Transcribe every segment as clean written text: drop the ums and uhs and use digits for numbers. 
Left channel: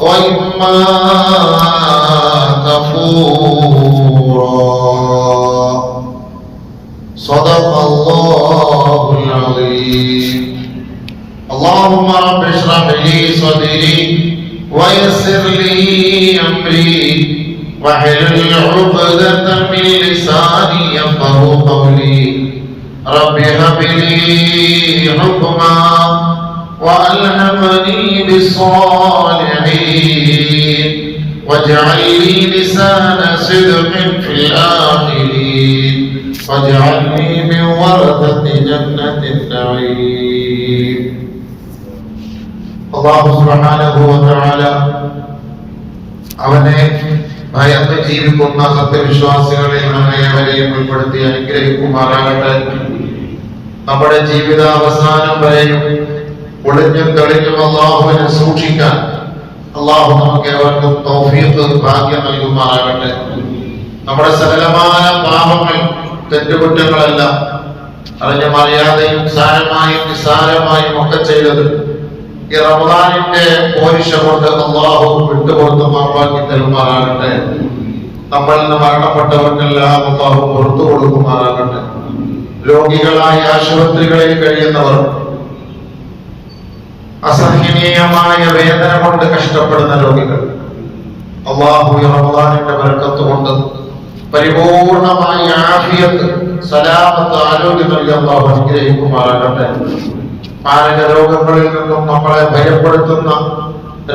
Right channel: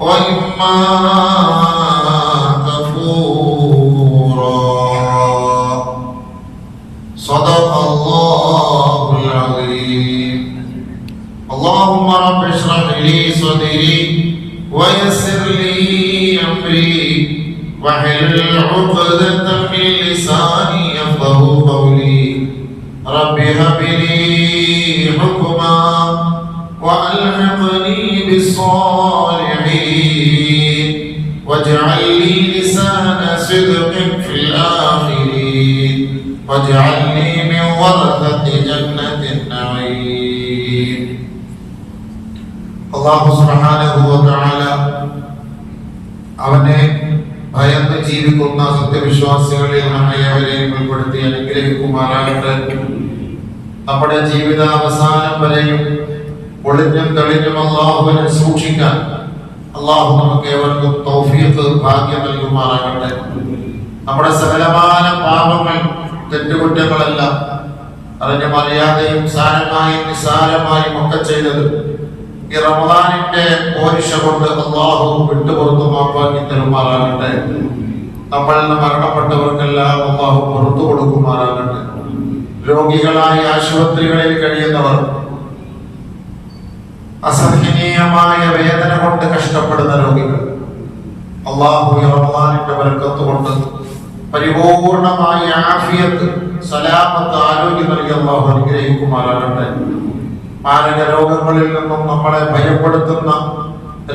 وإما كفورا صدق الله العظيم. اللهم رب اشرح لي صدري ويسر لي أمري واحلل عقدة من لساني يفقهوا قولي. رب هب لي حكما وألحقني بالصالحين واجعل لي لسان صدق في الآخرين واجعلني من ورثة جنة النعيم. അല്ലാഹു സുബ്ഹാനഹു വ തആല അവനെ ഭയന്ന് ജീവിക്കുന്ന സത്യവിശ്വാസികളെ നമ്മെ അവരെയും ഉൾപ്പെടുത്തി അനുഗ്രഹിക്കുമാറാകട്ടെ. നമ്മുടെ ജീവിതാവസാനം വരെയും ഒളിഞ്ഞും തെളിഞ്ഞും അല്ലാഹുവിനെ സൂക്ഷിക്കാൻ അല്ലാഹു നമുക്ക് ഏവർക്കും തൗഫീഖ് ഭാഗ്യം നൽകുമാറാകട്ടെ. നമ്മുടെ സകലമായ പാപങ്ങൾ തെറ്റുകുറ്റങ്ങളെല്ലാം അതിന്റെ മര്യാദയും സാരമായും നിസാരമായും ഒക്കെ ചെയ്തത് ഈ റമദാനിന്റെ പോരിശ കൊണ്ട് അല്ലാഹു വിട്ടുപുറത്ത് മാപ്പാക്കി തരുമാറാകട്ടെ. നമ്മളിൽ നിന്ന് മരണപ്പെട്ടവർക്കെല്ലാം അല്ലാഹു പുറത്തു കൊടുക്കുമാറാകട്ടെ. രോഗികളായി ആശുപത്രികളിൽ കഴിയുന്നവർ, അസഹനീയമായ വേദന കൊണ്ട് കഷ്ടപ്പെടുന്ന രോഗികൾ, അല്ലാഹു റമദാനിന്റെ ബർക്കത്ത് കൊണ്ട് പരിപൂർണമായ ആഫിയത്ത്, സലാമത്ത്, ആരോഗ്യം നൽകി അല്ലാഹു അനുഗ്രഹിക്കുമാറാകട്ടെ. മാരക രോഗങ്ങളിൽ നിന്നും നമ്മളെ ഭയപ്പെടുത്തുന്ന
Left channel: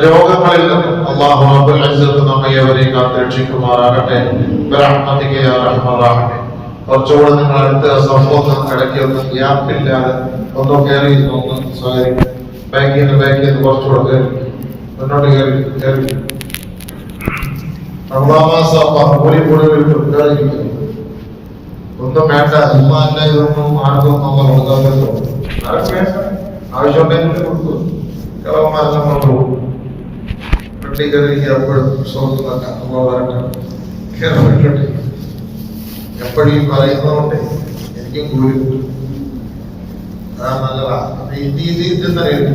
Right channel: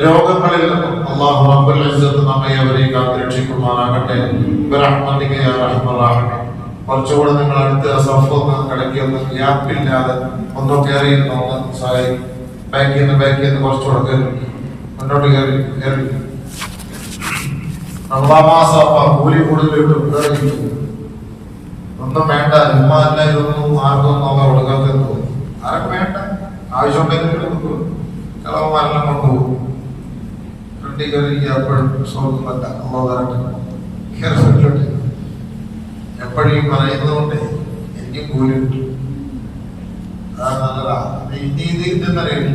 രോഗങ്ങളിൽ നിന്നും അല്ലാഹു റബ്ബുൽ ഇസ്സത്ത് നമ്മെ അവരെയും കാത്തുരക്ഷിക്കുമാറാകട്ടെ. ബിറഹ്മതിക യാ അർഹമർ റഹീം. കുറച്ചുകൂടെ നിങ്ങൾ അടുത്ത് സഫൊന്ന് കിടക്കി ഒന്ന് ഗ്യാപ്പില്ലാതെ ഒന്നോ കയറി ഒന്ന് സഹായിക്കും. ബാക്കിൽ നിന്ന് കുറച്ചുകൂടെ കയറി മുന്നോട്ട് കയറി റമദാൻ മാസം കൂലി കൂടുതൽ ഒന്നും വേണ്ട. ഉമ്മാന്റെ ഇതൊന്നും ആർക്കും നമ്മൾ കൊടുക്കാതെ ആരും വേണ്ട. ആവശ്യമുണ്ടെങ്കിൽ കൊടുക്കും. ചിലവന്മാരെല്ലാം കൊണ്ടുപോകും. വീട്ടിൽ കയറി എപ്പോഴും സ്വന്തമല്ല അമ്മ വരട്ടെ കയറി എപ്പോഴും പറയുന്നതുകൊണ്ട് എനിക്കും കൂലി കിട്ടും. അതാണ് നല്ലതാണ്.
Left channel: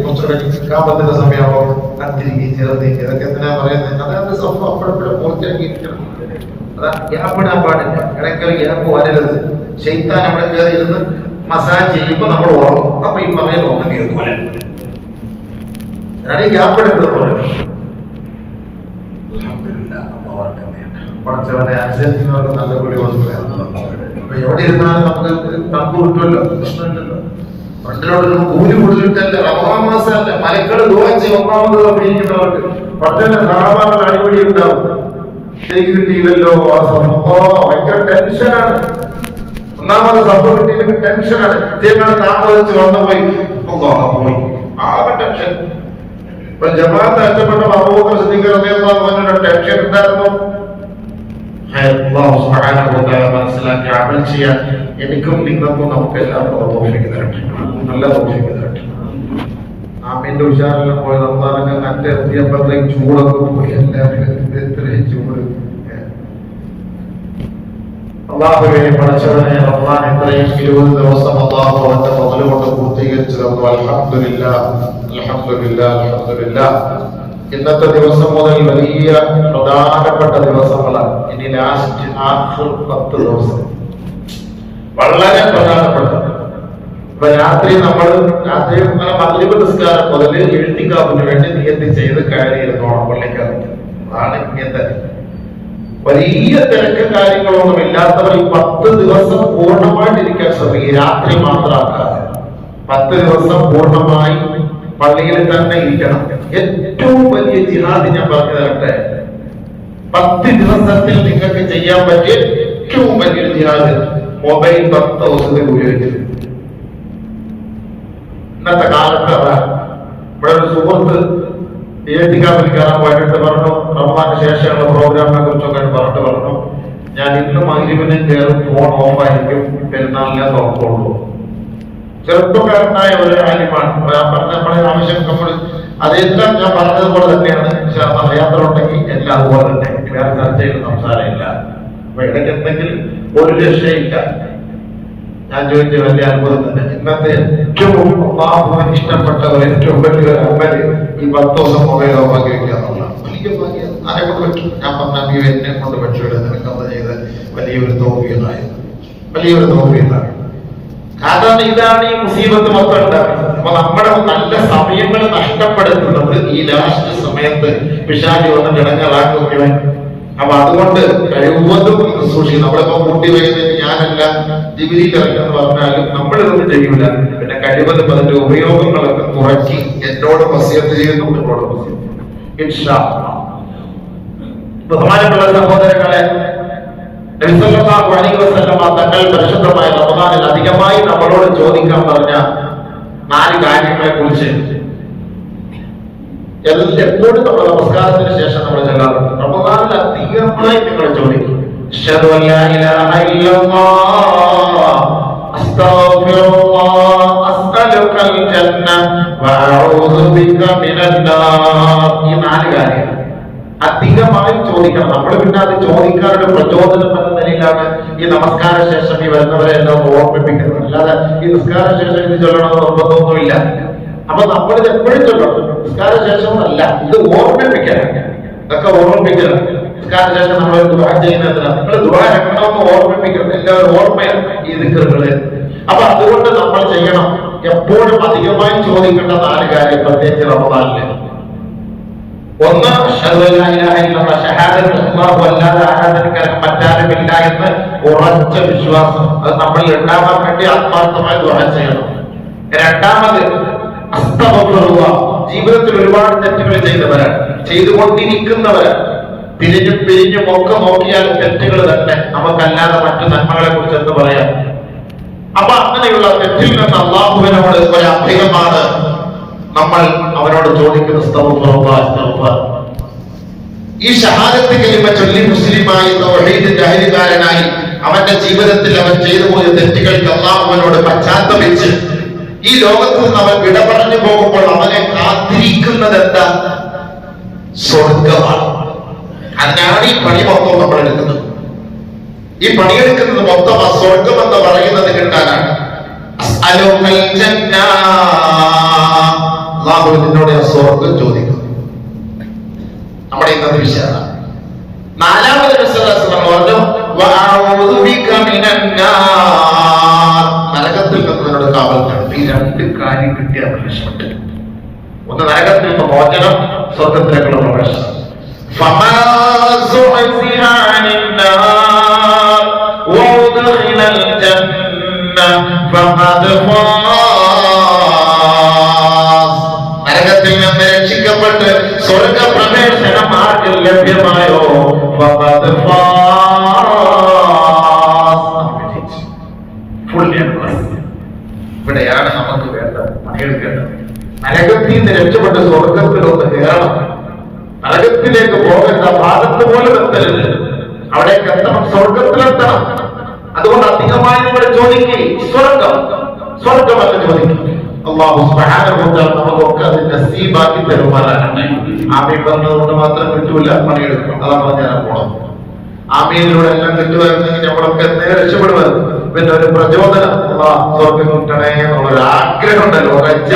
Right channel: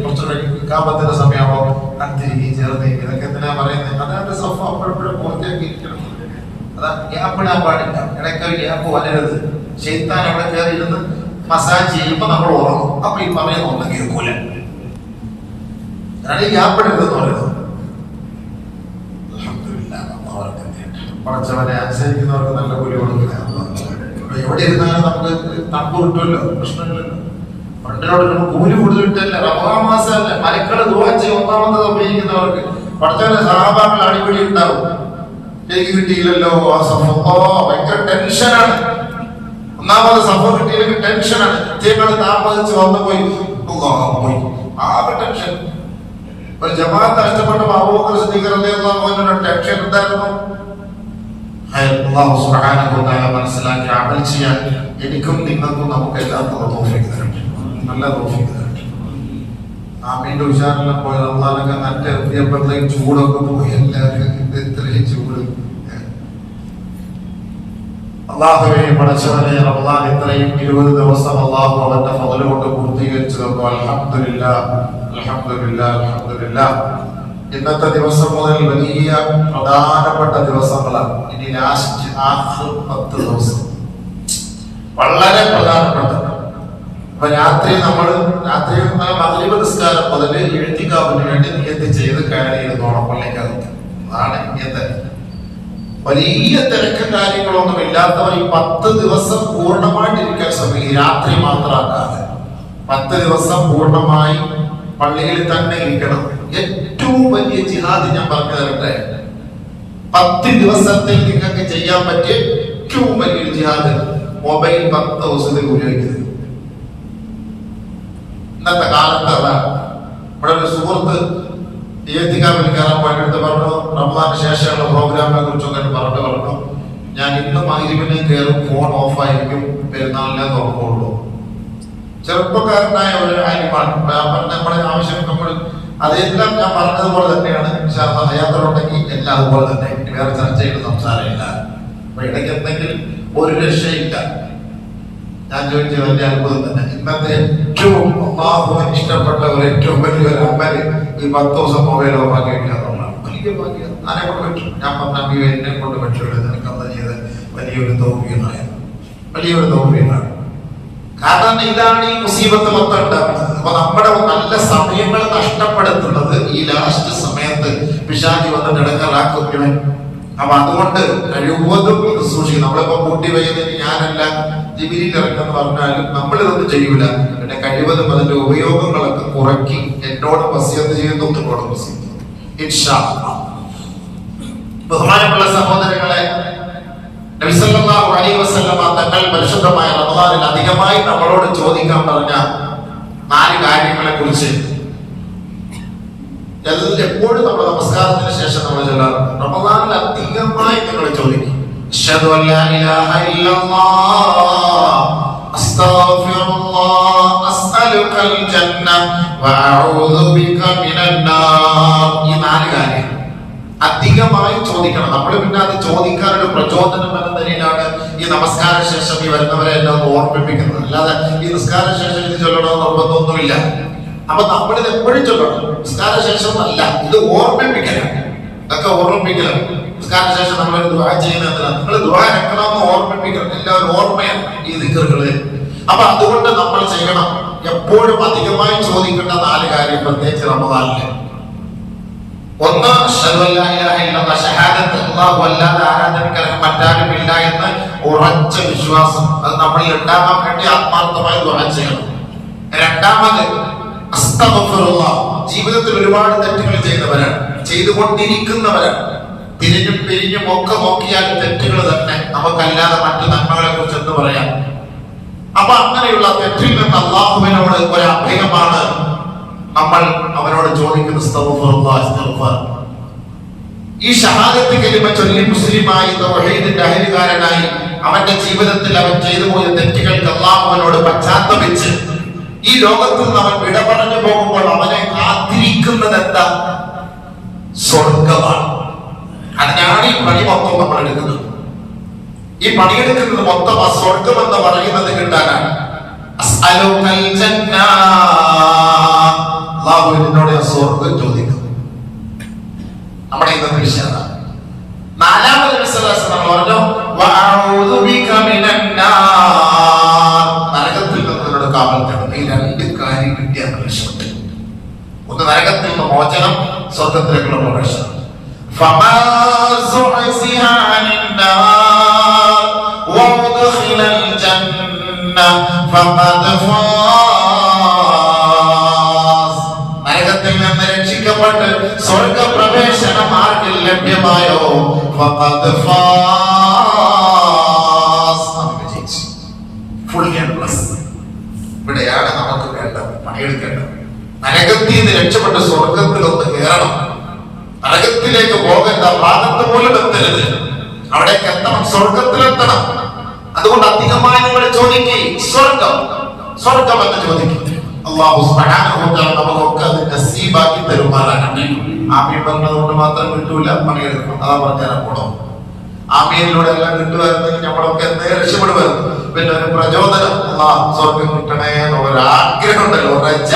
കുറച്ചുകൂടെ സമയമാണോ കത്തിരിക്കുകയും ചേർത്തിരിക്കുക ഇതൊക്കെ എന്തിനാ പറയുന്നത്? അതായത് സഫ അപ്പോഴെപ്പോഴും പൂർത്തിയാക്കിയിരിക്കണം. അതാ ഗ്യാപ്പ് ഇടാൻ പാടില്ല. ഇടയ്ക്കൊരു ഗ്യാപ്പ് വരരുത്. ശൈത്താൻ അവിടെ കയറി ഇരുന്ന് മസാജ് ചെയ്യുമ്പോ നമ്മൾ ഉറങ്ങും. അപ്പൊ ഈ പറയുന്നത് ഒന്നും കേൾക്കൂല. അതാണ് ഈ ഗ്യാപ്പ് ഇടരുതെന്ന് പറയുന്നത്. പഠിച്ചവരെ അനുസരിക്കുന്നവർക്ക് നല്ല കൂലി കൊടുക്കില്ല. അപ്പൊ എവിടെ ഇരുന്നാലും നമുക്ക് തണുപ്പ് കിട്ടുമല്ലോ, പ്രശ്നമില്ലല്ലോ. പണ്ടിലോട്ട് കൂലി കൂടുതലിട്ടല്ല. റമദാൻ മാസമല്ല, മലക്കള് ദുആ ചെയ്യും. ഒന്നാമത് ഉപയോഗിക്കുന്നവർക്ക് പഠിച്ചവന്റെ സഹാബാക്കൾ അടിപിടി ഉണ്ടാവും. കിട്ടിയില്ലല്ലോ, ആ സഫ ഭയങ്കര ടെൻഷനാണ്. ഒന്നാമത് സഫ കിട്ടിയില്ലെങ്കിൽ ടെൻഷനാണ്. ഇതേപോലെ താമസിച്ച് വന്നുപോയി പോയി ആകെ ടെൻഷൻ. ജമാഅത്ത് നഷ്ടപ്പെട്ടപ്പോൾ അബൂബക്കർ സിദ്ദീഖ് റളിയല്ലാഹു അൻഹുവിന്റെ ടെൻഷൻ എന്തായിരുന്നു? അല്ലാഹു സുബ്ഹാനഹു വ തആല മനസ്സിലാക്കി അമൽ ചെയ്യാൻ എനിക്കും നിങ്ങൾക്കും നമുക്ക് എല്ലാവർക്കും തൗഫീഖ് തരട്ടെ. നല്ല തൗഫീഖ് തരട്ടെ. ആമീന്റെ ഉഷാറെല്ലാം പോയി റമദാനൊക്കെ നട്ട് എത്തിയപ്പോഴത്തേക്ക് ചൂടൊക്കെ പോയി. എല്ലാവരും എത്രയും ചൂട്. അല്ലാഹുവിനെ പഠിച്ചവനെ റമദാൻ ഇത്രയും 20 ദിവസം അല്ലാഹു അവന്റെ ഫضل കൊണ്ട് പൂർത്തീകരിച്ചു തന്നു. അൽഹംദുലില്ലാഹ് അൽഹംദുലില്ലാഹ് അൽഹംദുലില്ലാഹ്. ഇന്നത്തെ ദിവസം മുതൽ വലിയ പ്രധാനപ്പെട്ട ദിവസങ്ങളാണ്. ഇനി ലാസ്റ്റ് ആഖിർ 10 ദിവസം വളരെ പ്രധാനപ്പെട്ട. ഇപ്പൊ രാത്രി മഗ്‌രിബ് നിസ്കാരം മുതൽ ഇഅ്തികാഫിന് വേണ്ടി നിയത്ത് ചെയ്ത് കയറിയിരുന്നോണം പള്ളിക്കകത്ത്. അതാണ് നിയത്ത്. വലിയ തിരക്കും കാര്യങ്ങളൊന്നും ഇല്ലാത്തവർ ഈ 10 ദിവസം പൂർണ്ണമായിട്ടിരിക്കാൻ ശ്രമിക്കും. രാത്രി മാത്രമാക്കാതെ 10 ദിവസം പൂർണ്ണമായി പള്ളിയിൽ തന്നെ ഇരിക്കണം. ഏറ്റവും വലിയ ജിഹാദ് ഞാൻ പറഞ്ഞു തരട്ടെ. 10 ദിവസത്തിൽ നിങ്ങൾക്ക് ചെയ്യാൻ പറ്റിയ ഏറ്റവും വലിയൊരു ജിഹാദ് മൊബൈൽ 10 ദിവസത്തിൽ ഉപയോഗിക്കരുത്. ഇന്നത്തെ കാലത്ത് അതാണ്. ഇവിടെ ഒരു സുഹൃത്ത് ഇഅ്തികാഫിൽ കയറാൻ പോയിട്ട് പറഞ്ഞു, റമദാന് ശേഷമുള്ള പ്രോഗ്രാമിനെ കുറിച്ചൊക്കെ പറഞ്ഞു, ഞാൻ ഇന്ന് മഗ്‌രിബിന് കയറും, ഫോൺ ഓഫ് ആയിരിക്കും, പെരുന്നാളിനെ തുറക്കുള്ളൂ. ചെറുപ്പക്കാരനായ ഒരു ആലിമാണ്. നമ്മുടെ ആവശ്യം നമ്മൾ അതെല്ലാം ഞാൻ പറഞ്ഞതുപോലെ തന്നെയാണ്. യാത്ര ഉണ്ടെങ്കിൽ എല്ലാം അതുപോലെ തന്നെ. വേറെ ചർച്ചയുടെ സംസാരമില്ല. അപ്പൊ ഇടയ്ക്ക് എന്തെങ്കിലും ഒരു രക്ഷയില്ല. ഞാൻ ചോദിച്ച വലിയ അത്ഭുതം തന്നെ. ഇന്നത്തെ ഏറ്റവും അല്ലാഹുവിന് ഇഷ്ടപ്പെട്ട ഏറ്റവും വലിയൊരു അമല് ഈ 10 ദിവസം മൊബൈൽ ഓഫാക്കി വെക്കുക എന്നുള്ളതാണ്. ആരെ കൊണ്ട് പറ്റും? ഞാൻ പറഞ്ഞ എന്നെ കൊണ്ട് പറ്റുമല്ലോ, നിനക്ക് അത് ചെയ്ത് വലിയൊരു തോൽവിയതായിരുന്നു, വലിയൊരു തോൽവിയാണ്. കാരണം ഇതാണ് ഈ മുസീബത്ത് മൊത്തം ഉണ്ടാക്കുന്നത്. അപ്പൊ നമ്മുടെ നല്ല സമയങ്ങൾ നഷ്ടപ്പെടുത്തുന്നത് ഈ ലാസ്റ്റ് സമയത്ത് പിശാചി വന്നിട്ട് ഇടങ്ങറാക്കുകയാണ്. അപ്പൊ അതുകൊണ്ട് കഴിവതും സൂക്ഷിക്കും. നമ്മളിപ്പോ കൂട്ടി വൈകുന്നതിന് ഞാനല്ല ജിബിലിയിൽ ഇറക്കാന്ന് പറഞ്ഞാലും നമ്മളിതൊന്നും ചെയ്യൂല. പിന്നെ കഴിവതും അതിന്റെ ഉപയോഗങ്ങളൊക്കെ കുറയ്ക്കി എന്നോട് വസിയത്ത് ചെയ്യുന്നു, നിങ്ങളോട് വസിയത്ത്. ഇൻഷാ അല്ലാഹ്. ബഹുമാനമുള്ള സഹോദരങ്ങളെ, നബി സല്ലല്ലാഹു അലൈഹി വസല്ലം തങ്ങൾ പരിശുദ്ധമായ റമദാനിൽ അധികമായി നമ്മളോട് ചോദിക്കാൻ പറഞ്ഞ 4 കാര്യങ്ങളെ കുറിച്ച് എപ്പോഴും നമ്മൾ നമസ്കാരത്തിന് ശേഷം നമ്മൾ ചൊല്ലാറുണ്ട്. റമദാനിൽ അധികമായി നിങ്ങൾ ചോദിക്കും, അശ്ഹദു അല്ലാ ഇലാഹ ഇല്ലല്ലാഹ് അസ്തഗ്ഫിറുല്ലാഹ് അസ്അലുകൽ ജന്ന വഅഊദു ബിക മിനൻ നാർ. ഈ 4 കാര്യം അധികമായി ചോദിക്കണം. നമ്മൾ പിന്നെ അത് ചോദിക്കാനുള്ള പ്രചോദനം എന്ന നിലയിലാണ് ഈ നമസ്കാര ശേഷം ഈ വരുന്നവരെ എല്ലാം ഓർമ്മിപ്പിക്കുന്നത്. അല്ലാതെ ഈ നിസ്കാര ശേഷം ഇത് ചൊല്ലണമെന്ന് നിർബന്ധമൊന്നുമില്ല. അപ്പൊ നമ്മളിത് എപ്പോഴും ചൊല്ലണം. നിസ്കാര ശേഷം അല്ല, ഇത് ഓർമ്മിപ്പിക്കാനാണ്. ഇതൊക്കെ ഓർമ്മിപ്പിക്കണം. നിസ്കാര ശേഷം നമ്മൾ ദുആ ചെയ്യുന്നതിനാണ്. നിങ്ങൾ ദുആ രക്കണമെന്ന് ഓർമ്മിപ്പിക്കണം. എല്ലാവരും ഓർമ്മയാണ് ഈ ദിക്റുകള്. അപ്പൊ അതുകൊണ്ട് നമ്മൾ ചെയ്യണം. എപ്പോഴും അധികമായി ചോദിക്കേണ്ട 4 കാര്യം, പ്രത്യേകിച്ച് റമദാനില്. ഒന്ന്, ഷഹാദത്ത്, അല്ലാഹു അല്ലാതെ ആരാധനയ്ക്ക് മറ്റാരുമില്ല എന്ന് ഉറച്ച വിശ്വാസം. അത് നമ്മളിൽ ഉണ്ടാകാൻ വേണ്ടി ആത്മാർത്ഥമായി ദുആ ചെയ്യണം. രണ്ടാമത്, അസ്തഗ്ഫിറുല്ലാഹ്. ജീവിതത്തിൽ ഒരുപാട് തെറ്റുകൾ ചെയ്തവരാണ്, ചെയ്തുകൊണ്ടിരിക്കുന്നവരാണ്. തിരിഞ്ഞും പിരിഞ്ഞും ഒക്കെ നോക്കിയാൽ തെറ്റുകൾ തന്നെ. നമുക്കല്ലാതെ മറ്റു നന്മകളെ കുറിച്ച് എന്ത് പറയാം? അപ്പൊ അങ്ങനെയുള്ള തെറ്റിൽ നിന്ന് അല്ലാഹുവിനോട് ഒരു അഭയമാണ് നമ്മൾ അവനോട് ചോദിക്കുന്ന ഈ ഷഹാദത്ത് കലിമ ചൊല്ലി മുസ്ലിമായി തൗഹീദിന്റെ അഹരികാരനായി അവന്റെ ജീവിതത്തിൽ അവൻ ചെയ്തു പോയ തെറ്റുകൾക്ക് അല്ലാഹുവിനോട് പശ്ചാത്തപിച്ച് ഈ ലോകത്ത് നിന്ന് അവൻ വിട പറഞ്ഞു പോകുമ്പോൾ അവനെ കാത്തിരിക്കുന്നത് എന്താ? സ്വർഗമാണ്. അതിനാണ് ഈ പണി മൊത്തം നമ്മൾ എടുക്കുന്നത്. ഈ പണിയെടുക്കുന്നത് മൊത്തം ആ സ്വർഗം എന്ന് പറയുന്നത് കിട്ടാനാണ്. അസ്അലുകൽ ജന്ന, അല്ലാഹുവിനോട് സ്വർഗം ചോദിക്കും. നമ്മുടെ ഇന്നത്തെ വിഷയമാണ്. 4ാമത്തെ വിശ്വാസം പറഞ്ഞു, വഅഊദു ബിക മിനൻ നാർ. നരകത്തിൽ നിന്നോട് കാവൽ തേടും. ഈ 2 കാര്യം കിട്ടിയാൽ രക്ഷപ്പെട്ടു. ഒന്ന് നരകത്തിൽ നിന്ന് മോചനം, സ്വർഗത്തിലേക്കുള്ള പ്രവേശനം. ഫമാ സുഅസിഹ അനിൻ നാർ വഉദ്ഖിലൽ ജന്ന ഫഖദ് ഫാസ്. നരകത്തിൽ നിന്ന് രക്ഷിക്കപ്പെട്ട് സ്വർഗപ്രവേശന മാർഗ്ഗം ലഭ്യമായോ ഫഖദ് ഫാസ്. ഫുൾ എംപ്ലസ്. ഇവിടെയാണ് നമുക്ക് വേണ്ടത്, പണിയെടുക്കേണ്ടത്. നരകത്തിൽ നിന്ന് രക്ഷപ്പെട്ട് സ്വർഗത്തിലൊന്ന് കയറണം. നരകത്തിലേക്ക് പോകരുത്, ഭാഗത്ത് പോലും എത്തരുത്. അവിടേക്ക് എത്തണം, സ്വർഗത്തിലെത്തണം. അതുകൊണ്ട് അധികമായി നിങ്ങൾ ചോദിക്കേ, സ്വർഗം സ്വർഗം എന്ന് ചോദിക്കും. അല്ലാഹു സുബ്ഹാനഹു വ തആല നമുക്കൊക്കെ അത് നസീബാക്കി തരുമാറാകട്ടെ. ആമീൻ പറഞ്ഞതുകൊണ്ട് മാത്രം കിട്ടൂല, പണിയെടുക്കണം. അതാ പറഞ്ഞാൽ പോണം. ആമീനിലൂടെ എല്ലാം കിട്ടുമായിരുന്നെങ്കിൽ നമ്മളൊക്കെ എന്തെങ്കിലും രക്ഷപ്പെടുമായിരുന്നു. പിന്നെ ഒരു പ്രചോദനം, അല്ലാഹ് സ്വർഗം കിട്ടണേ എന്നുള്ളൊരു ആഗ്രഹം ഉണ്ടല്ലോ, റജ.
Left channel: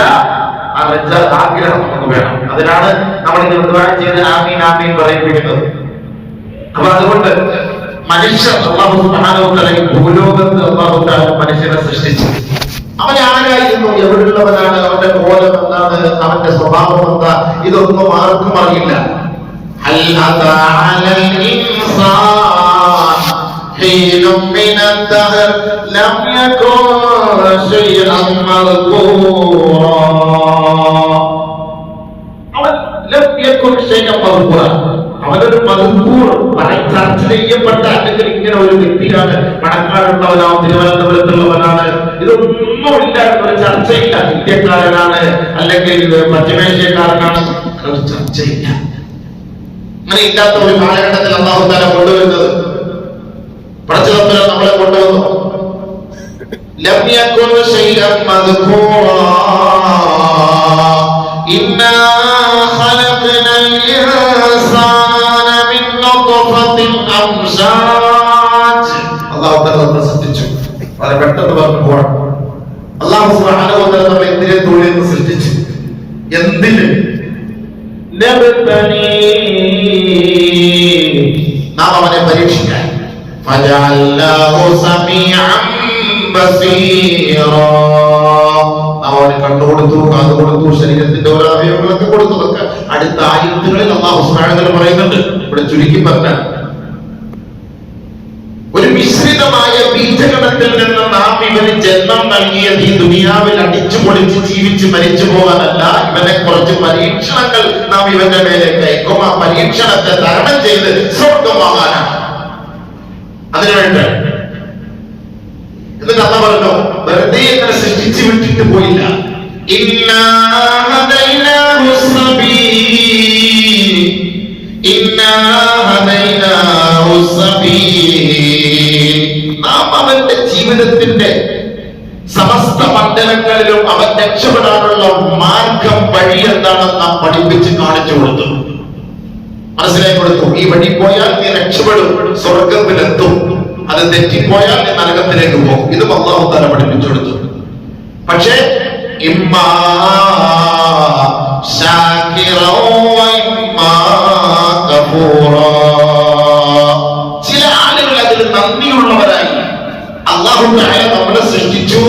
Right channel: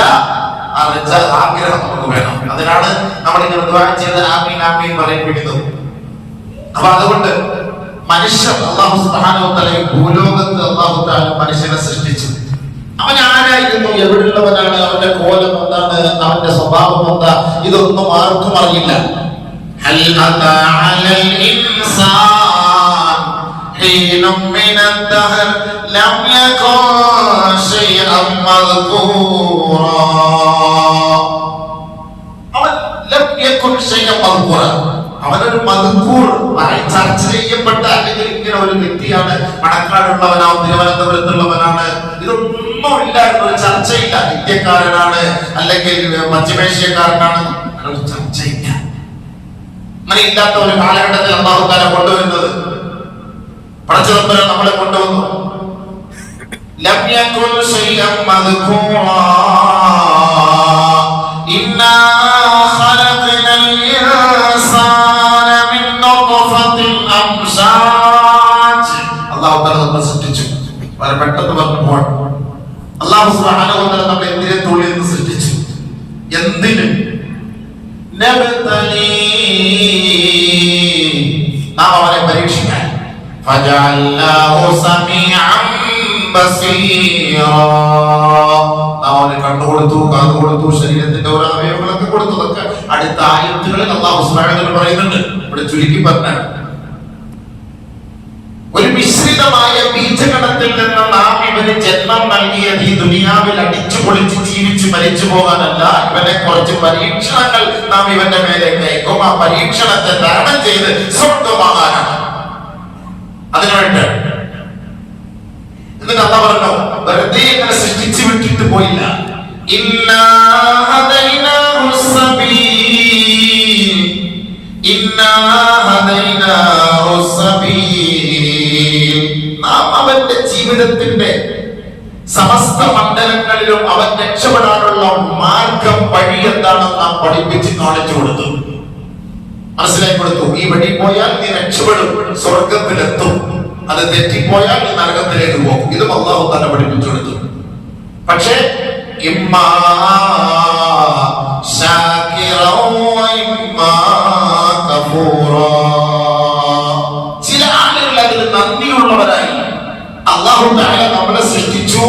ആ റജ, ആഗ്രഹം നമുക്ക് വേണം. അതിനാണ് നമ്മൾ ഇങ്ങനെ ദുആ ചെയ്ത് ആമീൻ ആമീൻ പറയിപ്പിക്കുന്നത്. അപ്പൊ അതുകൊണ്ട് മനുഷ്യൻ അല്ലാഹു സുബ്ഹാനഹു വ തആല ഈ ഭൂലോകത്ത് അല്ലാഹു തആല മനുഷ്യനെ സൃഷ്ടിച്ചു. അവൻ ആരായിരുന്നു, എവിടെയുള്ളവനാണ്, അവന്റെ കോലം എന്താണ്, അവന്റെ സ്വഭാവം എന്താ, ഇതൊന്നും ആർക്കും അറിയില്ല. ഹൽ അതാ അലൽ ഇൻസാൻ ഹീനും മിനദ് ദഹർ ലം യകുൻ ശൈഅൻ മദ്കൂറാ. അവൻ ലം യകുൻ ശൈഅൻ മദ്കൂറാ. അവനൊരു മദ്കൂർ, ചർച്ച ചെയ്യപ്പെട്ട, അല്ലെങ്കിൽ ഇങ്ങനെ ഒരു വ്യക്തിയാണ്, പണക്കാടുള്ളവനാണ്, തിരുവനന്തപുരത്തുള്ളവനാണ്, ഇതൊന്നും ഇല്ലാത്ത ഒരു ചർച്ചയില്ല. ഇന്ത്യക്കാരനാണ് അല്ലെങ്കിൽ പശ്ചിമേഷ്യക്കാരനാണ്, അതൊരു ചർച്ചയില്ല. അങ്ങനെ ഇല്ലാത്ത ഒരു കാലഘട്ടത്തിൽ അല്ലാഹു തആല കൊണ്ടുവരുന്നത്, പടച്ചതമ്പുരാൻ നമ്മളെ കൊണ്ടുവന്നു. ലം യകുൻ ശൈഅൻ മദ്കൂറാ ഇന്നാ ഖലഖനൽ ഇൻസാന മിൻ നത്ഫത്തിൻ അംശാജ്. അല്ലാഹു തആല നമ്മളെ സൃഷ്ടിച്ചു. പെട്ടെന്ന് പറഞ്ഞു പോകണം. അല്ലാഹു സുബ്ഹാനഹു വ തആല നമ്മളെ എന്തിനെ തൊഴിൽ സൃഷ്ടിച്ചു? എന്തിന്? നാം അവനെ പരീക്ഷിക്കാൻ. അവന് കണ്ടുകൊടുത്തു, കാത് കൊടുത്തു, ശരീരത്തിന്റെ ഓരോ അവയവങ്ങളൊക്കെ കൊടുത്തതൊക്കെ അടുത്ത ആയത്തുകളിൽ അല്ലാഹു സുബ്ഹാനഹു വ തആല പറയുന്നുണ്ട്. ഇവിടെ ചുരുക്കി പറഞ്ഞാൽ ഒരു മിശ്രിതമായ ബീജഗണത്തിൽ നിന്ന് നാം ഇവന് ജന്മം നൽകിയത് ഈ ദുനിയാവിൽ അടിച്ചു പൊളിച്ച് ജീവിച്ച് മരിച്ചു പോകാനല്ല, ഇവനെ കുറച്ച് പരീക്ഷണങ്ങൾ നാം ഇവന്റെ മേലേക്ക് അയക്കും. ആ പരീക്ഷണത്തെ തരണം ചെയ്ത് സ്വർഗം വാങ്ങാനാണ്. അതിനുവേണ്ടി എന്നിട്ട് അല്ലാഹു പറഞ്ഞു, വെറുതെ ഇങ്ങനെ സൃഷ്ടിച്ചു വിട്ടിട്ട് പോയില്ല. ഇന്നാ ഹദൈനാഹു സബീൽ, ഇന്നാ ഹദൈനാഹു സബീൽ. നാം അവന്റെ ജീവിതത്തിന്റെ സമസ്ത മണ്ഡലങ്ങളിലും അവൻ രക്ഷപ്പെടാനുള്ള മാർഗം, വഴി എന്താണെന്ന് നാം പഠിപ്പിച്ച് കാണിച്ചു കൊടുത്തു, മനസ്സിലാക്കി കൊടുത്തു. ഈ വഴി പോയാൽ നീ രക്ഷപ്പെടും, സ്വർഗത്തിലെത്തും. അത് തെറ്റിപ്പോയാൽ നീ നരകത്തിലേക്ക് പോകും. ഇതും അല്ലാഹു തആല പഠിപ്പിച്ചു കൊടുത്തു. പക്ഷേ ഇമ്മാ ശാകിറൻ വ ഇമ്മാ കഫൂറാ. ചില ആളുകൾ അതിന് നന്ദിയുള്ളവരായി. അല്ലാഹു തആല നമ്മളെ സൃഷ്ടിച്ചു,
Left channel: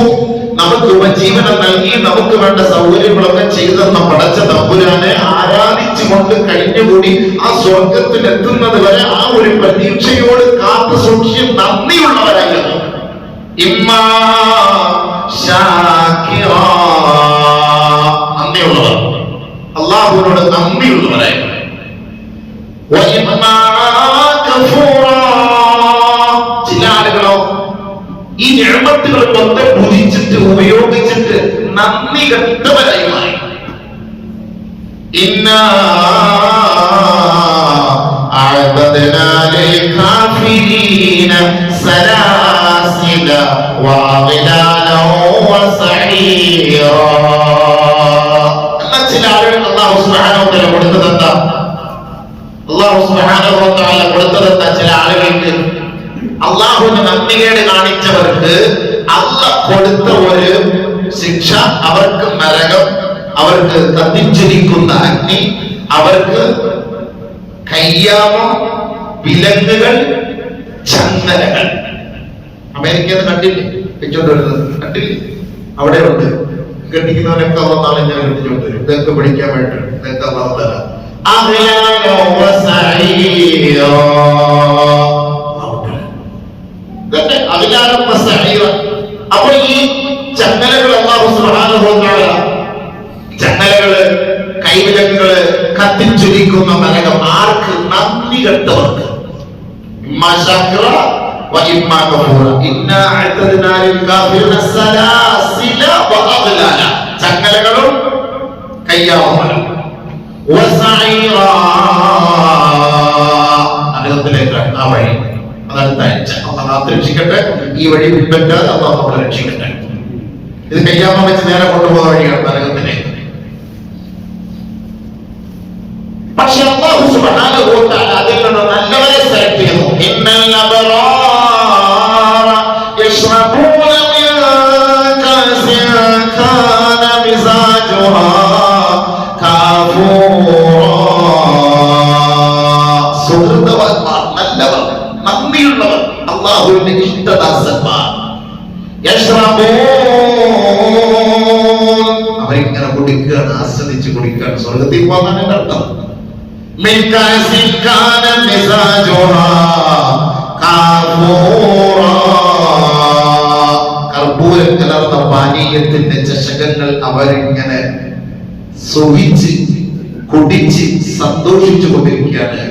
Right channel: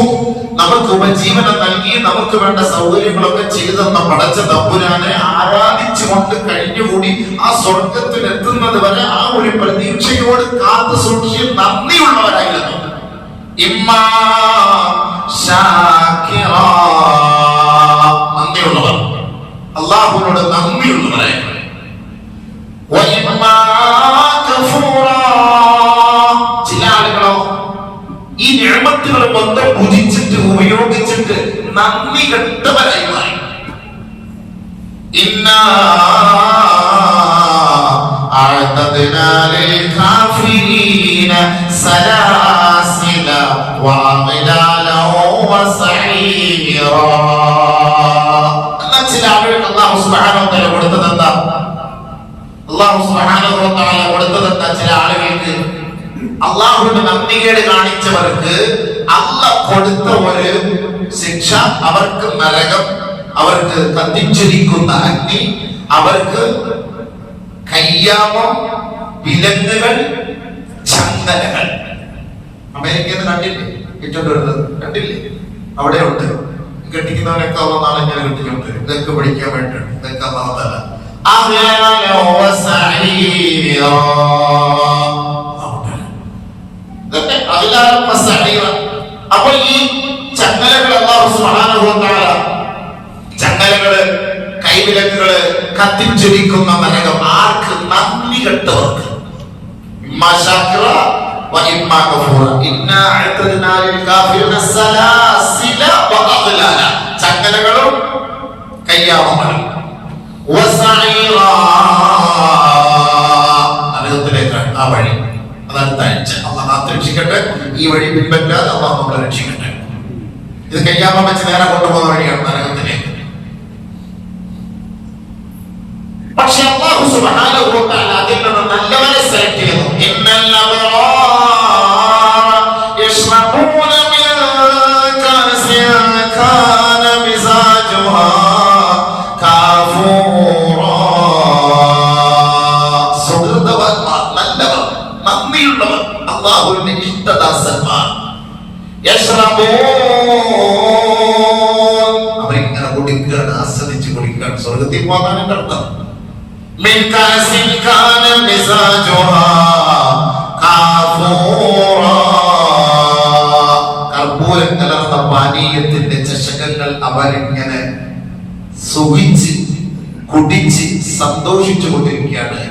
നമുക്ക് ഉപജീവനം നൽകി, നമുക്ക് വേണ്ട സൗകര്യങ്ങളൊക്കെ ചെയ്തു തന്ന പടച്ച തമ്പുരാനെ ആരാധിച്ചുകൊണ്ട് കഴിഞ്ഞുകൂടി ആ സ്വർഗത്തിൽ എത്തുന്നത് വരെ ആ ഒരു പ്രതീക്ഷയോട് കാത്തു സൂക്ഷിച്ച് നന്ദിയുള്ളവരായിരുന്നു. ഇമ്മാ ശാകിറാ, നന്ദിയുള്ളവർ, അല്ലാഹുവിനോട് നന്ദിയുള്ളവരായിരുന്നു. വ ഇമ്മാ കഫൂറാ, ചില ആളുകളോ ഈ നിഅമത്തുകൾ മൊത്തം ഭുജിച്ചിട്ട് ഉപയോഗിച്ചിട്ട് നന്ദി കെട്ടവരായി മാറി. ഇന്നാ അഅതദ്നാ ലിൽ കാഫിരീന സലാസില വഅഗ്ലാലൻ വസഈറാ. ചില ആളുകൾ അല്ലാഹു സുബ്ഹാനഹു വ തആല കൊടുത്തതെന്താ? അല്ലാഹു സുബ്ഹാനഹു വ തആല കൊടുത്തതെന്താ? ചില ആളുകൾക്ക് അള്ളാഹുവിന്റെ നന്ദികേട് കാണിച്ചവർക്ക് അല്ലാഹ് കൊടുത്ത ഒരു ശിക്ഷ, അവർക്ക് നരകം, അവർക്ക് കത്തിച്ചിരിക്കുന്ന അഗ്നി, അവർക്ക് കയ്യാമം, വിലങ്ങുകൾ, ചങ്ങലകൾ. അമേരിക്കയിൽ കണ്ടില്ലേ വെച്ചോണ്ടിരുന്നത്? കണ്ടില്ലേ? അവിടെ ഉണ്ട്. കെട്ടിക്കുന്നവരൊക്കെ നാളെ ഞാൻ കെട്ടിച്ചോണ്ട് വരും. ഇതൊക്കെ പഠിക്കാൻ വേണ്ടി ഇതൊക്കെ അല്ലാഹു തആല അപ്പൊ ഈ ചങ്ങലകൾ അല്ലാഹു സുബ്ഹാനഹു വ തആല, ചങ്ങലകള്, കൈവിലങ്ങുകള്, കത്തിച്ചൊരിക്കുന്ന നരകം ആർക്ക്? നന്ദി കെട്ടവർക്ക്. ഇമ്മാ ശാകിറ വ ഇമ്മാ കഫൂറ. ഇന്നാ അഅതദ്നാ ലിൽ കാഫിരീന സലാസില വ അഗ്ലാല, ചങ്ങലകളും കയ്യാമങ്ങളും, വസഈറ, നരകത്തിലേക്കാണ് ആ വഴി. അതാണ് തയ്ച്ച. അല്ലാഹു രക്ഷിക്കട്ടെ. ഈ വഴി പിൻപറ്റാതെ അല്ലാഹു നമ്മളെ രക്ഷിക്കട്ടെ. ഇത് കയ്യാമം വെച്ച് നേരെ കൊണ്ടുപോകുന്ന വഴിയാണ് നരകത്തിലേക്ക്. പക്ഷെ അല്ലാഹു സുബ്ഹാനഹു വ തആല അതിൽ നിന്ന് നല്ലവരെ സെലക്ട് ചെയ്യുന്നു. ഇന്നൽ അബ്റാറ യശ്റബൂന മിൻ കഅസിൻ കാന മിസാജുഹാ കാഫൂറാ. സുഹൃതവന്മാർ, നല്ലവർ, നന്ദിയുള്ളവർ, അല്ലാഹുവിന്റെ ഇഷ്ടദാസന്മാർ. അവരിങ്ങനെ കുടിക്കുകയാണ്, ആസ്വദിച്ച് കുടിക്കുകയാണ്. സ്വർഗത്തിൽ പോകാനാണ് അർത്ഥം. കർപ്പൂരം കലർന്ന പാനീയത്തിന്റെ ചഷകങ്ങൾ അവരിങ്ങനെ സുഖിച്ച് കുടിച്ച് സന്തോഷിച്ചു കൊണ്ടിരിക്കുകയാണ്.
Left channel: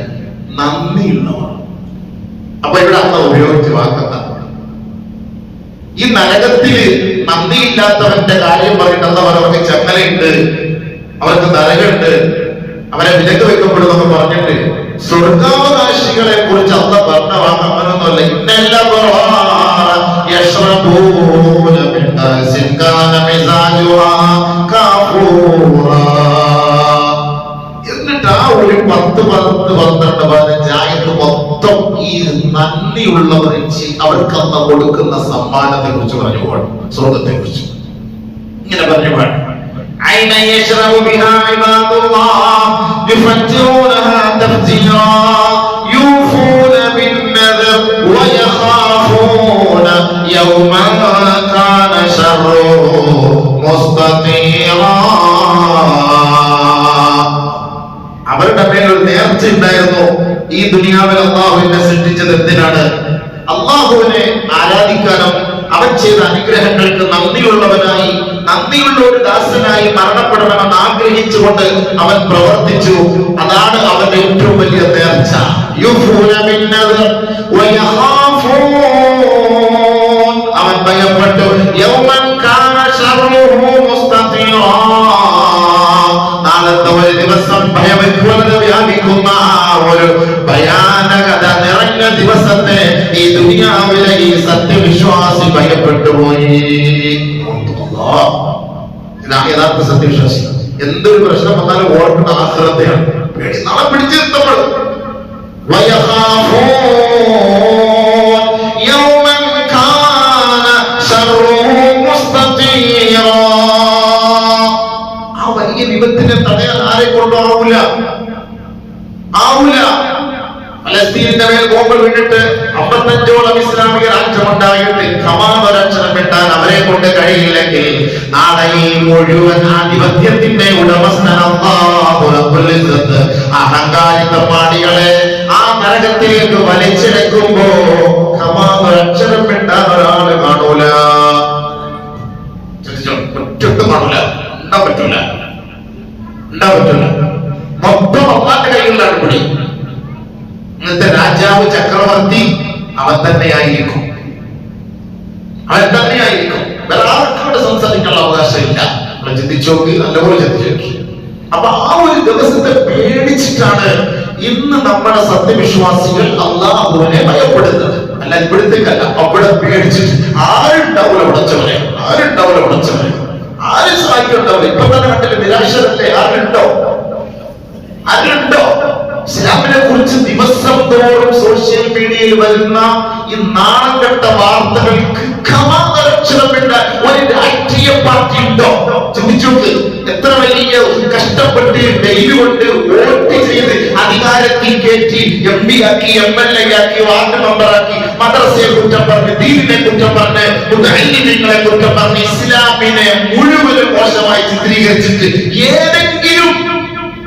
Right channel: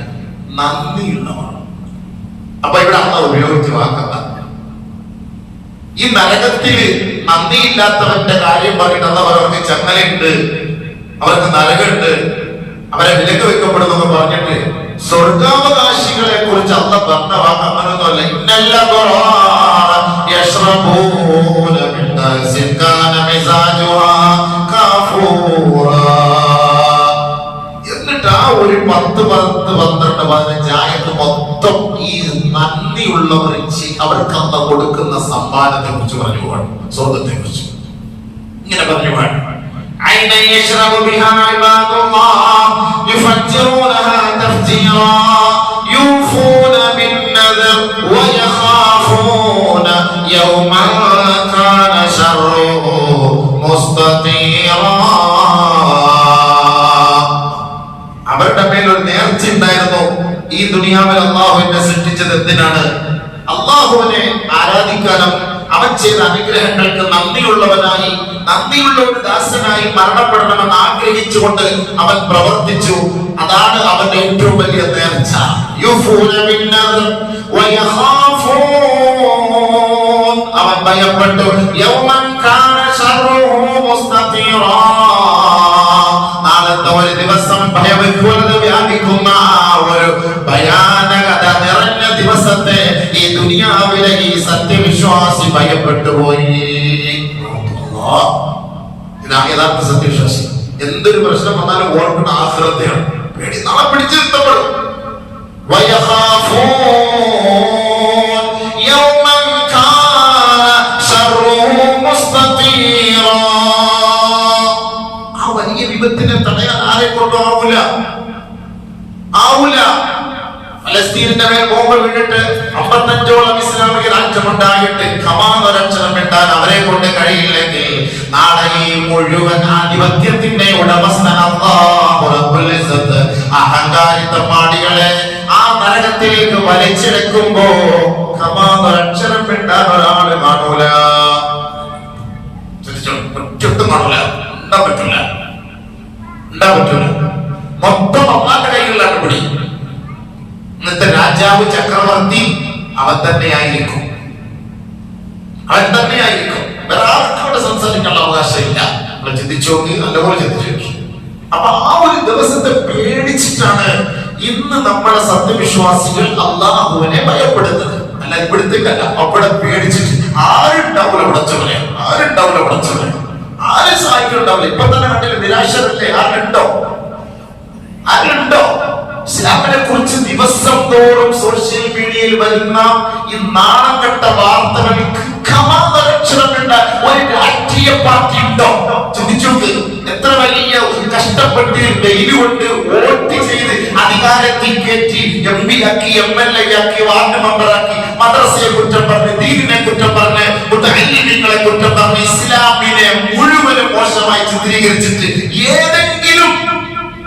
നന്ദിയുള്ളവർ. അപ്പൊ ഇവിടെ അള്ളാഹു ഉപയോഗിച്ച വാക്കത്ത ഈ നരകത്തില് നന്ദിയില്ലാത്തവന്റെ കാര്യം പറയുന്നത് അവർക്ക് ചങ്ങലയുണ്ട്, അവർക്ക് നരകമുണ്ട്, അവരെ വിലക്ക് വെക്കപ്പെടുന്നു പറഞ്ഞിട്ട് സ്വർഗാവകാശികളെ കുറിച്ച് അല്ല പറഞ്ഞ വാങ്ങുന്നല്ല. എന്നിട്ട് ആ ഒരു 10, 12, 15 ആയത് മൊത്തം ഈ ഈ നന്ദിയുള്ളവർ അവർക്ക് അള്ളാഹു കൊടുക്കുന്ന സമ്മാനത്തെ കുറിച്ച് പറഞ്ഞുപോണ്, സ്വർഗത്തെ കുറിച്ച് ഇങ്ങനെ പറഞ്ഞുപോണ്. عينا يشرب بها عباد الله يفجرونها تفجيرا يوفون بالنذر ويخافون يوما كان شره مستطيرا. അവരുടെ മേൽ ഒരു നേർച്ച ഉണ്ടായിരുന്നു. ഈ ദുനിയാവിൽ അള്ളാഹുവിനെ സൃഷ്ടിച്ചത് എന്തിനാണ്? അള്ളാഹുവിനെ ആരാധിക്കാനും അവൻ ചെയ്ത അനുഗ്രഹങ്ങൾക്ക് നന്ദിയുള്ളവനായി, നന്ദിയുള്ള ഒരു ദാസനായി മരണപ്പെടണമെന്ന് ആഗ്രഹിച്ചുകൊണ്ട് അവൻ പ്രവർത്തിച്ചു. അതാണ് അവന്റെ ഏറ്റവും വലിയ നേർച്ച. അവൻ ഭയപ്പെട്ടു. നാളത്തെ ഒരു ദിവസം ഭയവിഹ്വലത വ്യാപിക്കുന്ന ഒരു ഭയാനകത നിറഞ്ഞ ദിവസത്തെ ഈ ദുനിയാവിലെ ഈ സത്യവിശ്വാസി ഭയപ്പെട്ടു പോയി. ഇതാണ് യഥാർത്ഥ സത്യവിശ്വാസി. എന്തൊരു പ്രശ്നം വന്നാലും ഓർക്കുന്ന ആഹ്ലതയാണ്. പേടി നാളെ പിടിച്ചിരുത്തപ്പെടും. ആ വലിയ വിപത്തിനെ തടയാൻ ആരെ കൊണ്ടാവൂല. ഫലസ്തീനിന്റെ മേൽ ബോംബ് വീണിട്ട് 55ഓളം ഇസ്ലാമിക രാജ്യമുണ്ടായിട്ട് സമാധാനം കിട്ടാൻ അവരെ കൊണ്ട് കഴിയില്ലെങ്കിൽ നാളെ ഈ മുഴുവൻ ആധിപത്യത്തിന്റെ ഉടമസ്ഥൻ അല്ലാഹു റബ്ബുൽ ഇസ്സത്ത് അഹങ്കാരിത്തപ്പാടികളെ ആ നരകത്തിലേക്ക് വലിച്ചെടുക്കുമ്പോ സമാധാനം കിട്ടാൻ ഒരാളെ കാണൂല. ചുറ്റും കാണൂല. ഉണ്ടാൻ പറ്റൂല. മൊത്തം അള്ളാന്റെ കൈകളിലാണ് പിടി. ഇന്നത്തെ രാജാവ് ചക്രവർത്തി അവൻ തന്നെയായിരിക്കും. വേറെ ആർക്കും സംസാരിക്കാനുള്ള അവകാശമില്ല. ചിന്തിച്ചു നോക്കി, നല്ലപോലെ ചിന്തിച്ചു. അപ്പൊ ആ ഒരു ദിവസത്തെ പേടിച്ചിട്ടാണ് ഇന്ന് നമ്മുടെ സത്യവിശ്വാസികൾ അള്ളാഹുവിനെ ഭയപ്പെടുന്നത്. അല്ല ഇവിടത്തേക്കല്ല, അവിടെ പേടിച്ചിട്ട് ആരുണ്ടാവൂല ഉടച്ചവരെ, ആരും സഹായിക്കുണ്ടാവില്ല. ഇപ്പൊ തന്നെ കണ്ടില്ല, നിരാശരല്ലേ? ആരുണ്ടോ? ഇസ്ലാമിനെ കുറിച്ച് ദിവസം തോറും സോഷ്യൽ മീഡിയയിൽ വരുന്ന ഈ നാണം കെട്ട വാർത്തകൾക്ക് ഒരു രാഷ്ട്രീയ പാർട്ടി ഉണ്ടോ? ചിന്തിച്ചു. എത്ര വലിയ കഷ്ടപ്പെട്ട് ഡെയിലി കൊണ്ട് വോട്ട് ചെയ്ത് അധികാരത്തിൽ കയറ്റി MP ആക്കി, MLA ആക്കി, വാർഡ് മെമ്പറാക്കി, മദ്രസയെ കുറ്റം പറഞ്ഞ്, ദീനിനെ കുറ്റം പറഞ്ഞ്, മുതഅല്ലിമീങ്ങളെ കുറ്റം പറഞ്ഞ്, ഇസ്ലാമിനെ മുഴുവനും മോശമായി ചിത്രീകരിച്ചിട്ട് ഏതെങ്കിലും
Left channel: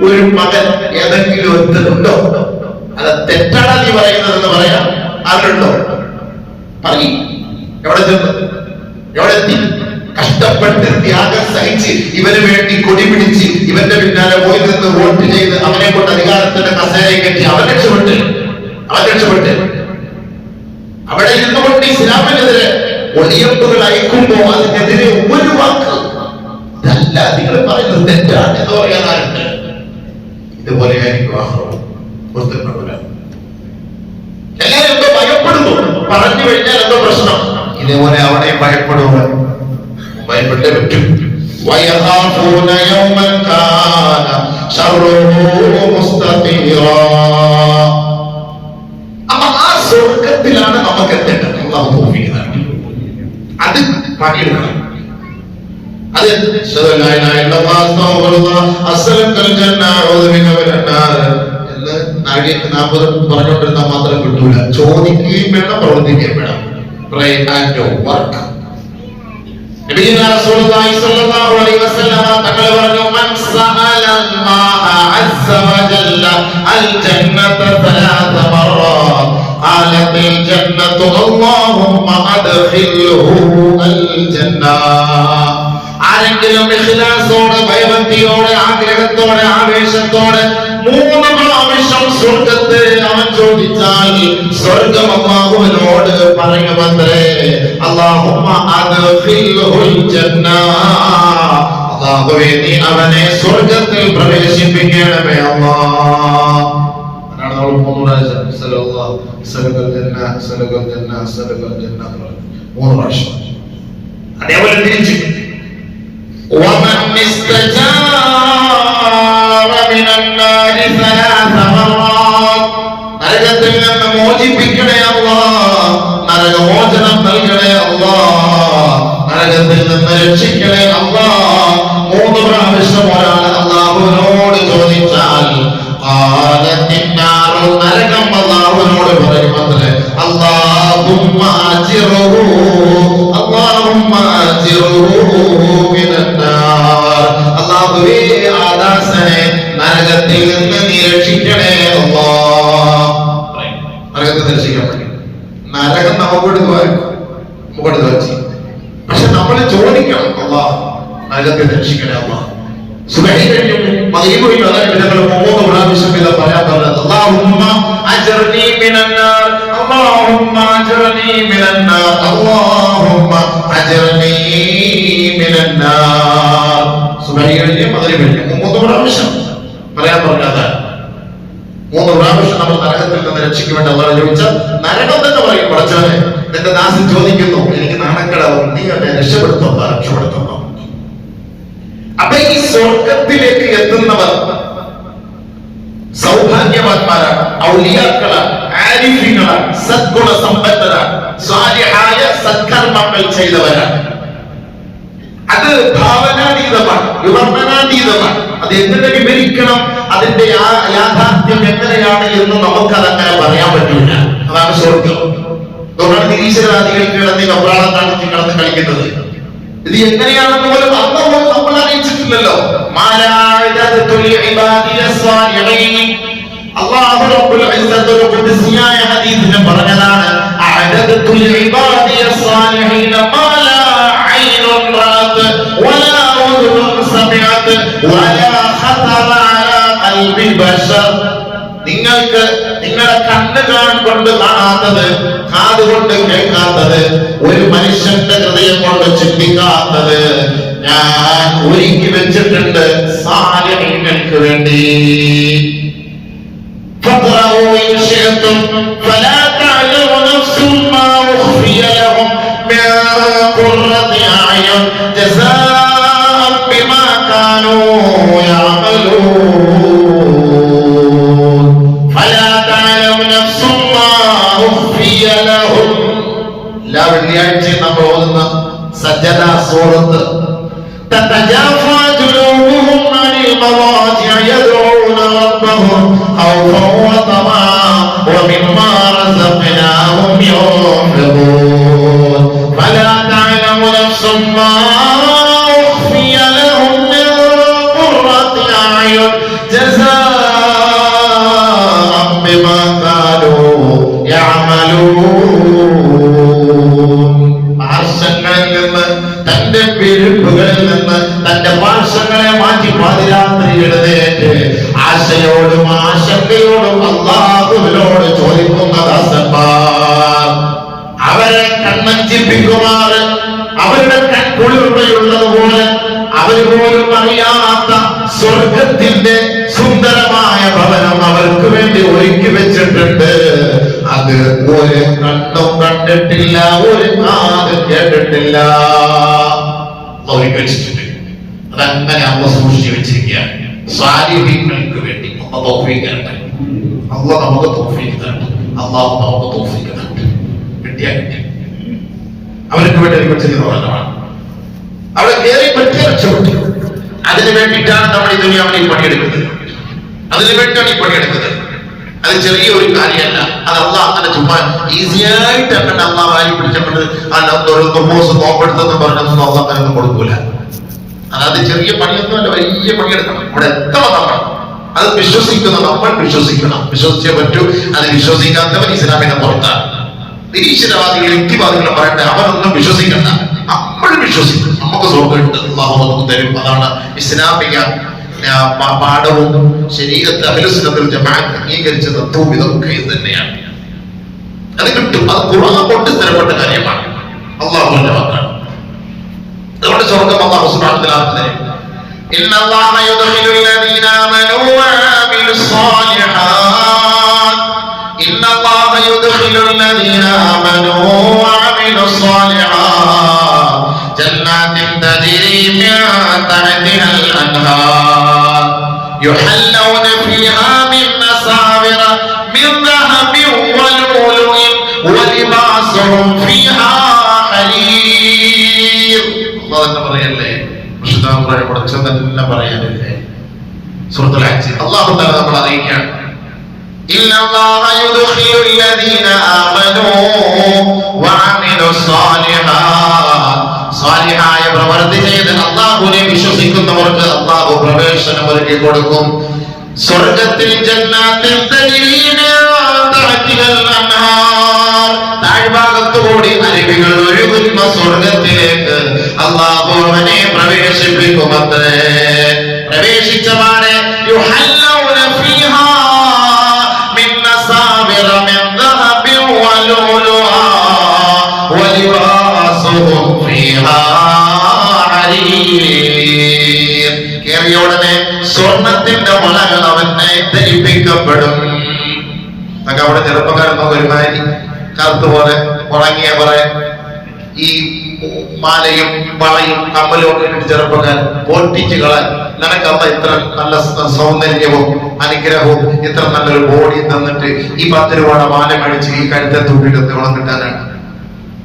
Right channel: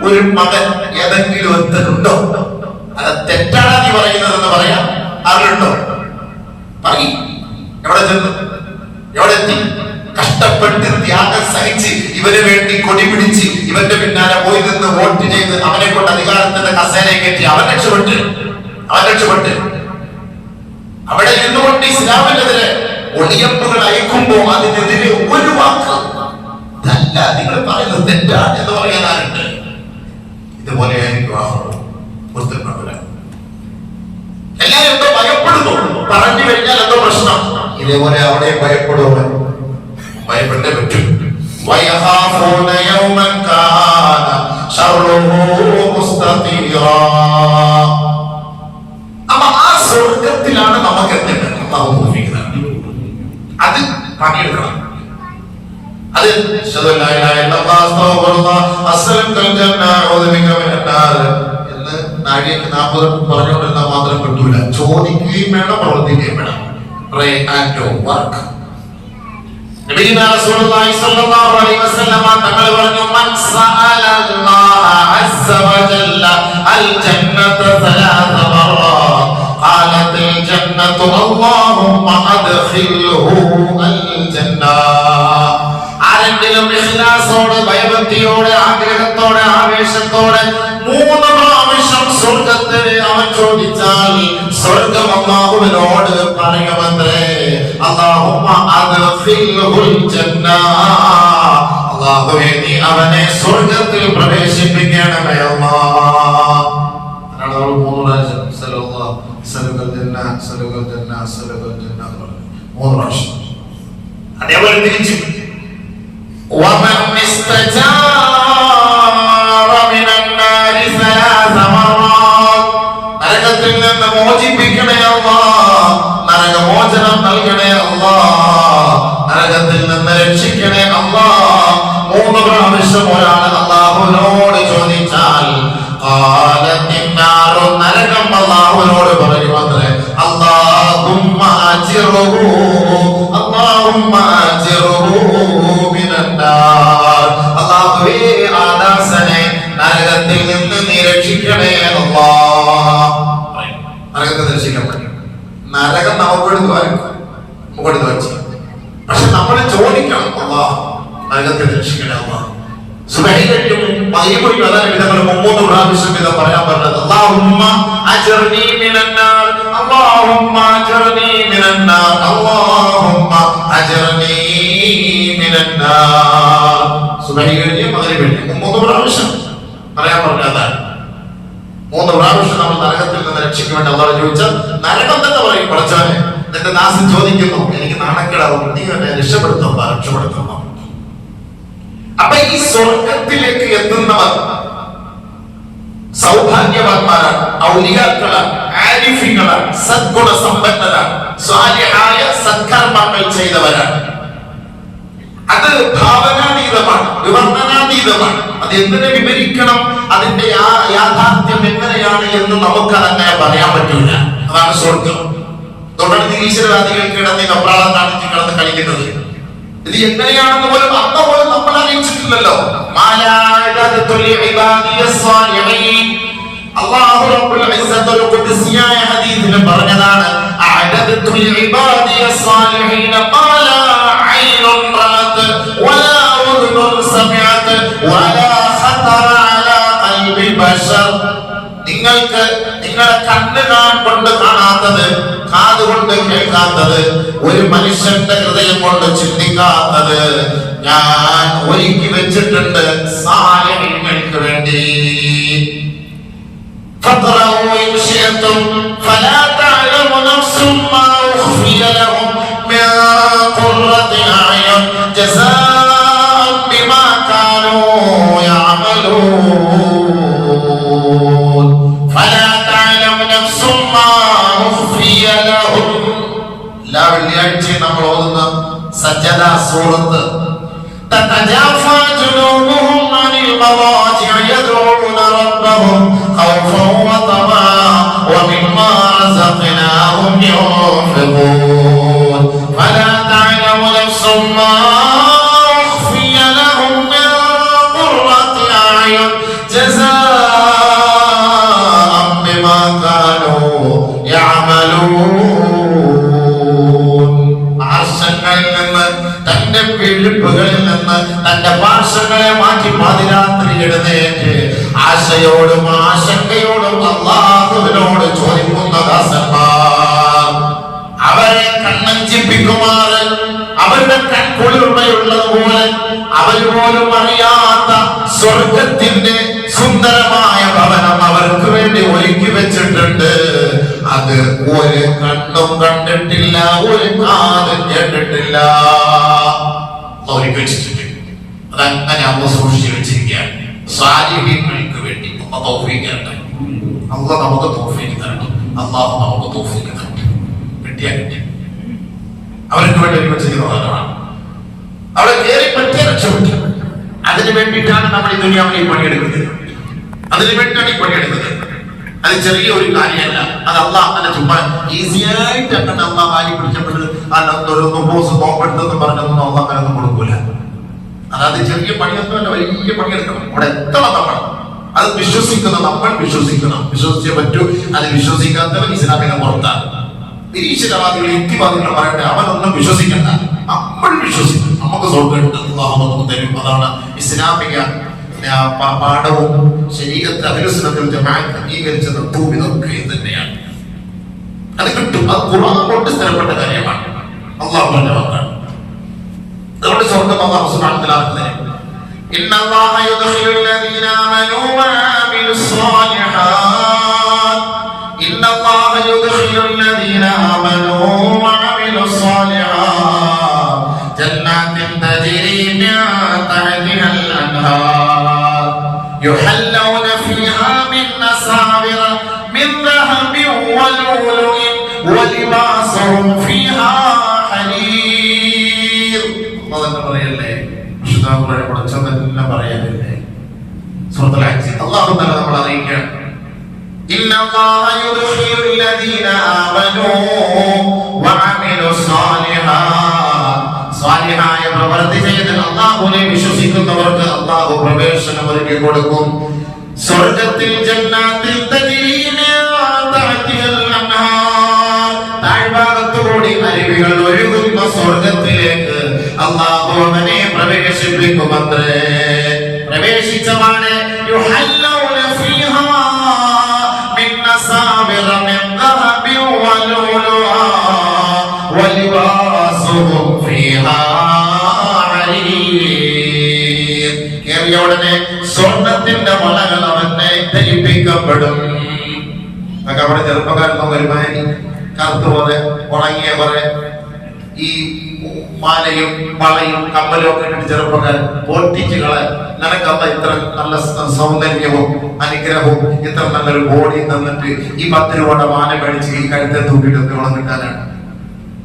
ഒരു മകൻ ഏതെങ്കിലും ഒത്തുണ്ടോ? അത് തെറ്റാണ് നീ പറയുന്നതെന്ന് പറയാം. അതിലുണ്ടോ? പറയും. എവിടെ ചെന്ന്, എവിടെ എത്തി? കഷ്ടപ്പെട്ട് ത്യാഗം സഹിച്ച് ഇവന് വേണ്ടി കൊടി പിടിച്ച് ഇവന്റെ പിന്നാലെ പോയി നിന്ന് വോട്ട് ചെയ്ത് അവനെ കൊണ്ട് അധികാരത്തിന്റെ കസേരയെ കെട്ടി അവൻ രക്ഷപ്പെട്ട് അവിടെ ഇരുന്നുകൊണ്ട് ഇസ്ലാമിനെതിരെ ഒളിയമ്പുകൾ അയക്കുമ്പോ അതിനെതിരെ ഒരു വാക്ക് ഇതല്ല നിങ്ങൾ പറയുന്നത് തെറ്റാണ് എന്ന് പറയാനാരുണ്ട്? ഇതുപോലെയായിരിക്കും എല്ലാരും എന്തോ ഭയപ്പെടുന്നു. പറഞ്ഞു കഴിഞ്ഞാൽ എന്തോ പ്രശ്നം. ഇതേപോലെ അവിടെ ഭയപ്പെടുക, ഭയപ്പെട്ടേ പറ്റും. അപ്പൊ ആ സ്വർഗത്തിലാണ് നമുക്ക് എത്തേണ്ടത്. അല്ലാഹു തൗഫീഖ്. അത് പണിയെടുക്കണം. അത് എന്ന് നാഴികക്ക് 40 പറഞ്ഞുകൊണ്ടിരുന്നാൽ മാത്രം കിട്ടൂല. ചോദിക്കുകയും വേണം, പ്രവർത്തിക്കുകയും വേണം. Pray and work. നബിയുനാ റസൂലുള്ളാഹി സ്വല്ലല്ലാഹു അലൈഹി വസല്ലമ തങ്ങൾ പറഞ്ഞു, മൻ സഅല അല്ലാഹ അസ്സ വജല്ല അൽ ജന്നത സലാസ മററാത്ത് ഖാലത്തിൽ ജന്നതു അല്ലാഹുമ്മ അദ്ഖിൽഹു അൽ ജന്ന. ആരെങ്കിലും ഇഖ്ലാസോടെ, ഭയഭക്തിയോടെ, ആഗ്രഹത്തോടെ, ആവേശത്തോടെ 3 പ്രാവശ്യം സ്വർഗത്തെ അവൻ ചോദിച്ചാൽ സ്വർഗ്ഗം അല്ലാഹുവിനോട് പറയുമത്രേ, അല്ലാഹുമ്മ അദ്ഖിൽഹുൽ ജന്ന, അല്ലാഹുവേ നീ അവനെ സ്വർഗ്ഗത്തിൽ പ്രവേശിപ്പിക്കണമേ അല്ലാഹ്. എന്നാണ് നമ്മൾ 3 പ്രാവശ്യം സല്ലല്ലാഹു സല്ലൽ ജന്ന സല്ലൽ ജന്ന സല്ലൽ ജന്ന 3 പ്രാവശ്യം. അതേപോലെ തിരിച്ച് വമൻ ഇസ്തജാറ മിനൻ നാരി സലാസ മററാത്ത്, നരകത്തിൽ നിന്ന് മോചിപ്പിക്കണേ അല്ലാഹ്, നരകമോചനം നൽകണേ അല്ലാഹ്, നരകത്തിൽ നിന്ന് രക്ഷിക്കണേ അല്ലാഹ്. 3 പ്രാവശ്യം ഒരാൾ അല്ലാഹുവിനോട് ചോദിച്ചാൽ നരകം അല്ലാഹുവിനോട് പറയുമത്രേ, അല്ലാഹുമ്മ അജിറുഹു അല്ലാഹുമ്മ അജിറുഹു മിനന്നാർ. അല്ലാഹുവേ, ആ ദാസനെ നരകത്തിൽ നിന്ന് നീ രക്ഷിക്കണേ അല്ലാഹ്. നരകത്തിൽ രക്ഷിക്കാൻ പറ്റും. നരകം നമുക്കെടുത്ത് ചെയ്യും. പക്ഷെ നമ്മൾ ചോദിക്കണം, അല്ലാഹ് നരകത്തിൽ രക്ഷിക്കണേ അല്ലാഹ്. സുബ്ഹി കഴിഞ്ഞു മഗ്രിബ് കഴിഞ്ഞു അതാണ് ഇവകൾ 3 പ്രാവശ്യം ഇത് പറയാൻ പറഞ്ഞത്. അല്ലാഹുമ്മ അജ്ർനി മിനന്നാർ അല്ലാഹുമ്മ അജ്ർനി മിനന്നാർ അല്ലാഹുമ്മ അജ്ർനി മിനന്നാർ. സുബ്ഹി കഴിഞ്ഞു മഗ്രിബ് കഴിഞ്ഞു 3 പ്രാവശ്യം പറയാൻ പറഞ്ഞത്. 3 പ്രാവശ്യം നമ്മൾ നരകത്തിൽ നിന്ന് രക്ഷിക്കാൻ വേണ്ടി അല്ലാഹു ചോദിച്ചാൽ നരകം തന്നെ പറയും, പടച്ചവനെ എന്റെ ദാസൻ ചോദിക്കുന്നു, എനിക്ക് നാണക്കേടാവും, നീ എന്നെ രക്ഷപ്പെടുത്തണം. അപ്പൊ ഈ സ്വർഗത്തിലേക്ക് എത്തുന്നവർ സൗഭാഗ്യവാന്മാരാണ്, ഔലിയാക്കളാണ്, ആരിഫീങ്ങളാണ്, സദ്ഗുണ സമ്പന്നരാണ്, സ്വാലിഹായ സത്കർമ്മങ്ങൾ ചെയ്തവരാണ്. അത് ഭാവനാതീതമാണ്, വിവർണനാതീതമാണ്. അത് എങ്ങനെ വിവരിക്കണം, അതിന്റെ യാഥാർത്ഥ്യം എങ്ങനെയാണ് എന്ന് നമുക്കതങ്ങനെ പറയാൻ പറ്റൂല. അതാണ് സ്വർഗം. തുടർന്ന് ഈശ്വരാദികൾ കിടന്ന് കപ്രാളം കാണിച്ച് കിടന്ന് കളിക്കുന്നത്. ഇത് എങ്ങനെയാണെന്ന് പോലും അന്ന് പോലും നമ്മൾ അറിയിച്ചിട്ടില്ലല്ലോ. അല്ലാഹു റബ്ബുൽ ഇസ്സത്ത് ഒരു ഖുദ്സിയായ ഹദീസിൽ പറഞ്ഞതാണ്, അഅദതു ലിഇബാദിയ സ്വാലിഹീന മാ ലാ ഐനുൻ റഅത് വലാ ഉദുനുൻ സമിഅത് വലാ ഖതറ അലാ ഖൽബി ബശർ. നിങ്ങൾക്ക് നിങ്ങളുടെ കണ്ണ് കൊണ്ട് കാണാത്തത്, കാത് കൊണ്ട് കേൾക്കാത്തത്, ഒരു മനുഷ്യന്റെ ഹൃദയം കൊണ്ട് ചിന്തിക്കാത്തത് ഞാൻ ഒരുക്കി വെച്ചിട്ടുണ്ട് സാലിഹീങ്ങൾക്ക് വേണ്ടി. فَقْرَأُوا إِنْ شِئْتُمْ فَلَا تَعْلَمُ نَفْسٌ مَا أُخْفِيَ لَهُم مِّن قُرَّةِ أَعْيُنٍ جَزَاءً بِمَا كَانُوا يَعْمَلُونَ. فَلَا تَعْلَمُ نَفْسٌ مَا أُخْفِيَ لَهُم. എല്ലാ വെള്ളിയാഴ്ചയും നമ്മൾ ഓതുന്ന സജ്ജദ സൂറത്ത്. تتجافى جنوبهم عن المضاجع يدعون ربهم خوفا وطمعا ومما رزقناهم ينفقون. فلا تعلم نفس ما أخفي لهم من قرة أعين جزاء بما كانوا يعملون. ആശങ്കയിൽ നിന്ന്, തന്റെ പിഴപ്പുകളിൽ നിന്ന് തന്റെ പാർശ്വങ്ങളെ മാറ്റി പാതിരാത്രി എഴുന്നേറ്റ് ആശയോടും ആശങ്കയോടും അല്ലാഹുവിനോട് ചോദിക്കുന്ന ദാസന്മാർ, അവരെ കണ്ണഞ്ചിപ്പിക്കുമാറ്, അവരുടെ കൺകുളിർമയുള്ളതുപോലെ അവർ പോലും അറിയാത്ത സ്വർഗത്തിന്റെ സുന്ദരമായ ഭവനം അവർക്ക് വേണ്ടി ഒരുക്കി വെച്ചിട്ടുണ്ട്. അത് ഒരു കണ്ണും കണ്ടിട്ടില്ല, ഒരു കാതും കേട്ടിട്ടില്ല. അവർക്ക് വെച്ചിട്ടുണ്ട്. അതങ്ങനെ അമ്മ സൂക്ഷിച്ചു വെച്ചിരിക്കുകയാണ് സാലിഹീങ്ങൾക്ക് വേണ്ടി. അല്ലാഹു തൗഫീഖ് തരട്ടെ. അല്ലാഹു നമുക്ക് തൗഫീഖ് തരട്ടെ. അല്ലാഹു നമുക്ക് തൗഫീഖ് തരട്ടെ. കിട്ടിയ അവർക്ക് വേണ്ടി വെച്ചിരിക്കുന്നതാണ്. അവിടെ കയറി പറ്റിയ രക്ഷപ്പെട്ടു. അതിനു വേണ്ടിയിട്ടാണ് നമ്മൾ ഈ ദുനിയാവിൽ പണിയെടുക്കുന്നത്. അതിനു വേണ്ടിയാണ് ഈ പണിയെടുക്കുന്നത്. അത് ചെറിയ ഒരു കാര്യമല്ല. അത് അല്ലാഹ് അങ്ങനെ ചുമ്മാ ഈസിയായിട്ട് അങ്ങനെ അല്ലാഹ് വാരി പിടിച്ചപ്പോൾ നോപ്പെടുത്തെന്ന് പറഞ്ഞതൊന്നും അല്ലാഹ് അങ്ങനെയൊന്നും കൊടുക്കൂല. അതായത് ചെറിയ പണിയൊന്നുമല്ല, വലിയ പണിയെടുക്കണം. ഇവിടെ എത്തണം നമ്മൾ. അത് വിശ്വസിക്കുന്ന നമ്മൾ വിശ്വസിക്കണം. വിശ്വസിച്ചേ പറ്റൂ. അത് വിശ്വസിക്കാത്തവൻ ഇസ്ലാമിനെ പുറത്താണ്. നിരീശ്വരവാദികൾ, യുക്തിവാദികളെ പറയട്ടെ, അവനൊന്നും വിശ്വസിക്കണ്ട. നമ്മൾ വിശ്വസിക്കണം. നമുക്ക് സ്വർഗ്ഗമുണ്ട്, അല്ലാഹു നമുക്ക് തരും. അതാണ് ഇസ്ലാമിക പാഠവും ശരീഅത്ത് അഹ്ലുസുന്നത്തുൽ ജമാഅത്ത് അംഗീകരിച്ച തത്വവും ഇതൊക്കെ ഇത് തന്നെയാണ്. അത് കിട്ടും. അത് ഖുർആൻ കൊണ്ട് സ്ഥിരപ്പെട്ട കാര്യമാണ്. അല്ലാഹുവിന്റെ വാക്കാണ്. അതുകൊണ്ട് സ്വർഗ്ഗം അല്ലാഹു സുബ്ഹാനഹു വ തആല തരും. ഇന്നല്ലാഹ യുദ്ഖിലുൽ ലദീന ആമനൂ വഅമിലുസ് സ്വാലിഹാത്ത്. ഇന്നല്ലാഹ യുദ്ഖിലുൽ ലദീന ആമനൂ വഅമിലുസ് സ്വാലിഹാത്ത് ജന്നാത്തിൻ തജ്രി മിൻ തഹ്തിഹൽ അൻഹാർ യുഹല്ലൗന ഫീഹാ മിൻ അസാവിറ മിൻ ദഹബിൻ വലു ഇന്നല്ലാഹ യുദ്ഖിലുല്ലദീന ആമനൂ വഅമിലുസ് സ്വാലിഹായ പ്രവൃത്തി ചെയ്ത് അല്ലാഹുവിനെ വിശ്വസിക്കുന്നവർക്ക് അല്ലാഹു പ്രവേശനം ഒരുക്കി കൊടുക്കും. സ്വർഗ്ഗത്തിൽ ജന്നാത്തിൽ തജ്രീ താഴ്ഭാഗത്തുകൂടി അരുവികൾ ഒഴുകുന്ന സ്വർഗത്തിലേക്ക് അല്ലാഹു അവനെ പ്രവേശിപ്പിക്കുമത്രേ. പ്രവേശിച്ചവാടെ യുഹല്ലൗന ഫീഹാ മിൻ നസാബിറ മിൻ ദഹബിൻ വലുലുആ വലിബാസുഹും ഫീഹാ ഹരീർ. കേറിയ ഉടനെ സ്വർണത്തിന്റെ വളകൾ അവനെ ധരിപ്പിക്കപ്പെടും. അതൊക്കെ അവിടെ ചെറുപ്പക്കാരത്തോ ഒരുമാതിരി കറുത്ത് പോലെ ഉണങ്ങിയ പോലെ ഈ മാലയും വളയും കമ്മലും ഒക്കെ ഇട്ടിട്ട് ചെറുപ്പക്കാരൻ പൊട്ടിച്ച് കളയാൻ നിനക്കല്ല ഇത്ര നല്ല സൗന്ദര്യവും അനുഗ്രഹവും ഇത്ര നല്ലൊരു ബോഡി തന്നിട്ട് ഈ 10 രൂപയുടെ മാല മേടിച്ച് ഈ കഴുത്തെ തൂക്കിയിട്ട് ഉണം കിട്ടാനാണ്.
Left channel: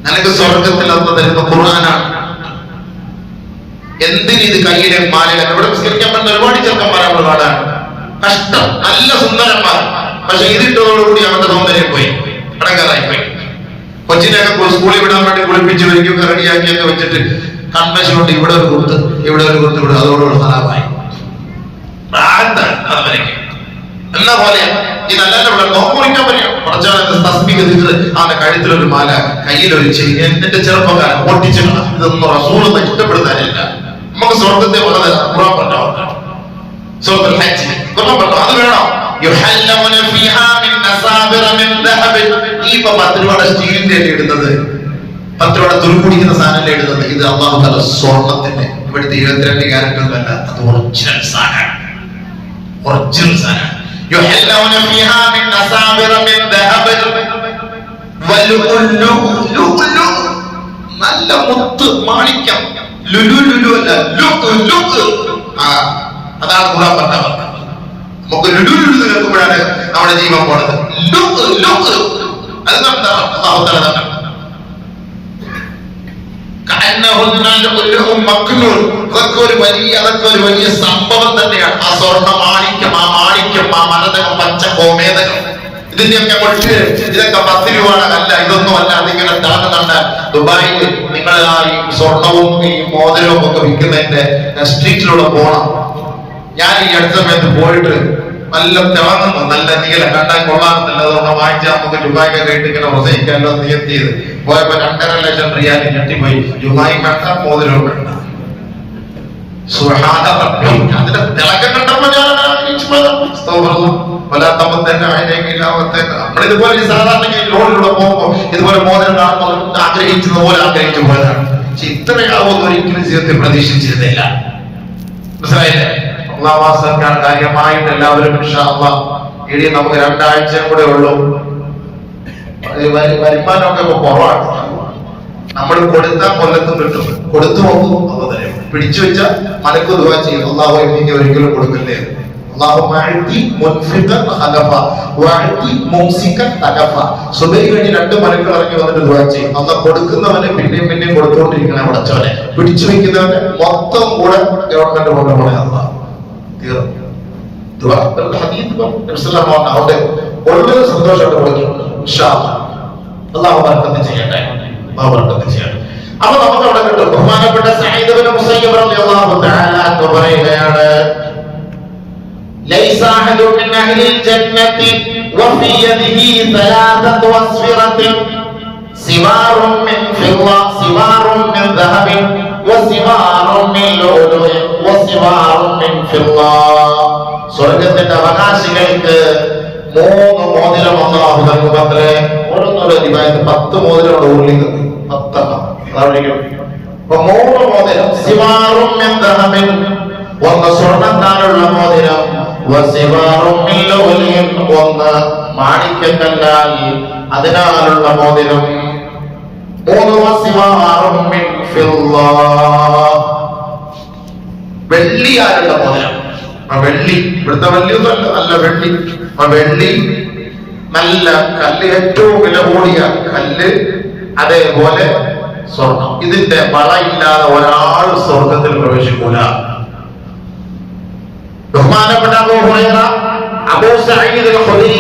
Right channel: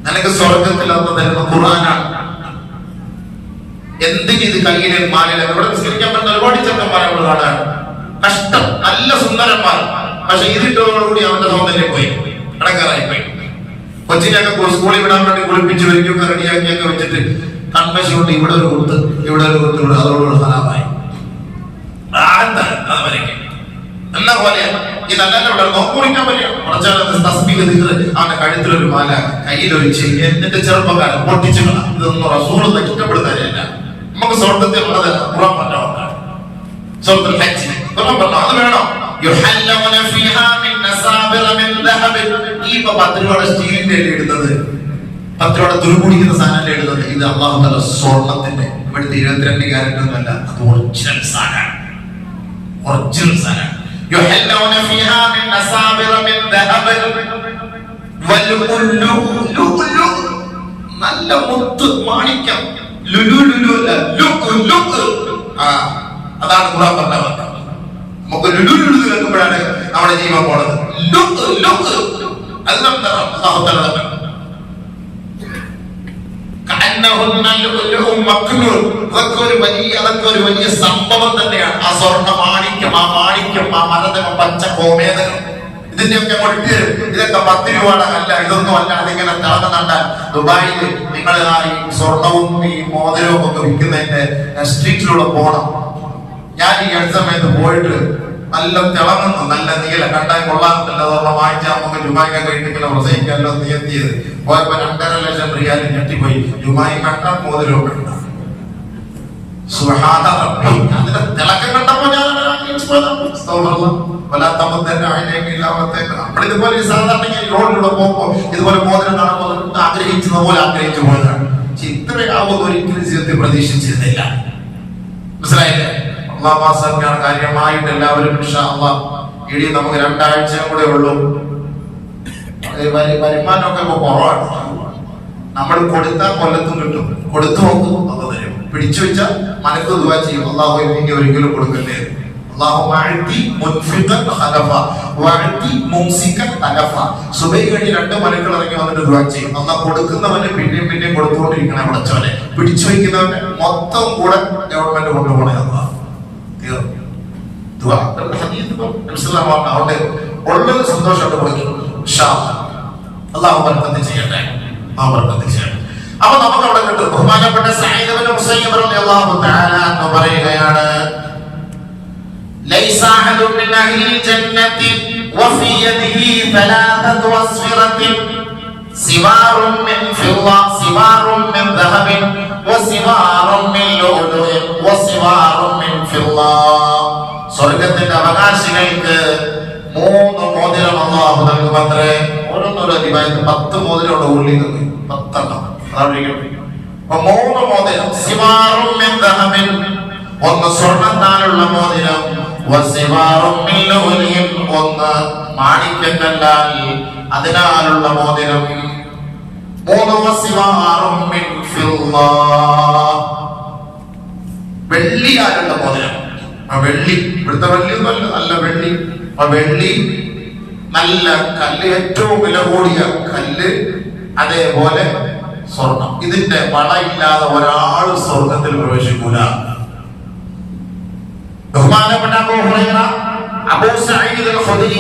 നിനക്ക് സ്വർഗത്തിൽ അന്ന് തരുന്ന ഖുർആനാണ്. എന്തിന് ഇത് കയ്യിലെ മാലയിലെ ഇവിടെ നിസ്കരിക്കാൻ പറ്റുന്ന ഒരുപാട് ചെറുക്കന്മാരാണ്. കഷ്ടം, നല്ല സുന്ദരന്മാർ, പക്ഷെ ഇതിട്ടതോടുകൂടി അവന്റെ സൗന്ദര്യം പോയി, ഇടങ്ങാറായി പോയി. കൊച്ചിനൊക്കെ സ്കൂളിൽ വിടാൻ വേണ്ടി കുളിപ്പിച്ച് വരികയൊക്കെ റെഡിയാക്കിയൊക്കെ വെച്ചിട്ട് കൺവെൻഷൻ കൊണ്ട് ഇവിടെ ഒരു കുത്ത്, ഇവിടെ ഒരു കുത്ത്, ഇവിടെ അതോടുകൂടി ഹറാമായി. എല്ലാ പോലെയാണ് ഈ നല്ല നോക്കുറിക്കാൻ പറ്റും. അവന്റെ കഴുത്തിലൊരു മാല, കയ്യിലൊരു ചെയിൻ. എന്നിട്ട് ചെറുപ്പക്കാരൻ പൊട്ടിച്ചു. ഇതൊന്നും റസൂലൊന്നും ഇഷ്ടപ്പെടുത്താനില്ല. നമുക്ക് സ്വർഗത്തെ വളരെ അപ്പുറം പറഞ്ഞോ, സ്വർഗത്തിൽ ഹജ്ജ് പറഞ്ഞോ, അത് വേണോ? യുഹല്ലൗന ഫീഹാ മിൻ നസാബിറ മിൻ ദഹബ്. ഈ 10 രൂപയുടെ സ്റ്റീലിന്റെ ഇടുന്നത്, 10 രൂപയുടെ തുരുക്കുടിക്കുന്ന സാധനം ഇടുന്നത്, ഇത് അല്ലാഹു തആല സ്വർണത്തിന്റെ ഇവിടുത്തെ 22 ക്യാരറ്റ് ഒന്നല്ല, അത് ഒറിജിനൽ സാധനമാണ്. ഒറിജിനൽ സാധനം. യുഹല്ലൗന ഫീഹാ മിൻ നസാബിറ മിൻ ദഹബ് വലുലുലു. നല്ല മുത്ത് മാണിക്യം. ലുലുലുലു അല്ല, ലുക്. അതാണ് ഖുർആൻ പറഞ്ഞത്. നമുക്ക് ലുലുലുലു കേൾക്കുമ്പോഴാണ് നമ്മുടെ ജീവൻ പോണത്. ലുക് അത് അല്ലാഹു തആല പറഞ്ഞു. അതൊക്കെ ഒരു വലിയ സംഭവം തന്നെയാണ്. ആ സ്വർണ്ണ മാണിക്യം, ആ മരതകം, പച്ച ഗോമേതകം, ഇതിന്റെയൊക്കെ മുട്ടില് ഇതൊക്കെ 10 രൂപയുടെ അല്ല, ഇതൊന്നും അല്ല. അതിങ്ങനെ താഴ്ന്നു കണ്ടാൽ ദുബായിൽ നിങ്ങൾ ആ ഈ സ്വർണവും ഈ മോതിരവും ഒക്കെ വിൽക്കുന്നതിന്റെ സ്ട്രീറ്റിലൂടെ പോകണം. ഞാൻ ഈ അടുത്ത സമയത്ത് പോയിട്ട് നല്ല തിളങ്ങുന്നു, നല്ല നീല കണ്ടാൽ കൊള്ളാമെന്നല്ല, അതുകൊണ്ട് വാങ്ങിച്ചാൽ നമുക്ക് ദുബായിക്ക് കേട്ട് ഇങ്ങനെ പ്രസംഗിക്കാമല്ലോ നിയത്തിയത്. പോയപ്പോ 2.5 ലക്ഷം റിയാൽ ഞെട്ടിപ്പോയി. ദുബായ് വേണ്ട, മോതിരവും വേണ്ട. അതിന്റെ തിളക്കം കണ്ടപ്പോ ഞാൻ നമ്മളിതുപോലെ സാധാരണ ലോണിലൂടെ പോകുമ്പോ ഇതുപോലെ മോതിരം കാണുമ്പോൾ ആഗ്രഹിച്ചത് പോലെ ആഗ്രഹിച്ചു പോയതാണ്. പക്ഷെ ഇത്രയാവുന്ന ഒരിക്കലും ജീവിതത്തിൽ പ്രതീക്ഷിച്ചിരുന്നില്ല. മനസ്സിലായില്ലേ? അല്ലാഹു വാസനയാണ് കാര്യമായിട്ട് എല്ലാവരും ഇൻഷാ അല്ലാഹ് ഇനി നമുക്ക് 2 ആഴ്ച കൂടെ ഉള്ളൂ. വരുമാനമൊക്കെ ഇപ്പൊ കുറവാണ്. നമ്മൾ കൊടുത്താൽ കൊല്ലത്തും കിട്ടും. കൊടുത്തു നോക്കും, അത് തരും. പിടിച്ചു വെച്ചാൽ മലക്ക് ദുആ ചെയ്യും, അല്ലാഹു എനിക്ക് ഒരിക്കലും കൊടുക്കല്ലേ. സുബൈ കഴിഞ്ഞ് 2 മലക്കൾ ഇറങ്ങി വന്നിട്ട് ദുആ ചെയ്യും, അല്ലാഹ് കൊടുക്കുന്നവനെ പിന്നെയും കൊടുത്തുകൊണ്ടിരിക്കണേ പടച്ചവനെ. പിടിച്ചു വെക്കുന്നവനെ മൊത്തം കൂടെ ഗവൺമെന്റ് കൊണ്ടുപോകണേ അല്ലാഹ്. അവിടെ വളരെ സന്തോഷമായിട്ട് പോയി. അല്ലാഹു ബർക്കത്ത് ചെയ്യട്ടെ. അപ്പൊ നമുക്ക് അവിടെ കിട്ടും. ബഹുമാനപ്പെട്ട സഈദ് ഇബ്നു മുസയ്യിബ് റളിയല്ലാഹു തആല അൻഹു പറയുകയാണ്, ലൈസ അഹദുൻ മിൻ അഹ്ലിൽ ജന്നത്തി വഫി യദിഹി തലാതതു അസ്ഫിറത്തിൻ സിവാറുൻ മിൻ ഫിദ്ദ സിവാറുൻ മിൻ ദഹബിൻ വസിവാറുൻ മിൻ ലൂലുഇൻ വസിവാറുൻ മിൻ ഫിദ്ദ. സ്വർഗ്ഗത്തിന്റെ അവകാശികൾക്ക് 3 മോതിരം അല്ലാഹു നൽകുമത്രേ. ഓരോന്നോരോ ദിവായത്ത് 10 മോതിരം ഉള്ളിൽ 10 എണ്ണം. അപ്പൊ 3 മോതിരം. സിവാറുൻ മിൻ ദഹബിൻ, 1 സ്വർണ്ണത്താലുള്ള മോതിരം. വസിവാറുൻ മിൻ ലൂലുഇൻ, 1 മാണിക്യക്കല്ലാൽ അതിനാലുള്ള മോതിരം. 3 വസിവാറുൻ മിൻ ഫിദ്ദ, വെള്ളിയാലുള്ള മോതിരം. ആ വെള്ളി ഇവിടുത്തെ വെള്ളിയൊന്നും അല്ല, നല്ല വെള്ളി. ആ വെള്ളി നല്ല കല്ല്, ഏറ്റവും വില കൂടിയ കല്ല്. അതേപോലെ സ്വർണം. ഇതിന്റെ വളയില്ലാതെ ഒരാൾ സ്വർഗത്തിൽ പ്രവേശിക്കൂല. ബഹുമാനപ്പെട്ട അബൂ ഹുറൈറ, അബൂ സഈദ് അൽ ഖുദരി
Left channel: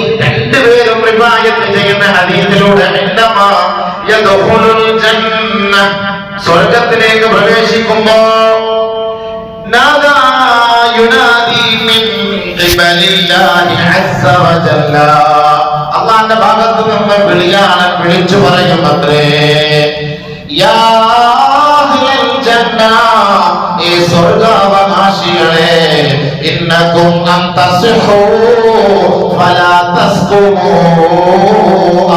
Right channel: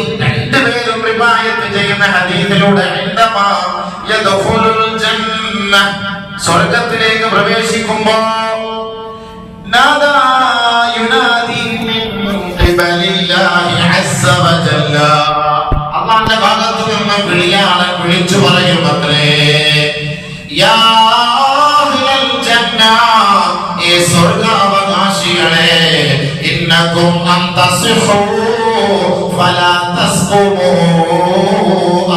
റിവായത്ത് ചെയ്യുന്ന ഹദീസിലൂടെ ഇന്നമാ യദ്ഖുലുൽ ജന്ന സ്വർഗ്ഗത്തിലേക്ക് പ്രവേശിക്കുമ്പോൾ നാദാ യുനാദി മിൻ ഖിബലില്ലാഹി അസ്സ വജല്ല അല്ലാഹുവിന്റെ ഭാഗത്തു നിന്ന് വിളിയാണ് വിളിച്ചു പറയുമത്രേ യാ അഹ്ലൽ ജന്ന ഈ സ്വർഗ്ഗാവകാശികളെ ഇന്നകും അൻ തസ്ഹു ഫലാ തസ്കുമു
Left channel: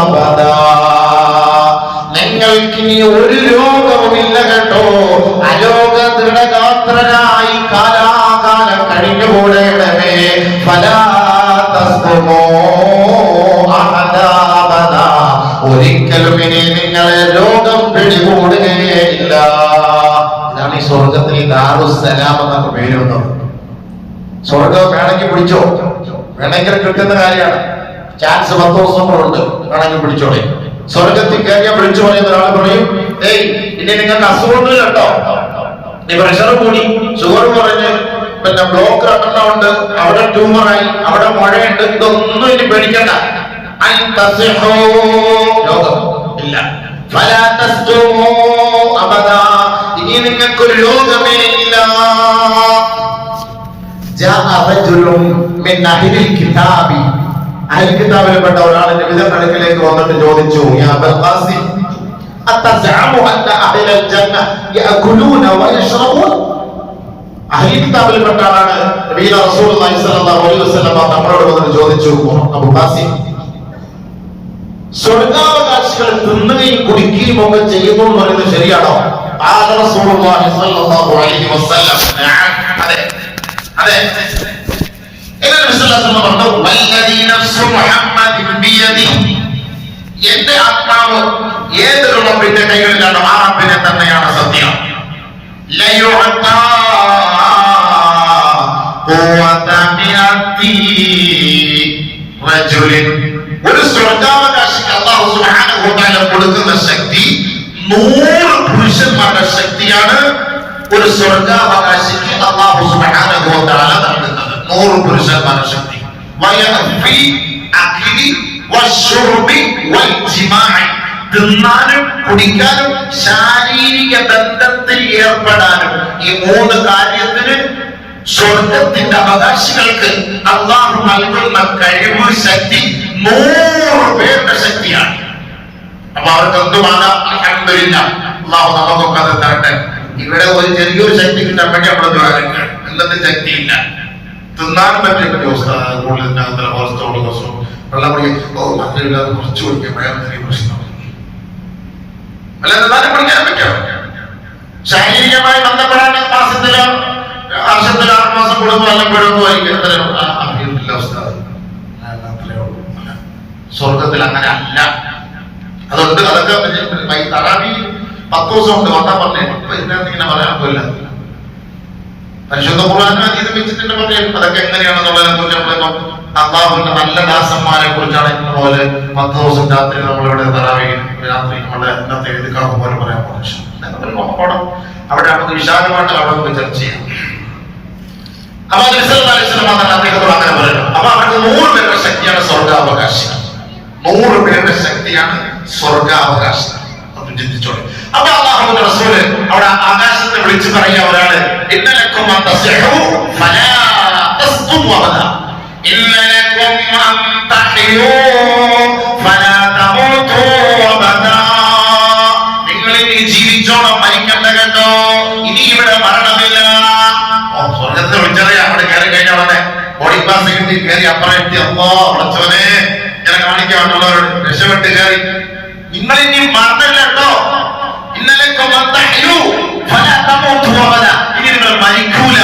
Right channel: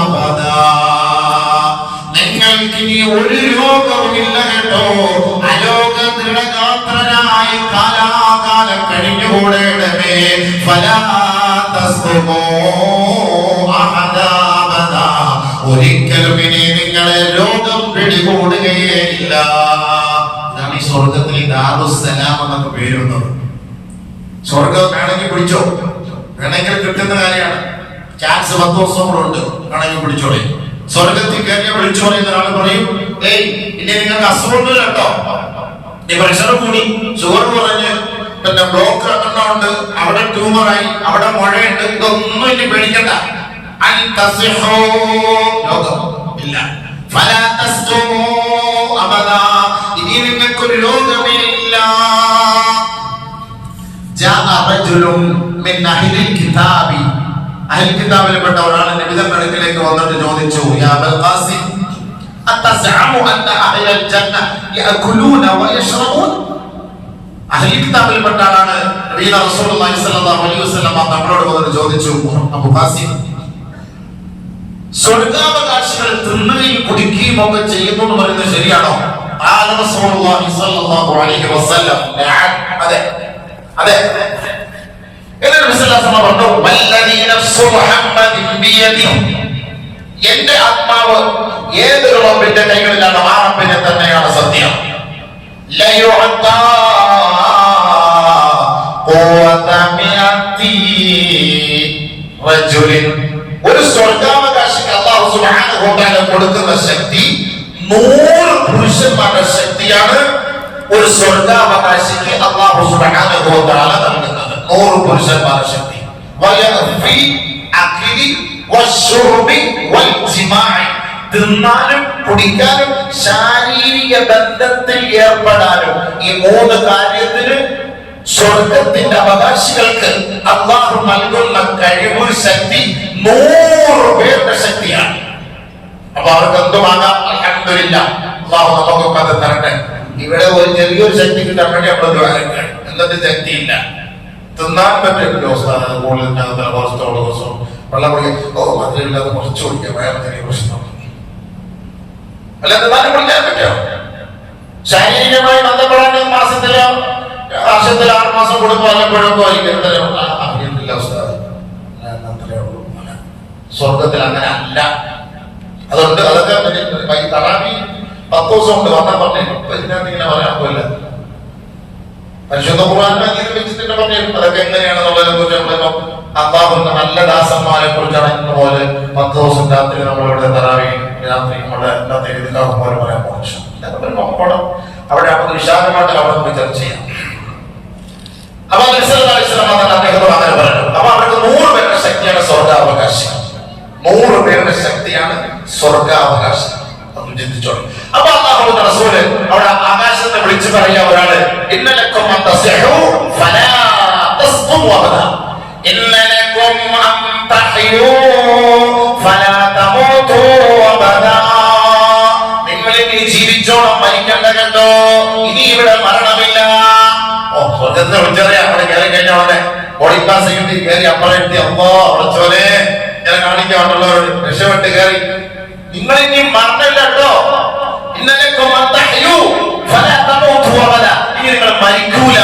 അബദാ നിങ്ങൾക്കിനി ഒരു രോഗവുമില്ല കേട്ടോ അരോഗ ദൃഢഗാത്രനായി കാലാകാലം കഴിഞ്ഞുകൂടേണമേ ഫലാ തസ്കുമു അബദാ ഒരിക്കലും ഇനി നിങ്ങളെ രോഗം പിടികൂടുകയില്ല. ഇതാണ് ഈ സ്വർഗത്തിൽ ദാറുസ്സലാം എന്നൊക്കെ പേരുണ്ട്. സ്വർഗം വേണമെങ്കിൽ പിടിച്ചോ, വേണമെങ്കിൽ കിട്ടുന്ന കാര്യമാണ്. ചാൻസ് 10 ദിവസം കൂടെ ഉണ്ട്, വേണമെങ്കിൽ പിടിച്ചോളെ. സ്വർഗത്തിൽ കയറിയാൽ വിളിച്ചു പറയുന്ന ഒരാൾ പറയും, ഏയ് ഇനി നിങ്ങൾക്ക് അസുഖമൊന്നുമില്ല കേട്ടോ, നീ പ്രഷർ കൂടി, ഷുഗർ കുറഞ്ഞ്, പിന്നെ ബ്ലോക്ക് ഉണ്ട്, അവിടെ ട്യൂമറായി, അവിടെ മുഴയുണ്ട്, ഇതൊന്നും ഇനി പേടിക്കണ്ട. രോഗം ഇല്ല. ഇനി നിങ്ങൾക്കൊരു രോഗമേ ഇല്ല. അഹ്ലുകിതാബിൽപ്പെട്ട ഒരാൾ നബിയുടെ അടുക്കലേക്ക് വന്നിട്ട് ചോദിച്ചു, യാ അബൽ ഖാസിം അത്തസഅമു അന്ന അഹ്ലൽ ജന്ന യഅകുലൂന വയശ്റബൂൻ. അഹ്ലുകിതാബിൽപ്പെട്ട ആളാണ് നബി റസൂലുള്ളാഹി സ്വല്ലല്ലാഹു അലൈഹി വസല്ലം തങ്ങളോട് വന്നിട്ട് ചോദിച്ചു, അബൂ ഖാസിം സ്വർഗ്ഗാവകാശികൾ തിന്നുകയും കുടിക്കുകയും ഒക്കെ ചെയ്യുന്നു എന്ന് പറയുന്നത് ശരിയാണോ? ആ റസൂലുള്ളാഹി സ്വല്ലല്ലാഹു അലൈഹി വസല്ലം അതെ അതെ. എന്റെ ആത്മാവ് ഏത് റബ്ബിന്റെ കൈകളിലാണോ ആ റബ്ബിനെ തന്നെയാണ് സത്യം. ഒരു സ്വർഗ്ഗാവകാശിക്ക് അല്ലാഹു സുബ്ഹാനഹു വ തആല കൊടുക്കുന്ന ശക്തി 100 പുരുഷന്മാരുടെ ശക്തിയാണ്. ഒരു സ്വർഗ്ഗാവകാശിക്ക് അല്ലാഹു സുബ്ഹാനഹു വ തആല നൽകുന്നത് 100 പുരുഷന്മാരുടെ ശക്തി. തിന്നാനും കുടിക്കാനും ശാരീരിക ബന്ധത്തിൽ ഏർപ്പെടാനും ഈ 3 കാര്യത്തിന് സ്വർഗത്തിന്റെ അവകാശികൾക്ക് അള്ളാഹു നൽകുന്ന കഴിവ് ശക്തി 100 പേരുടെ ശക്തിയാണ്. അപ്പൊ അവർക്ക് എന്തുമാകാം. അൽഹംദുലില്ലാഹ്, അള്ളാഹു നമുക്കൊക്കെ അത് തരട്ടെ. ഇവിടെ ഒരു ചെറിയൊരു ശക്തി കിട്ടാൻ വേണ്ടി നമ്മൾ ദ്വാരക്കണം. എന്നിട്ട് ശക്തിയില്ല, തിന്നാൻ പറ്റില്ല. വെള്ളം കുടിക്കാൻ മധുരമില്ലാതെ കുറച്ച് കുടിക്കാൻ വേറെ ചെറിയ പ്രശ്നം അല്ല, തിന്നാനും കുടിക്കാൻ പറ്റാം. ശാരീരികമായി ബന്ധപ്പെടാൻ മാസത്തിലോ വർഷത്തിൽ 6 മാസം കൂടുമ്പോൾ വല്ലപ്പോഴൊക്കെ സ്വർഗത്തിൽ അങ്ങനെ അല്ല. അതുകൊണ്ട് അതൊക്കെ തറാവി 10 ദിവസം ഉണ്ട് വന്നാൽ പറഞ്ഞു. ഇപ്പൊ ഇതിനകത്ത് ഇങ്ങനെ പറയാൻ പോയില്ല. പരിശുദ്ധ ഖുർആനിൽ ഹദീസ് വെച്ചിട്ട് പറഞ്ഞു. അതൊക്കെ എങ്ങനെയാണെന്നുള്ളതിനെ കുറിച്ച് നമ്മളിപ്പം അല്ലാഹുവിന്റെ നല്ല ദാസന്മാരെ കുറിച്ചാണ് ഇന്ന് പോലെ 10 ദിവസം രാത്രി നമ്മളിവിടെ തറാവി രാത്രി നമ്മളെ ഇന്നത്തെ എഴുതിക്കാവ് പോലെ പറയാൻ പോകുന്നു. അവിടെ നമുക്ക് വിശാലമായിട്ട് അവിടെ പോയി ചർച്ച ചെയ്യാം. അപ്പൊ അദ്ദേഹത്തോട് അങ്ങനെ പറഞ്ഞു. അപ്പൊ അവർക്ക് 100 പേരുടെ ശക്തിയാണ് സ്വർഗാവകാശം. 100 പേരുടെ ശക്തിയാണ് സ്വർഗാവകാശം. അത് ചിന്തിച്ചോളൂ. അപ്പൊ അല്ലാഹുവിന്റെ റസൂല് അവിടെ ആകാശത്തെ വിളിച്ചു പറയാ ഒരാള്, ഇന്നലക്കും അൻ തസ്ഹു ഫലാ തസ്ഖും അബദാ ഇന്നലക്കും അൻ തഹ്യൂ ഫലാ തമൂതു അബദാ. നിങ്ങൾ ഇനി ജീവിച്ചോണം, മരിക്കണ്ട കേട്ടോ. ഇനി ഇവിടെ മരണമില്ല. സ്വർഗത്തിൽ വിളിച്ചറിയാം. അവിടെ കയറി കഴിഞ്ഞ പോലെ ബോഡി പാസ് കിട്ടി കയറി അപ്പുറം എത്തി. അപ്പോ അടച്ചോനെ ഇങ്ങനെ കാണിക്കാനുള്ളവരോട് രക്ഷപ്പെട്ട് കയറി. നിങ്ങൾ ഇനി മരണമില്ല കേട്ടോ. ഇന്നലെ ഇനി നിങ്ങൾ മരിക്കൂല.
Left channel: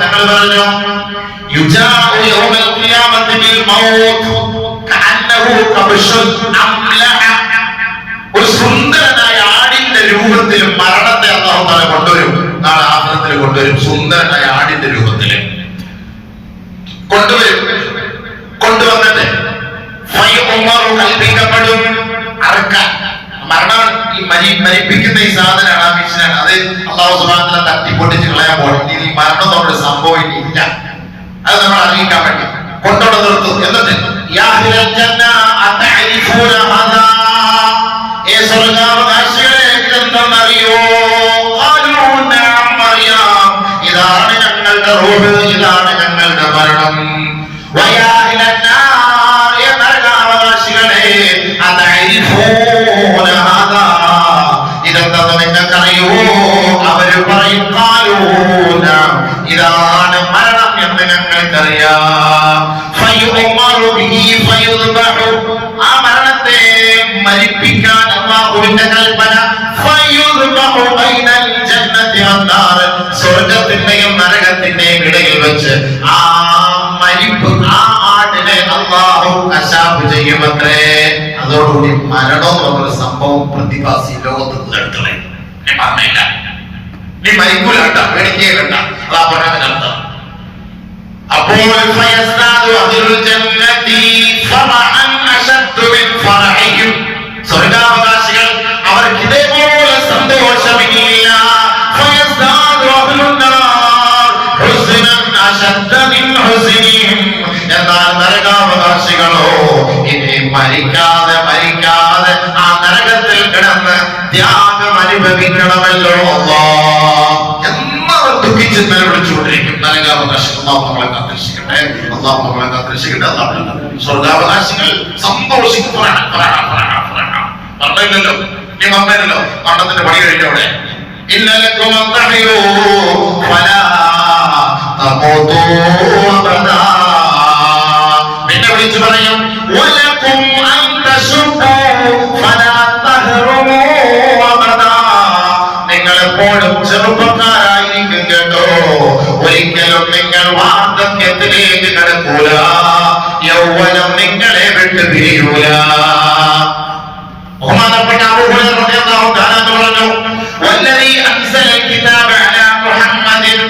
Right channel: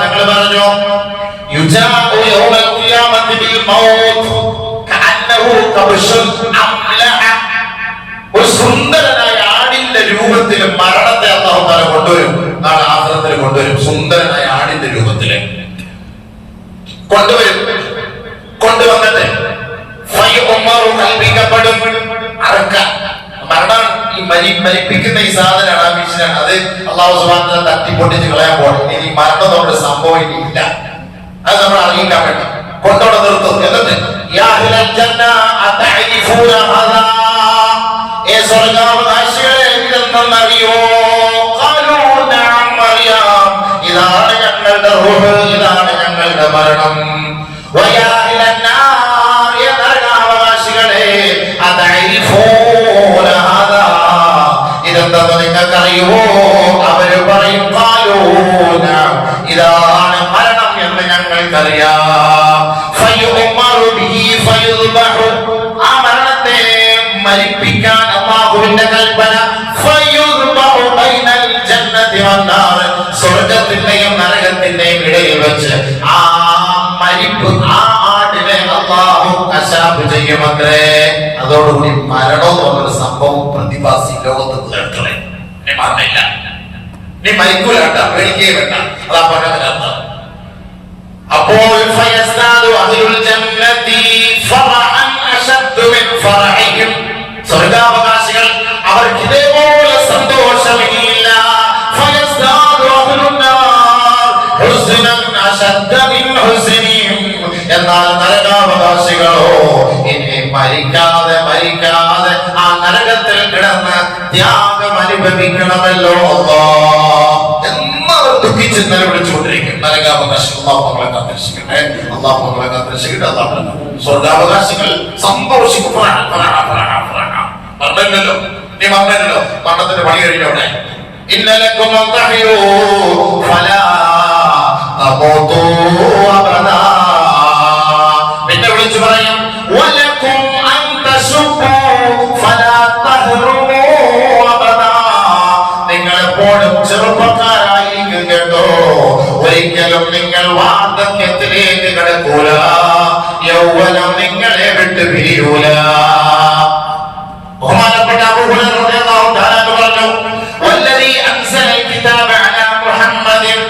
തങ്ങൾ പറഞ്ഞു, ഒരു സുന്ദരനായ ആടിന്റെ രൂപത്തിൽ മരണത്തെ അല്ലാഹു തആല കൊണ്ടുവരും. നാളെ ആഖിറത്തിൽ കൊണ്ടുവരും. സുന്ദരനായ ആടിന്റെ രൂപത്തിൽ കൊണ്ടുവരും. കൊണ്ടുവന്നിട്ട് കൽപ്പിക്കപ്പെടും. അറക്കാൻ മരണം മരിപ്പിക്കുന്ന ഈ സാധനമാണ്, ആ മിഷനാണ്. അത് അല്ലാഹു സുബ്ഹാനഹു വ തആല തട്ടിപ്പൊട്ടിച്ച് കളയാൻ പോകണം. ഇനി മരണം നമ്മുടെ സംഭവം ഇല്ല. അത് നമ്മൾ അറിയിക്കാൻ വേണ്ടി കൊണ്ടോടെ നിർത്തും. എന്നിട്ട് യാ അഹ്ലൽ ജന്ന അതഅരിഫൂന ഹദാ, ഏ സ്വർഗ്ഗവാസികളെ ഇതെന്തെന്നറിയോ? ഖാലൂ നഅം മറിയാം, ഇതാണ് ഞങ്ങളുടെ റൂഹ്, ഇതാണ് ഞങ്ങളുടെ മരണം. വയാ അഹ്ലൻ നാർ, ഏ നരകാവകാശികളെ അതഅരിഫൂന ഹദാ, ഇതെന്തെന്ന് നിങ്ങൾക്കറിയോ? അവര് പറയും ഖാലൂന, ഇതാണ് മരണം എന്ന് ഞങ്ങൾക്കറിയാം. ഫയുഉമറു ബിഹി ഫയുദ്ബഹു, ആ മരണത്തെ മരിപ്പിക്കാൻ അല്ലാഹുവിന്റെ കൽപ്പന. ഫയുദ്ബഹു ബൈനൽ ജന്നതി വന്നാർ, സ്വർഗ്ഗത്തിന്റെയും നരകത്തിന്റെയും ഇടയിൽ വെച്ച് ആ മരിപ്പ്, ആ ആടിനെ അല്ലാഹു കശാബ് ചെയ്യുമത്രേ. അതോടുകൂടി മരണം എന്നൊരു സംഭവം പ്രതിഭാസി ലോകത്ത് തീർത്തളെ. നീ മറന്നില്ല, നീ മരിക്കൂല കേട്ട, പേടിക്കേ വേണ്ട, അതാ പറഞ്ഞതിനർത്ഥം. അപ്പോൾ ഫയസ്താദു അഹ്ലുൽ ജന്നതി ഫറഅൻ അശദ്ദു മിൻ ഫറഇഹിം, സ്വർഗ്ഗാവകാശികൾ അവർക്ക് ഇതേപോലെ സന്തോഷമില്ല. ഫയസ്താദു അഹ്ലുൻ നാർ ഹുസ്നൻ അശദ്ദ മിൻ ഹുസ്നിഹിം, എന്നാൽ നരകാവകാശികളോ ഇനി മരിക്കാതെ ആ നരകത്തിൽ കിടന്ന് ത്യാഗം അനുഭവിക്കണമല്ലോ എന്നവർ ദുഃഖിച്ച് നിലവിളിച്ചുകൊണ്ടിരിക്കും. നരകാവകാശികൾ അല്ലാഹു നമ്മളെ കാത്തിരക്ഷിക്കട്ടെ, അല്ലാഹു നമ്മളെ കാത്തിരക്ഷിക്കട്ടെ. സ്വർഗ്ഗാവകാശികൾ സന്തോഷിക്കും. മറന്നില്ലല്ലോ, നീ മറന്നില്ലല്ലോ, മരണത്തിന്റെ പണി കഴിഞ്ഞവിടെ. ഇന്നലക്കും അന്തഹിയോ ഫലാ തമൂതു അബദാ, പിന്നെ വിളിച്ചു പറയും വലക്കും അന്തശുബു ഫലാ തഹ്റുമു അബദാ, നിങ്ങൾ എപ്പോഴും ചെറുപ്പക്കാരായിരിക്കും കേട്ടോ, ഒരിക്കലും നിങ്ങൾ വാർദ്ധക്യത്തിലേക്ക് കിടക്കൂല, യൗവനം നിങ്ങളെ വിട്ട് പിരിയൂല. ബഹുമാനപ്പെട്ട അബൂ ഹുറൈറ റളിയല്ലാഹു തആല പറഞ്ഞു, വല്ലദീ അൻസലൽ കിതാബ അലാ മുഹമ്മദിൻ,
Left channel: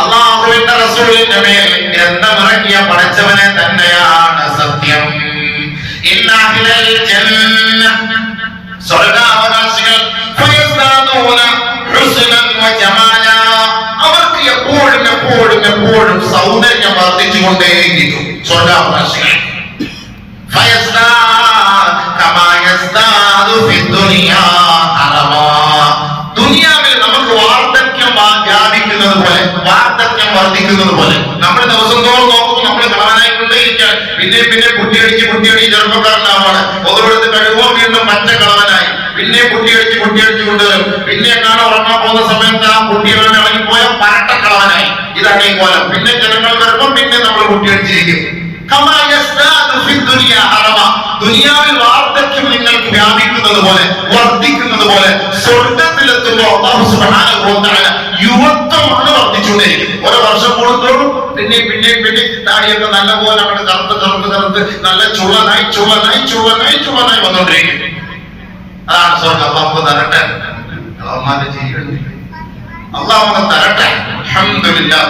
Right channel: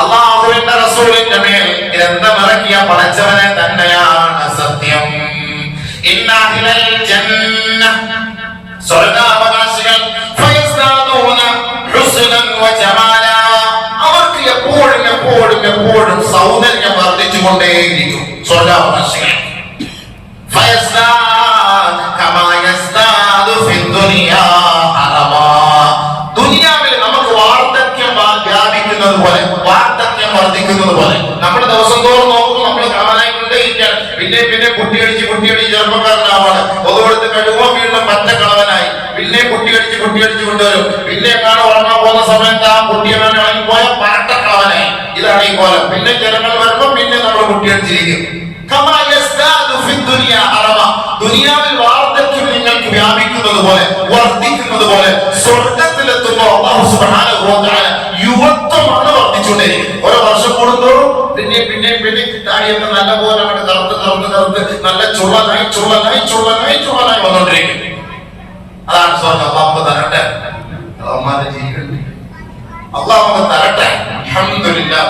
അല്ലാഹുവിന്റെ റസൂലിന്റെ മേൽ ഗ്രന്ഥം ഇറക്കിയ പടച്ചവനെ തന്നെയാണ് സത്യം. ഇന്ന അഹ്ലൽ ജന്ന, സ്വർഗ്ഗാവകാശികൾ ഫയസ്താദൂന ഹുസ്നൻ വജമാല, അവർക്ക് എപ്പോഴും സൗന്ദര്യം വർദ്ധിച്ചുകൊണ്ടേയിരിക്കും. സ്വർഗ്ഗാവകാശികൾ ദുനിയാവിൽ നമുക്ക് വാർദ്ധക്യം വ്യാപിക്കുന്നത് പോലെ, വാർദ്ധക്യം വർദ്ധിക്കുന്നത് പോലെ നമ്മൾ ദിവസം തോറും നോക്കുമ്പോൾ നമ്മൾ കളവനായിക്കൊണ്ടേയിരിക്കാൻ. പിന്നെ കുട്ടിയടിച്ച് ചെറുപ്പക്കാരനാവാണ്, ഒതുകൊടുത്ത് കഴിയുമ്പോൾ വീണ്ടും മറ്റ കളവനായി, പിന്നെ കുട്ടിയടിച്ച് കൊണ്ടുവരും, പിന്നെ കാണാൻ ഉറങ്ങാൻ പോകുന്ന സമയത്ത് ആ കുട്ടികളെ ഇറങ്ങിപ്പോയ പരട്ട കളവനായി. ഇതാണ് ഈ കോലം. പിന്നെ ജനങ്ങൾ വരുമ്പോൾ പിന്നെ നമ്മൾ കുട്ടിയടിച്ചിരിക്കും. ദുനിയാവിൽ വാർദ്ധക്യം നിങ്ങൾക്ക് വ്യാപിക്കുന്നത് പോലെ, വർദ്ധിക്കുന്നത് പോലെ, സ്വർഗത്തിലെത്തുമ്പോൾ അല്ലാഹു സുബ്ഹാനഹു വ തആല യുവത്വമാണ് വർദ്ധിച്ചുകൊണ്ടിരിക്കുന്നത്. ഓരോ വർഷം കൂടുന്തോറും പിന്നെ താടിയൊക്കെ നല്ലപോലെ കറുത്ത് നല്ല ചുള്ളനായി വന്നോണ്ടിരിക്കും. അതാണ് സ്വർഗം. അല്ലാഹു തരട്ടെ, അള്ളാഹുവിന്റെ ജീവിതം അല്ലാഹു തരട്ടെ, അൽഹംദുലില്ലാഹ്,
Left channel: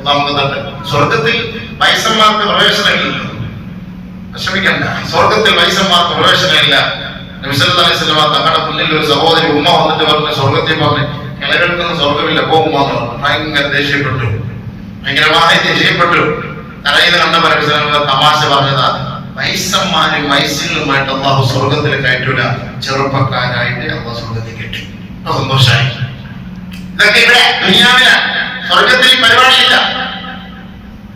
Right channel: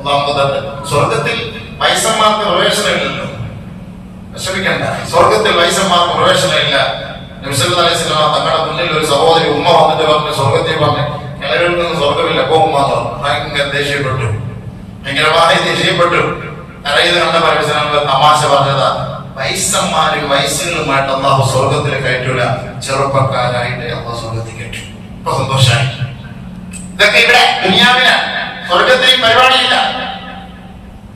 അല്ലാഹു തരട്ടെ. സ്വർഗത്തിൽ വയസ്സന്മാർക്ക് പ്രവേശനമില്ലല്ലോ, വിഷമിക്കണ്ട. സ്വർഗത്തിൽ വയസ്സന്മാർക്ക് പ്രവേശനമില്ല. നബി സല്ലല്ലാഹു അലൈഹി വസല്ലം തങ്ങളുടെ മുന്നിൽ ഒരു സഹോദരി ഉമ്മ വന്നിട്ട് പറഞ്ഞു, സ്വർഗത്തിൽ പറഞ്ഞു കിണകൾക്കൊന്നും സ്വർഗമില്ല, പോകും മാത്രം. ഭയങ്കരമായി ദേഷ്യപ്പെട്ടു. കരയിൽ കണ്ട തമാശ പറഞ്ഞതാ, വയസ്സന്മാരും വയസ്സുകളുമായിട്ട് അല്ലാഹു സ്വർഗത്തിൽ കയറ്റൂല, ചെറുപ്പക്കാരായിട്ട് അല്ലാഹു സ്വർഗത്തിൽ കയറ്റും. ഇപ്പൊ സന്തോഷമായി. ഇതൊക്കെ ഇവിടെ ദുനിയാവിലാണ്. സ്വർഗത്തിൽ പരിപാടിയില്ല.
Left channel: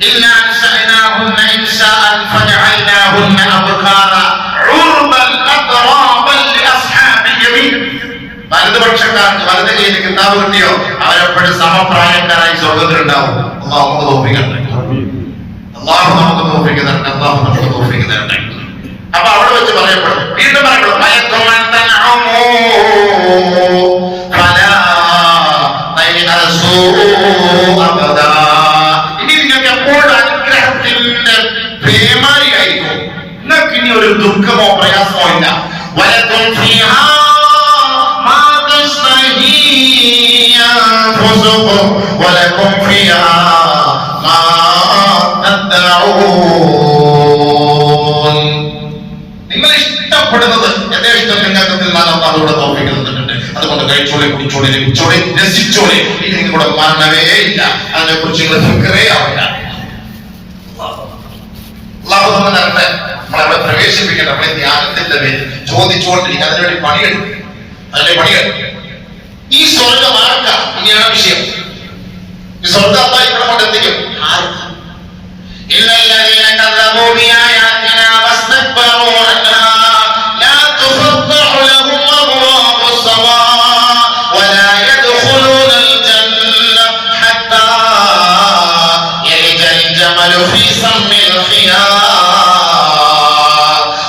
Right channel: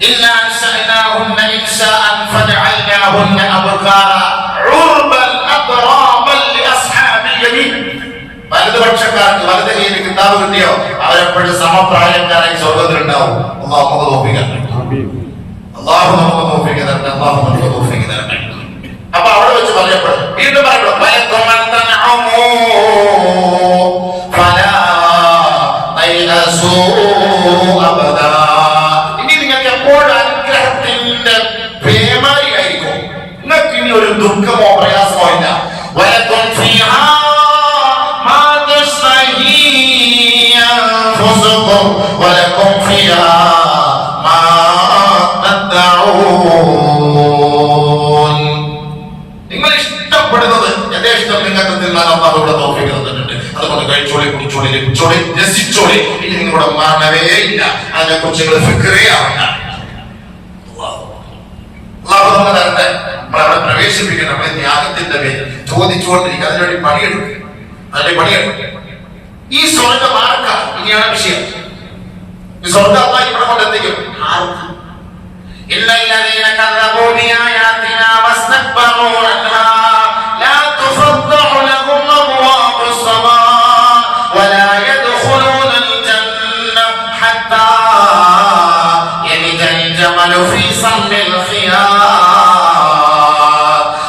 إلا أنشأناهن إنشاء فجعلناهن أبكارا عربا أترابا لأصحاب اليمين. വലതുപക്ഷക്കാർക്ക് വലത് കയ്യിൽ കിതാബ് കിട്ടിയോ അവരെപ്പോഴും സമപ്രായക്കാരായി സ്വർഗത്തിലുണ്ടാവും. അല്ലാഹു നമുക്ക് തൗഫീഖ് തരട്ടെ. അപ്പൊ അവിടെ വെച്ച് പറയപ്പെടും, വീണ്ടും പറയപ്പെടും, ഒരു ദുഃഖമോ പ്രയാസമോ ഇല്ല. നിങ്ങൾ ഇഷ്ടപ്പെടുന്നത് എന്റെ ഇഷ്ടം നിങ്ങൾക്ക് തിന്നാൻ അല്ലാഹുവിടെ തൗഫീഖ് തന്നിട്ടുണ്ട്. അതുകൊണ്ട് കഴിച്ചോളി, കുടിച്ചോളി, രസിച്ചോളി. ഇനി നിങ്ങളുടെ മരണമേ ഇല്ല. അതിനെ കുറിച്ച് നിങ്ങൾ ഫിക്രേ ആവില്ല. പ്രവേശിപ്പിക്കട്ടെ. നമ്മളെ ത്യാഗത്തിന്റെ പേര് ചോദിച്ചുകൊണ്ടിരിക്കുക, അതിനുവേണ്ടി പണിയെടുക്കും, അതിന്റെ പണിയെടുക്കും. ഈ സ്വർഗം ആർക്കാ? ഇനിയാണ് വിഷയം. ഈ സ്വർഗം അല്ലാഹ് ഇവിടെ കൊണ്ടെത്തിക്കും. ആർക്ക്? ഇല്ലല്ലദീന കദ്ദബൂ ബിആയാതിനാ വസ്തക്ബറൂ അൻഹാ ലാ തുഫദ്ദഹു ലഹും അബ്വാബുസ് സമാ വലാ യദ്ഖുലൂനൽ ജന്ന ഹത്താ യലിജൽ ജമലു ഫീ സമ്മിൽ ഖിയാർ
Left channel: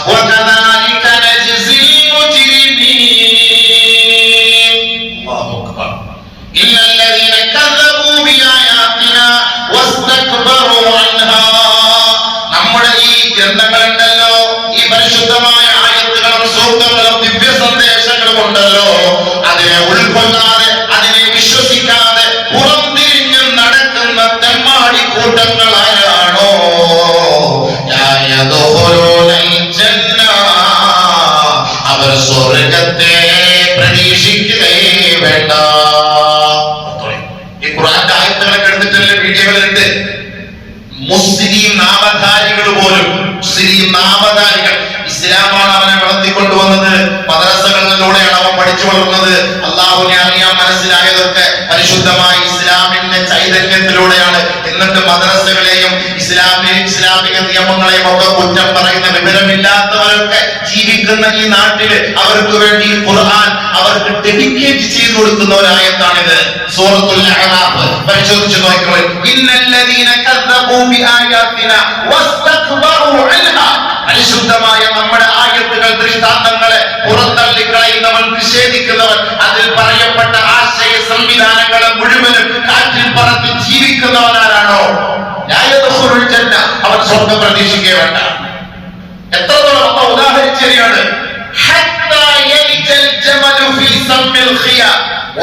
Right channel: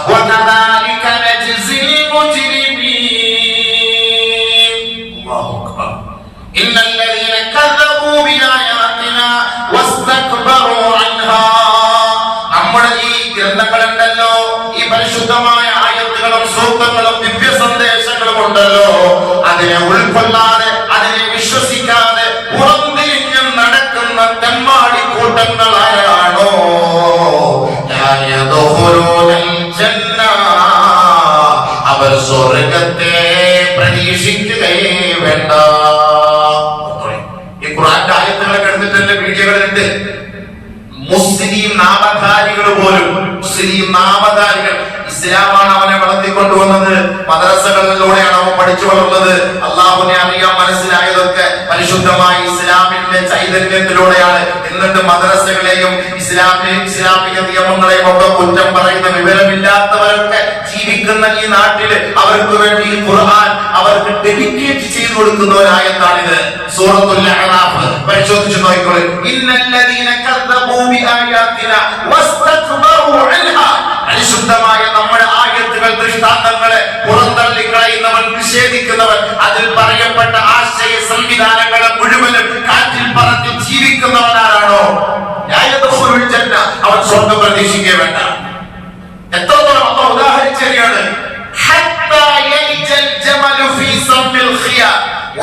വകദാലിക നജ്സിൽ മുജ്രിമീൻ. അല്ലാഹു അക്ബർ. ഇല്ലല്ലദീന കദ്ദബൂ ബിആയാതിനാ വസ്തക്ബറൂ അൻഹാ. നമ്മുടെ ഈ ഗ്രന്ഥങ്ങളുണ്ടല്ലോ, ഈ പരിശുദ്ധമായ ആയത്തുകളും സൂക്തങ്ങളും ദിവ്യ സന്ദേശങ്ങളും ഉണ്ടല്ലോ, അതിനെ ഉൾക്കൊള്ളാതെ അതിനെ വിശ്വസിക്കാതെ പുറംതിരിഞ്ഞ് നടക്കുന്ന തെമ്മാടി കൂട്ടങ്ങളാണോ അവർ സ്വർഗത്തെ പ്രതീക്ഷിക്കുകയേ വേണ്ട. ഈ ഖുർആന്റെ ആയത്തുകളൊക്കെ എടുത്തിട്ടുള്ള വീഡിയോകളുണ്ട്. മുസ്ലിം നാമധാരികൾ പോലും, മുസ്ലിം നാമധാരികൾ, ഇസ്ലാമാണ് അവനെ വളർത്തിക്കൊണ്ടുവന്നത്, മദ്രസകളിലൂടെയാണ് അവൻ പഠിച്ചു വളർന്നത്. അള്ളാഹുവിനെ അറിയാൻ മനസ്സിലായതൊക്കെ പരിശുദ്ധമായ ഇസ്ലാമിന്റെ ചൈതന്യത്തിലൂടെയാണ്. എന്നിട്ട് മദ്രസകളെയും ഇസ്ലാമിക നിയമങ്ങളെയും ഒക്കെ കുറ്റം പറയുന്ന വിവരമില്ലാത്തവരൊക്കെ ജീവിക്കുന്ന ഈ നാട്ടില് അവർക്ക് വേണ്ടി ഖുർആൻ അവർക്ക് ഡെഡിക്കേറ്റ് ചെയ്തു കൊടുക്കുന്ന ഒരായത്താണിത്. സൂറത്തുൽ അഅറാഫ് പരിശോധിച്ചു നോക്കിക്കോളൂ. ഇന്നല്ലദീന കദ്ദബൂ ബിആയാതിനാ വസ്തക്ബറൂ അൻഹാ. പരിശുദ്ധമായ നമ്മുടെ ആയത്തുകൾ, ദൃഷ്ടാന്തങ്ങളെ പുറന്തള്ളി കളയുന്നവൻ, നിഷേധിക്കുന്നവൻ, അതിൽ പറയപ്പെട്ട ആശയ സംവിധാനങ്ങളെ മുഴുവനും കാറ്റിൽ പറത്തി ജീവിക്കുന്നവനാരാണോ അവൻ സ്വർഗം പ്രതീക്ഷിക്കേ വേണ്ട. എത്രത്തോളം അമ്മ ഉദാഹരിച്ചതാണ്.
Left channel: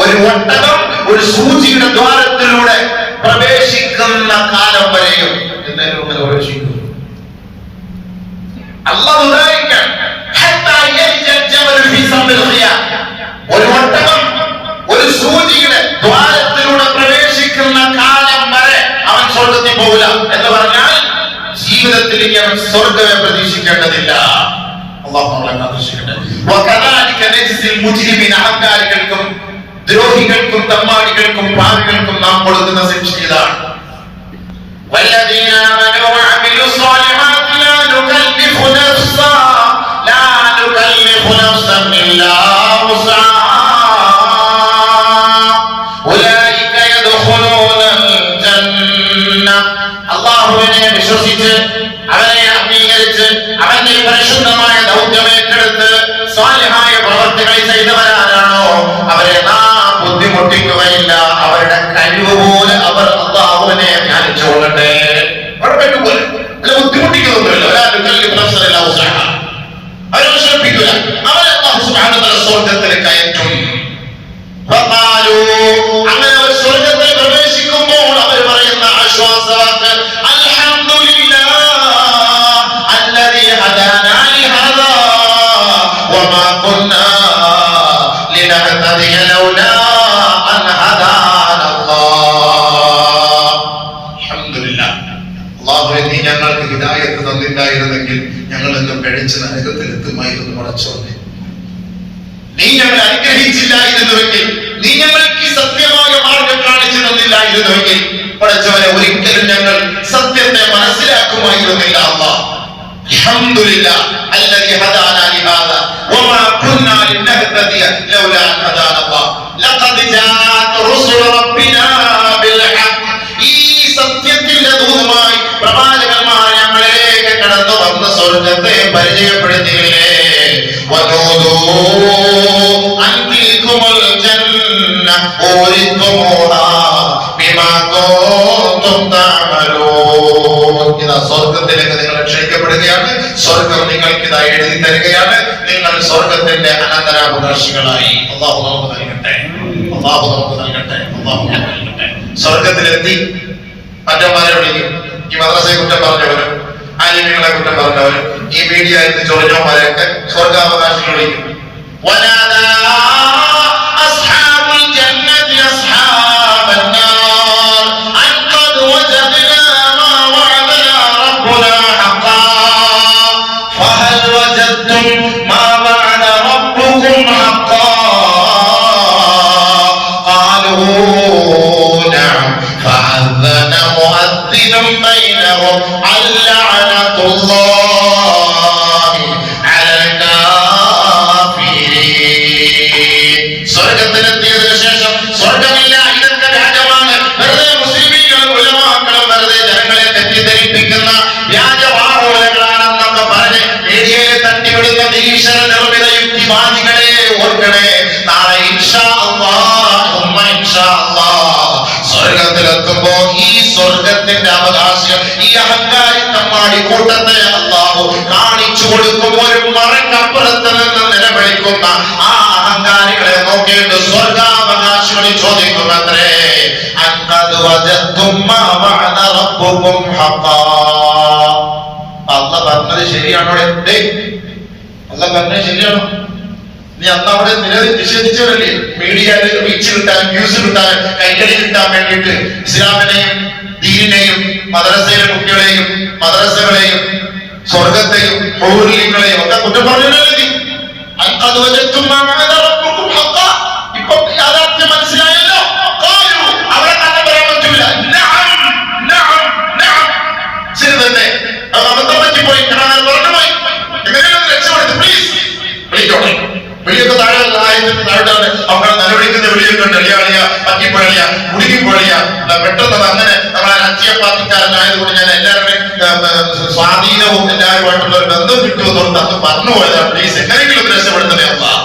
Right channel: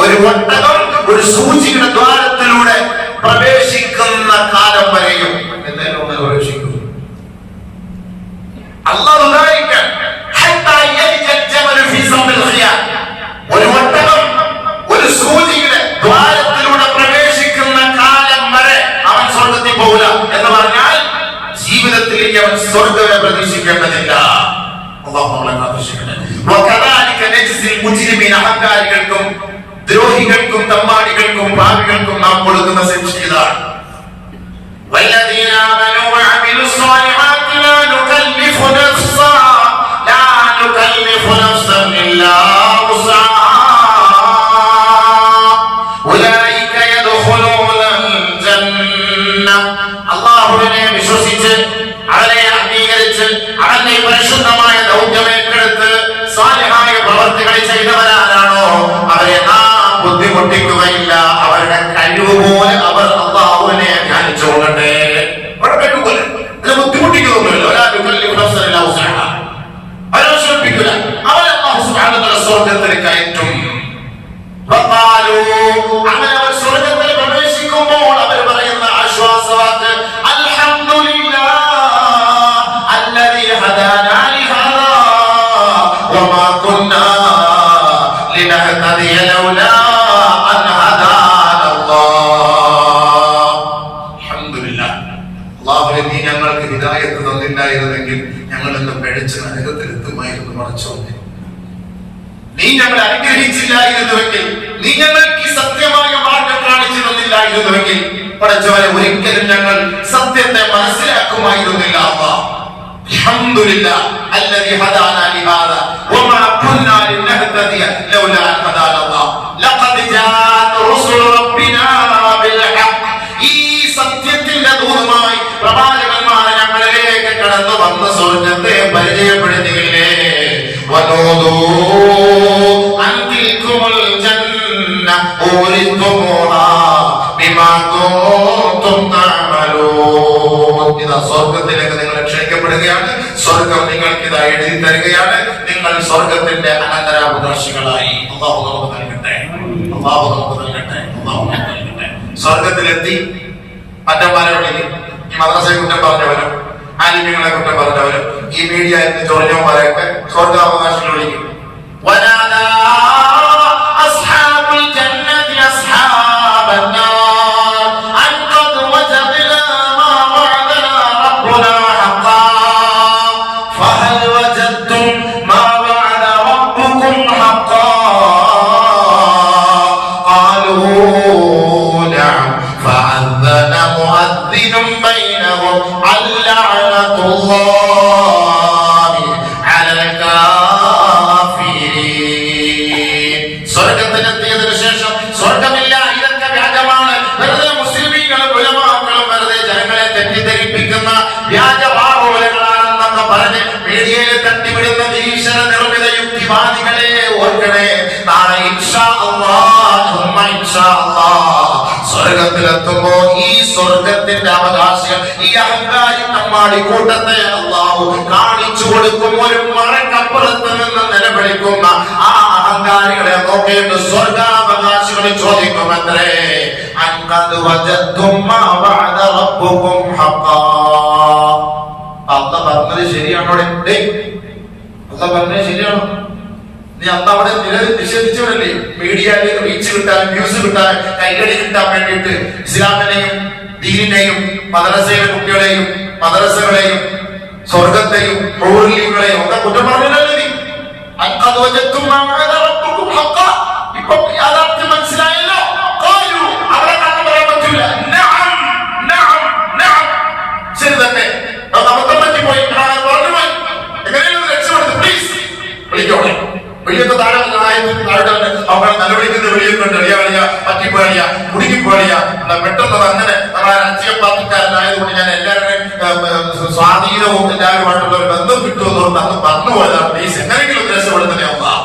ഒരു ഒട്ടകം ഒരു സൂചിയുടെ ദ്വാരത്തിലൂടെ പ്രവേശിക്കുന്ന കാലം വരെയും എന്തായാലും അങ്ങനെ പ്രവേശിക്കും. അല്ലാഹു ഉദാഹരിക്കാൻ ഒരു ഒട്ടകം ഒരു സൂചിയുടെ ദ്വാരത്തിലൂടെ പ്രവേശിക്കുന്ന കാലം വരെ അവൻ സ്വർഗത്തിൽ പോകില്ല എന്ന് പറഞ്ഞാൽ ജീവിതത്തിലേക്ക് അവൻ സ്വർഗത്തെ പ്രതീക്ഷിക്കേണ്ടതില്ല. അല്ലാഹു നമ്മളെ കാത്തുരക്ഷിക്കട്ടെ. വകദാലിക നജ്സിൽ മുജ്രിമീന. അഹങ്കാരികൾക്കും ദ്രോഹികൾക്കും തമ്മാടികൾക്കും പാപികൾക്കും നാം കൊടുക്കുന്ന ശിക്ഷ ഇതാണ്. വല്ലദീന ആമനൂ വഅമിലു സ്വാലിഹാത്തി ലാ നുകല്ലിഫു നഫ്സൻ ഇല്ലാ വസ്അഹാ ഉലൈക യദ്ഖുലൂനൽ ജന്ന. അല്ലാഹുവിനെ വിശ്വസിച്ച് അവനെ അംഗീകരിച്ച് അവന്റെ പരിശുദ്ധമായ ദൗത്യം ഏറ്റെടുത്ത് സ്വാലിഹായ പ്രവർത്തികൾ ചെയ്തവരാണോ അവരെ നാം ബുദ്ധിമുട്ടിക്കുകയില്ല. അവരുടെ കഴിവ് പോലെ അവർ അല്ലാഹുവിനെ ധ്യാനിച്ചുകൊള്ളട്ടെ. അവിടെ പറ്റുപോലെ അല്ല, ബുദ്ധിമുട്ടിക്കൊന്നുമില്ല. അവരെ ശ്രമിപ്പിക്കില്ല. അവരെ അല്ലാഹു സുബ്ഹാനഹു വ തആല സ്വർഗ്ഗത്തിൽ കയറ്റും. അങ്ങനെ അവർ സ്വർഗ്ഗത്തിൽ പ്രവേശിക്കുമ്പോൾ അവർ പറയുന്ന ആശ്വാസവാക്ക് ഞങ്ങൾക്ക് ഹിദായത്ത് തന്നില്ലായിരുന്നെങ്കിൽ ഞങ്ങൾ ഇന്ന് പിഴച്ച് നരകത്തിൽ എത്തുമായിരുന്നു. പടച്ചോനെ, നീ ഞങ്ങളെ അനുഗ്രഹിച്ചില്ലായിരുന്നുവെങ്കിൽ, നീ ഞങ്ങൾക്ക് സത്യമായ മാർഗം കാണിച്ചു തന്നില്ലായിരുന്നുവെങ്കിൽ പടച്ചോനെ ഒരിക്കലും ഞങ്ങൾ സത്യത്തെ മനസ്സിലാക്കുമായിരുന്നില്ല. അല്ലാഹ് അൽഹംദുലില്ലാഹ് അല്ലദീ ഹദാനാ ലിഹാദാ വമാ കുന്നാ ലിനഹ്തദിയ ലൗലാ അൻ ഹദാനാ അല്ലാഹ് ലഖദ് ജാഅത് റുസുലു റബ്ബിനാ ബിൽ ഹഖ്. ഈ സത്യത്തിന്റെ ദൂതമായി പ്രവാചകന്മാർ ഞങ്ങളിലേക്ക് കടന്നു വന്ന സ്വർഗ്ഗത്തെ പരിചയപ്പെടുത്തിയില്ലേ. വനൂദൂ അൻ തിൽകുമുൽ ജന്ന ഊരിതുമുഹാ ബിമാ കുൻതും തഅമലൂൻ. ഇതാ സ്വർഗ്ഗത്തിലേക്ക് നിങ്ങൾ ക്ഷണിക്കപ്പെടുകയാണ്. സ്വർഗ്ഗം നിങ്ങൾക്ക് ഇതാ എഴുതി തരികയാണ്. നിങ്ങൾ സ്വർഗ്ഗത്തിന്റെ അനന്തരാവകാശികളായി. അല്ലാഹു നമുക്ക് നൽകട്ടെ, അല്ലാഹു നമുക്ക് നൽകട്ടെ, അല്ലാഹു നമുക്ക് നൽകട്ടെ. സ്വർഗ്ഗത്തിലെത്തി മറ്റന്മാരോട് ഈ മദ്രസയെ കുറ്റം പറഞ്ഞവരും ആലിമീങ്ങളെ കുറ്റം പറഞ്ഞവരും ഈ മീഡിയ എന്ന് ചൊറിഞ്ഞവന്മാരെയൊക്കെ സ്വർഗാവകാശികൾ വിളിക്കും. فهل ബൈനഹും അൽഅനതുല്ലാഹി അലൽ കാഫിരീൻ. സ്വർഗ്ഗത്തിലെത്തിയതിനു ശേഷം സ്വർഗ്ഗമില്ല, ഇതൊക്കെ വ്യാജമാണ്. വെറുതെ മുസ്ലിമീങ്ങളും ഉലമാക്കളും വെറുതെ ജനങ്ങളെ തെറ്റിദ്ധരിപ്പിക്കുന്ന വ്യാജ വാറോലകളാണെന്നൊക്കെ പറഞ്ഞ് മീഡിയയിൽ തട്ടിവിടുന്ന നിരീശ്വര നിർമ്മിത യുക്തിവാദികളെ ഓർക്കണേ. നാളെ ഇൻഷാ അല്ലാഹ് സ്വർഗത്തിലെത്തുമ്പോ ഈ സ്വർഗത്തിന്റെ അവകാശം ഈ അഹങ്കാരി തമ്മാടി കൂട്ടത്തെ അല്ലാഹു കാണിച്ചു കൊടുക്കും. ഒരു മറക്കപ്പുറത്ത് നിന്ന് നിലവിളിക്കുന്ന ആ അഹങ്കാരികളെ നോക്കിയിട്ട് സ്വർഗാവകാശികൾ ചോദിക്കുമത്രേ, അൻഖദ് വജദ്തും മാ വഅദ റബ്ബുകും ഹഖാ. അല്ലാഹ് പറഞ്ഞത് ശരിയാണോ? അല്ലാഹ് പറഞ്ഞത് ശരിയാണോ? നീ അന്ന് അവിടെ നിഷേധിച്ചവരല്ലേ? മീഡിയയിൽ റീച്ച് കിട്ടാൻ, വ്യൂസ് കിട്ടാൻ, കൈകളി കിട്ടാൻ വേണ്ടിയിട്ട് ഇസ്ലാമിനെയും ദീനിനെയും മദ്രസയിലെ കുട്ടികളെയും മദ്രസകളെയും സ്വർഗത്തെയും ഹൂറികളെയും ഒക്കെ കുറ്റം പറഞ്ഞല്ലേ നീ? ഇപ്പൊ യാഥാർത്ഥ്യം മനസ്സിലായല്ലോ. അവരെ കാണാൻ പറയാൻ പറ്റൂല. ശരി തന്നെ, അബദ്ധം പറ്റിപ്പോയി, പറഞ്ഞു പോയി. എങ്ങനെയാണ് രക്ഷപ്പെടുന്നത്? പ്ലീസ് വിളിക്കോട്ടെ. വെളിയൊക്കെ താഴെ അവരെ നിലവിളിക്കുന്ന വെളിയൊക്കെ എളിയാളിയ പറ്റിപ്പോഴിയ കുടുങ്ങിപ്പോഴിയ പെട്ടെന്ന് അങ്ങനെ നമ്മളെ രാഷ്ട്രീയ പാർട്ടിക്കാരനായതുകൊണ്ട് ഞാൻ എല്ലാവരുടെയും സ്വാധീനവും എല്ലാവരുമായിട്ടുള്ള ഒരു ബന്ധം കിട്ടുമെന്നുള്ളത് അന്ന് പറഞ്ഞു പോയതാ. പ്ലീസ് എങ്ങനെയെങ്കിലും രക്ഷപ്പെടുത്തണേ അല്ലാഹ്.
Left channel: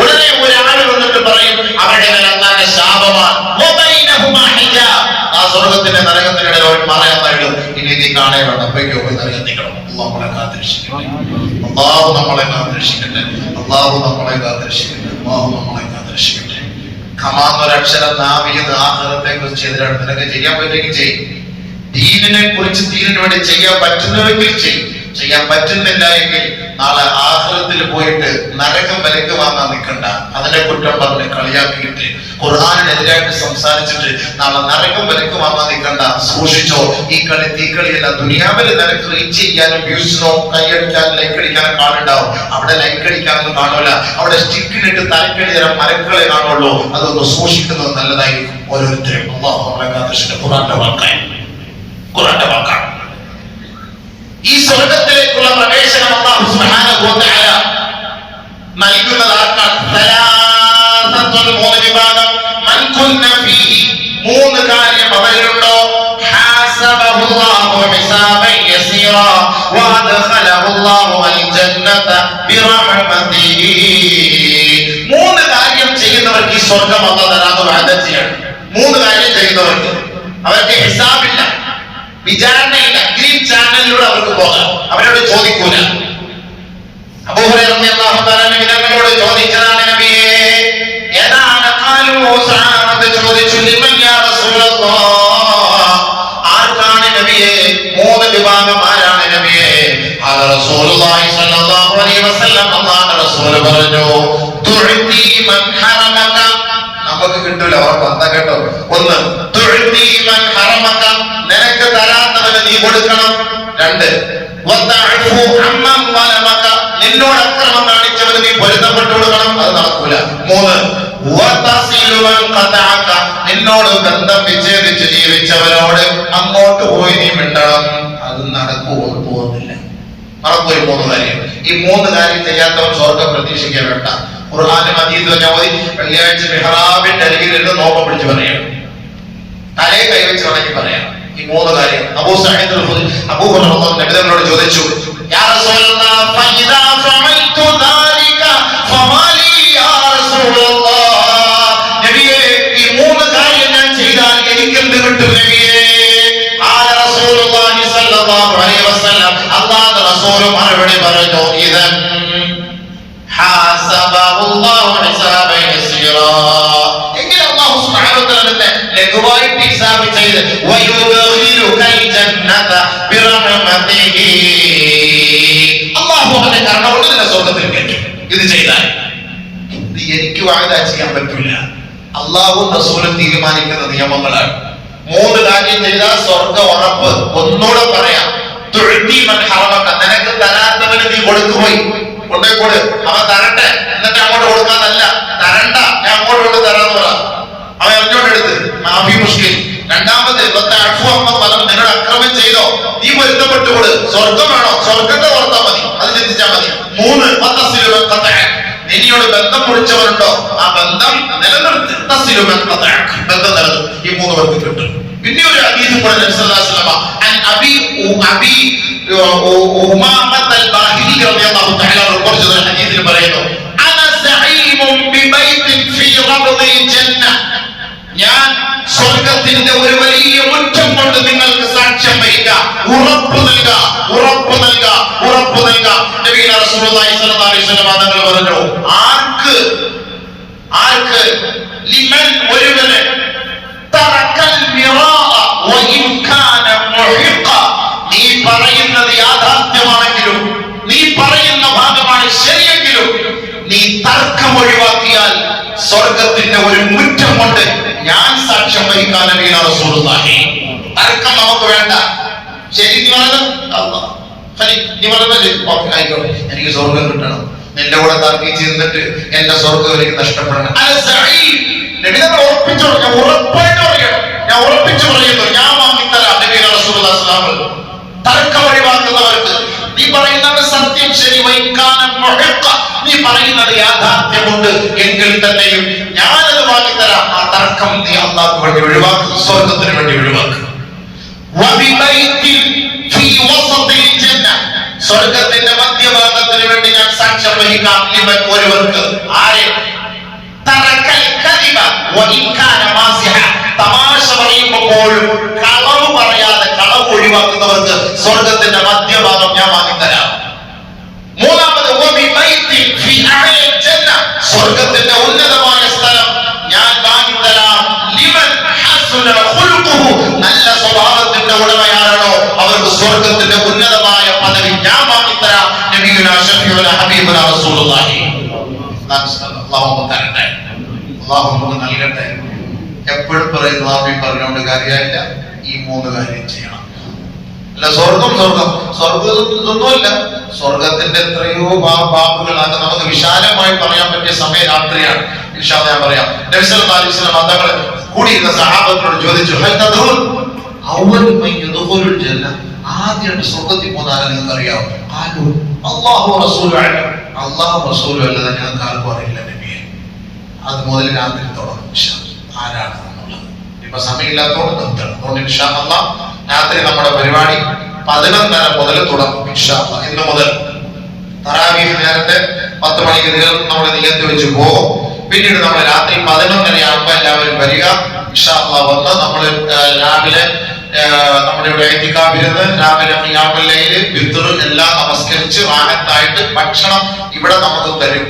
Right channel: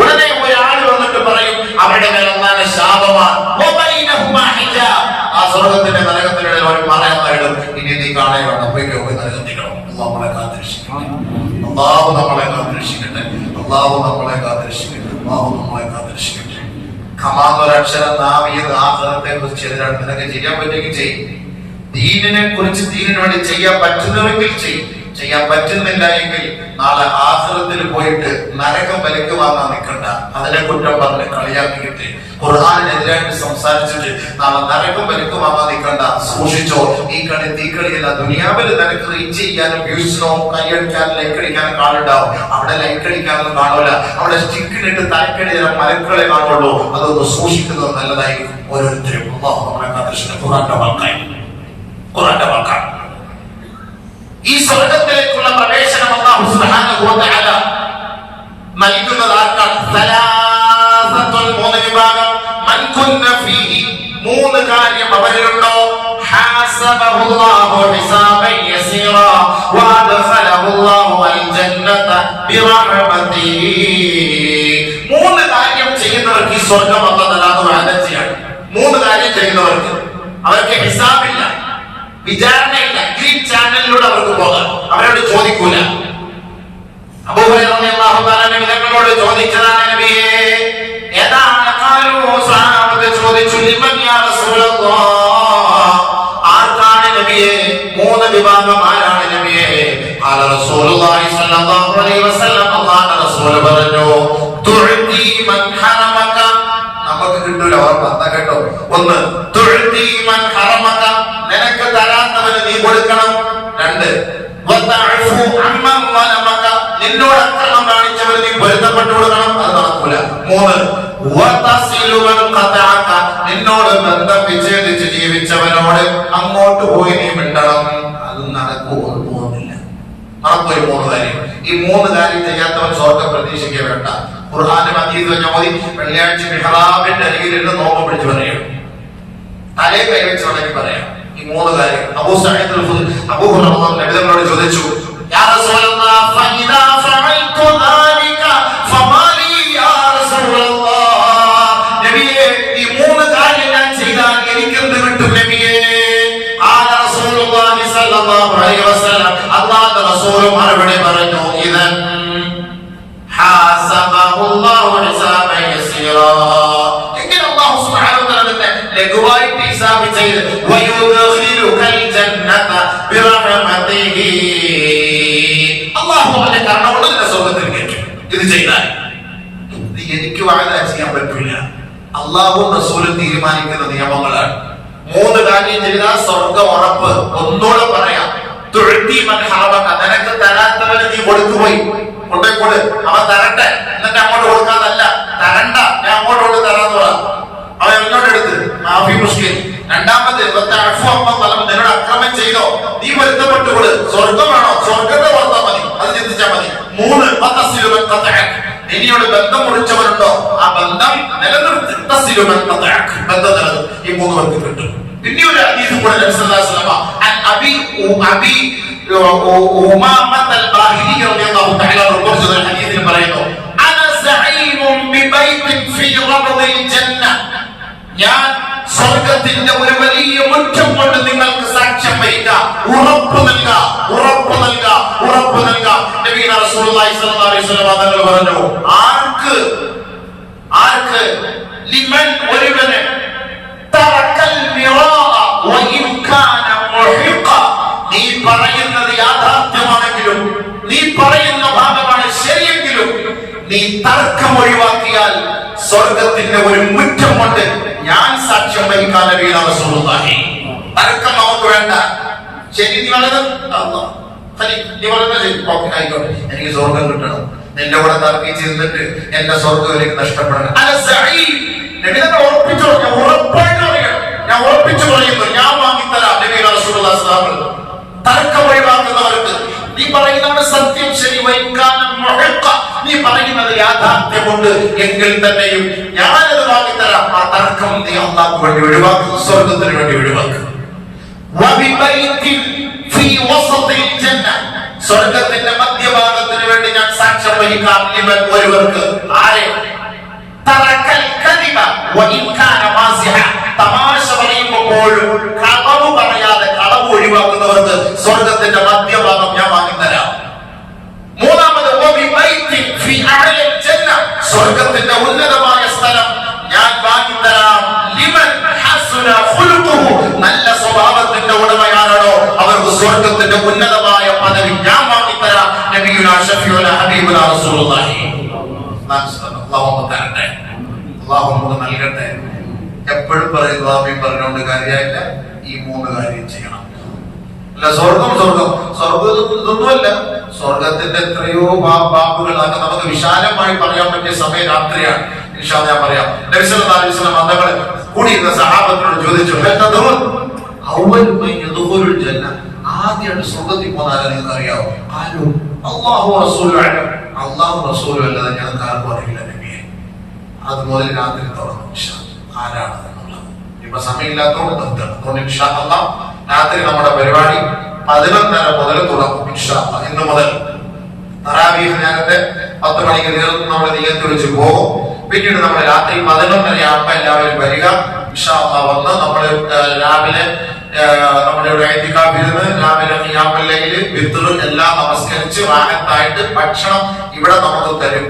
ഉടനെ ഒരാൾ വന്നിട്ട് പറയും അവരുടെ മേൽ അല്ലാഹുവിന്റെ ശാപമാണ്. ആ സ്വർഗത്തിന്റെ നരകത്തിനിടയിൽ ഒരു മറയായിടും. ഇനി നീ കാണേ വേണം, പോയിക്കോ, പോയി നരകത്തിക്കണം. അല്ലാഹു നമ്മളെ കാത്തിരക്ഷിക്കട്ടെ, അല്ലാഹു നമ്മളെ കാത്തിരക്ഷിക്കട്ടെ, അല്ലാഹു നമ്മളെ കാത്തിരക്ഷിക്കട്ടെ, അല്ലാഹു നമ്മളെ കാത്തിരക്ഷിക്കട്ടെ. ഖമാന്നൊരക്ഷരം നാവിയത് ആഖിറത്തെ കുറിച്ച് ചെയ്തിട്ട് നിനക്ക് ചെയ്യാൻ പറ്റുമെങ്കിൽ ചെയ്യും. ദീനിനെ കുറിച്ച് ദീനിന് വേണ്ടി ചെയ്യാൻ പറ്റുന്നുവെങ്കിൽ ചെയ്യും. ചെയ്യാൻ പറ്റുന്നില്ല എങ്കിൽ നാളെ ആഖിറത്തിൽ പോയിട്ട് നരകം വിലക്ക് വാങ്ങാൻ നിൽക്കണ്ട. അതിനെ കുറ്റം പറഞ്ഞ് കളിയാക്കിയിട്ട് ഖുർആനിനെതിരായിട്ട് സംസാരിച്ചിട്ട് നാളെ നരകം വിലക്ക് വാങ്ങാൻ നിൽക്കണ്ട. സൂക്ഷിച്ചോ, ഈ കളി തീക്കളിയല്ല. ദുനിയാവിൽ നിനക്ക് റീച്ച് ചെയ്യാനും വ്യൂസിനോ കൈയടിക്കാനും ലൈക്ക് അടിക്കാനും കാണുണ്ടാവും. അവിടെ ലൈക്ക് അടിക്കാനൊന്നും കാണൂല. അവിടെ സ്റ്റിക്കിലിട്ട് തലക്കടി തരം മരക്കളെ കാണുള്ളൂ. അതൊന്ന് സൂക്ഷിക്കുന്നത് നല്ലതായിരിക്കും ഓരോരുത്തരും. അല്ലാഹു നമ്മളെ കാത്തിരക്ഷിക്കട്ടെ. ഖുർആന്റെ വാക്കാണ്. ഈ സ്വർഗത്തിലേക്കുള്ള പ്രവേശനം അല്ലാഹു സുബ്ഹാനഹു വ തആല നൽകുന്നത് ആർക്കാണ്? മൂന്ന് വിഭാഗം. മൻ കുന്ന ഫീഹി, മൂന്ന് കാര്യം അവരിലുണ്ടോ? ഹാസബഹുല്ലാഹു ഹിസാബൻ യസീറാ വഅദ്ഖലഹുല്ലാഹു അൽ ജന്നത ബിറഹ്മതിഹി. മൂന്ന് കാര്യം ചെയ്യുന്നവർക്ക് ഈ സ്വർഗ്ഗം അല്ലാഹു തആല വാഗ്ദാനം ചെയ്യാണ്. മൂന്ന് കാര്യം ചെയ്യുന്നവർക്ക് അവർക്ക് ഹിസാബില്ല, വിചാരണയില്ല. ഗ്രീൻ ചാനലിലൂടെ അവർക്ക് പോകാം. അവരോട് ചോദിക്കൂല. അബൂ ഹുറൈറ റളിയല്ലാഹു തആല നബിയോട് ചോദിച്ചതാണ്, നബിയേ ഏതാണ് ഖാലു സഹാബത്ത് ചോദിച്ചു, ലിമൻ യാ റസൂലല്ലാഹ്, ആർക്കാണ് നബിയേ? മൂന്ന് വിഭാഗം ആരാണ് നബിയേ? ഖാല റസൂലുള്ളാഹി സ്വല്ലല്ലാഹു അലൈഹി വസല്ലം, അല്ലാഹുവിന്റെ റസൂൽ പറഞ്ഞു, തുഅതി മൻ ഹറമക, നമുക്ക് കിട്ടൂല ഉറപ്പാ കേട്ടോ. ഒന്ന്, തുഅതി മൻ ഹറമക, നിനക്ക് തരാത്തവന് നീ കൊടുക്കണം. രണ്ട്, വതഅഫു അമ്മൻ വലമക, നിന്നോട് അക്രമം കാണിച്ചവന് നീ പൊരുത്തപ്പെട്ടു കൊടുക്കണം. അത് നടക്കൂല. മൂന്ന്, വതസിലു മൻ ഖതഅക, നിന്നോട് ബന്ധം വിച്ഛേദിച്ച് ജീവിച്ചവരോട് അങ്ങോട്ട് പോയി നീ മിണ്ടണം. അത് പോകുന്നില്ല. നടക്കൂല മൂന്ന് കാര്യം. ഈ മൂന്ന് കാര്യം ചെയ്യാത്തവൻ സ്വർഗ്ഗം പ്രതീക്ഷിക്കാൻ വേണ്ട. ഖുർആനിൽ ഹദീസിൽ ഞാൻ ഓതി, വെള്ളിയാഴ്ച മിഹ്റാബിന്റെ അരികിൽ ഇരുന്ന് നോമ്പ് പിടിച്ച് പറയാം, തലയെ കൈവച്ച് വേണമെങ്കിൽ പറയാം. ഈ മൂന്ന് കാര്യം അബൂ സഈദ് അബൂ ഹുറൈറ നബിയോട് ചോദിച്ചു, യാ റസൂലല്ലാഹ് ഫഇദാ ഫഅൽതു ദാലിക ഫമാലി യാ റസൂലല്ലാഹ്, നബിയേ ഈ മൂന്ന് കാര്യം ഞാൻ ചെയ്താൽ എനിക്ക് എന്ത് കിട്ടും നബിയേ? ഖാല റസൂലുള്ളാഹി സ്വല്ലല്ലാഹു അലൈഹി വസല്ലം, അല്ലാഹുവിന്റെ റസൂൽ മറുപടി പറഞ്ഞു, ഇദൻ ഹാസബഹുല്ലാഹു ഹിസാബൻ യസീറാ, എങ്കിൽ അല്ലാഹു സുബ്ഹാനഹു വ തആല ലഘുവായിട്ട് ഹിസാബ് ചെയ്ത് വയുദ്ഖിലുകൽ ജന്നത ബിറഹ്മതിഹി, അല്ലാഹു അവന്റെ കരുണ കൊണ്ട് നിന്നെ സ്വർഗ്ഗത്തിൽ കയറ്റും. ഇത് ചെയ്താൽ ഇത് എനിക്ക് വാഗ്ദാ ചെയ്യാൻ പറ്റില്ല. അല്ലാഹുവും റസൂലും തീരുമാനിക്കുന്ന നിയമങ്ങളാണ്. മൂന്ന് കാര്യം ചെയ്താൽ സ്വർഗ്ഗം ഉറപ്പ്. ഒന്നുകൂടെ പറയാം, തുഅതി മൻ ഹറമക, നിനക്ക് തരാത്തവന് നീ കൊടുത്തുപോയി. കൊണ്ടേക്കൂട്, അവൻ തരട്ടെ, എന്നിട്ട് അങ്ങോട്ട് കൊടുക്കാന്നല്ല, തരണ്ട, ഞാൻ അങ്ങോട്ട് കൊണ്ട് തരാന്ന് പറ. അവൻ എറിഞ്ഞോട്ടെടുത്ത് മാഫി മുഷ്കിൽ. രണ്ടാമത് നിന്നോട് അക്രമം ചെയ്തോ, നീ പൊരുത്തപ്പെട്ടുകൊട്. സ്വർഗം വേണോ, സ്വർഗത്തെ ഓർത്താൽ മതി, അത് ചിന്തിച്ചാൽ മതി. 3 നിന്നോട് ബന്ധം മുറിച്ചവരുണ്ടോ, ആ ബന്ധം നിലനിർത്തി. ബന്ധം നിലനിർത്തും. ഈ 3 പേർക്ക് കിട്ടും. പിന്നെ ഒരു ഹദീസ് കൂടെ നബി സല്ലല്ലാഹു അലൈഹി വസല്ലം അബി ഉമാമത അൽ-ബാഹിലി റളിയല്ലാഹു തആല റിപ്പോർട്ട് ചെയ്ത ഹദീസിൽ പറയുന്നു, അന സഈമുൻ ബിബൈതിൻ ഫീ റബ്ദിൽ ജന്ന, ഞാൻ സ്വർഗ്ഗത്തിന്റെ ഒരു വലിയ മുറ്റം കൊണ്ട് നിങ്ങൾക്ക് സാക്ഷ്യം വഹിക്കാം, ഉറപ്പ് നൽകാം, ഉറപ്പ് നൽകാം, ഉറപ്പ് നൽകാം. നബി റസൂലുള്ളാഹി സ്വല്ലല്ലാഹു അലൈഹി വസല്ലം തങ്ങൾ പറഞ്ഞു, ആർക്ക് ആർക്ക് ലിമൻ ഒരുവന് തറക്കൽ മിറാഅ വഇൻ കാന മുഹിഖ, നീ പറയുന്നത് യാഥാർത്ഥ്യമാണെങ്കിലും, നീ പറയുന്ന ഭാഗമാണ് ശരിയെങ്കിലും, നീ തർക്കം ഒഴിവാക്കിയാൽ സ്വർഗത്തിന്റെ ഒരു മുറ്റം കൊണ്ട് ഞാൻ സാക്ഷ്യം വഹിക്കാൻ നബിയ റസൂലുള്ളാഹി. തർക്കം നമുക്ക് വേണ്ട. ശരി, നീ പറഞ്ഞത് നീ പറഞ്ഞത് ആയിക്കോട്ടെ, എനിക്ക് സ്വർഗം കിട്ടണം, നിന്റെ കൂടെ തർക്കിച്ച് നിന്നിട്ട് എന്റെ സ്വർഗം എനിക്ക് നഷ്ടപ്പെടണം. ഉറപ്പിച്ചു, ഞാൻ ഉറപ്പായിട്ട് പറയണം, ഞാൻ ഉറപ്പിച്ചു പറയുന്നു, ഞാൻ വാങ്ങിത്തരാം. നബിയ റസൂലുള്ളാഹി സ്വല്ലല്ലാഹു അലൈഹി വസല്ലം തർക്കം ഒഴിവാക്കുന്നവർക്ക് നീ പറയുന്നത് സത്യം ശരി, നീ പറയുന്നത് യാഥാർത്ഥ്യമുണ്ട് എങ്കിൽ തന്നെയും ഞാനത് വാങ്ങിത്തരാം. ആ തർക്കം നീ അല്ലാഹുവിന് വേണ്ടി ഒഴിവാക്കും, സ്വർഗത്തിന് വേണ്ടി ഒഴിവാക്കും. സ്വർഗത്തിന്റെ മധ്യഭാഗത്തിന് വേണ്ടി ഞാൻ സാക്ഷ്യം വഹിക്കാം ഇവൻ ഒരുവർക്ക്. ആരെ? തമാശ പറയുമ്പോഴും കളവ് പറയാതെ കളവ് ഒഴിവാക്കുന്നവർക്ക് സ്വർഗത്തിന്റെ മധ്യഭാഗം ഞാൻ വാങ്ങിത്തരാം. മൂന്നാമത് സ്വർഗത്തിന്റെ ഉന്നതമായ സ്ഥലം ഞാൻ വാങ്ങിത്തരാം. നല്ല സ്വഭാവത്തിന്റെ ഉടമയാണോ അവർക്ക് സ്വർഗത്തിന്റെ ഉന്നതമായ പദവി ഞാൻ വാങ്ങിത്തരാം. നബിയുനാ ശഫീഉനാ ഹബീബുനാ റസൂലുള്ളാഹി അല്ലാഹു തരട്ടെ, അല്ലാഹു നൽകട്ടെ. എപ്പോഴും പറയുന്നു ആമീൻ പറഞ്ഞുകൊണ്ട് കാര്യമില്ല, ഈ 3 കാര്യം ചെയ്യണം. അല്ല സ്വർഗം സ്വർഗം സ്വർഗമൊന്നുമല്ല, സ്വർഗത്തിന്റെ എത്രയോ ബാബുകളാണ്. നമുക്ക് വിശാലമായി പറയാൻ പറ്റിയ സമയം രാത്രിയാണ്. ഇൻഷാ അല്ലാഹ് ഞാൻ പറയാം. നബി സല്ലല്ലാഹു അലൈഹി വസല്ലം തങ്ങൾ കൂടിയിരുന്ന സഹാബത്തിനോട് ചോദിച്ചു, ആദ്യമായിട്ട് സ്വർഗത്തിൽ പോകുന്ന നിങ്ങൾക്ക് അറിയാവോ? അല്ലാഹു റസൂലുഹു അലൈഹി, അല്ലാഹു റസൂലുഹു അല്ലാതെ ഞങ്ങൾക്ക് ആർക്കും അറിയില്ല നബിയെ. അത് മുതൽ രാത്രി തുടങ്ങും ആരാണ് എന്നുള്ളത്. ഇപ്പൊ സമയമില്ലാത്തതുകൊണ്ട് നിർത്തണം. അതുകൊണ്ട് ഇൻഷാ അല്ലാഹ് രാത്രി നമ്മുടെ പരിപാടി 11:30 മുതൽ തുടങ്ങും. ഇൻഷാ അല്ലാഹ് ഇന്ന് മുതൽ തറാവീഹ് നേരത്തെ 10 മണിക്ക് തീർന്ന് നമ്മൾ നിയത്ത് വെച്ച് പോകും. പിന്നീട് നമ്മൾ രാത്രി 11:30 ആകുമ്പോൾ എല്ലാവരും വരിക. ഇൻഷാ അല്ലാഹ് വന്ന് നമ്മൾ രാവിലെ നമ്മുടെ ഇവിടെ ഇഅ്തികാഫിരുന്ന് രാവിലെ ഖിയാമുൽ ലൈൽ വിത്ർ എല്ലാം നമസ്കരിച്ച് റാഹത്തായിട്ട് ഭക്ഷണം ഇവിടെ നമുക്ക് തരും.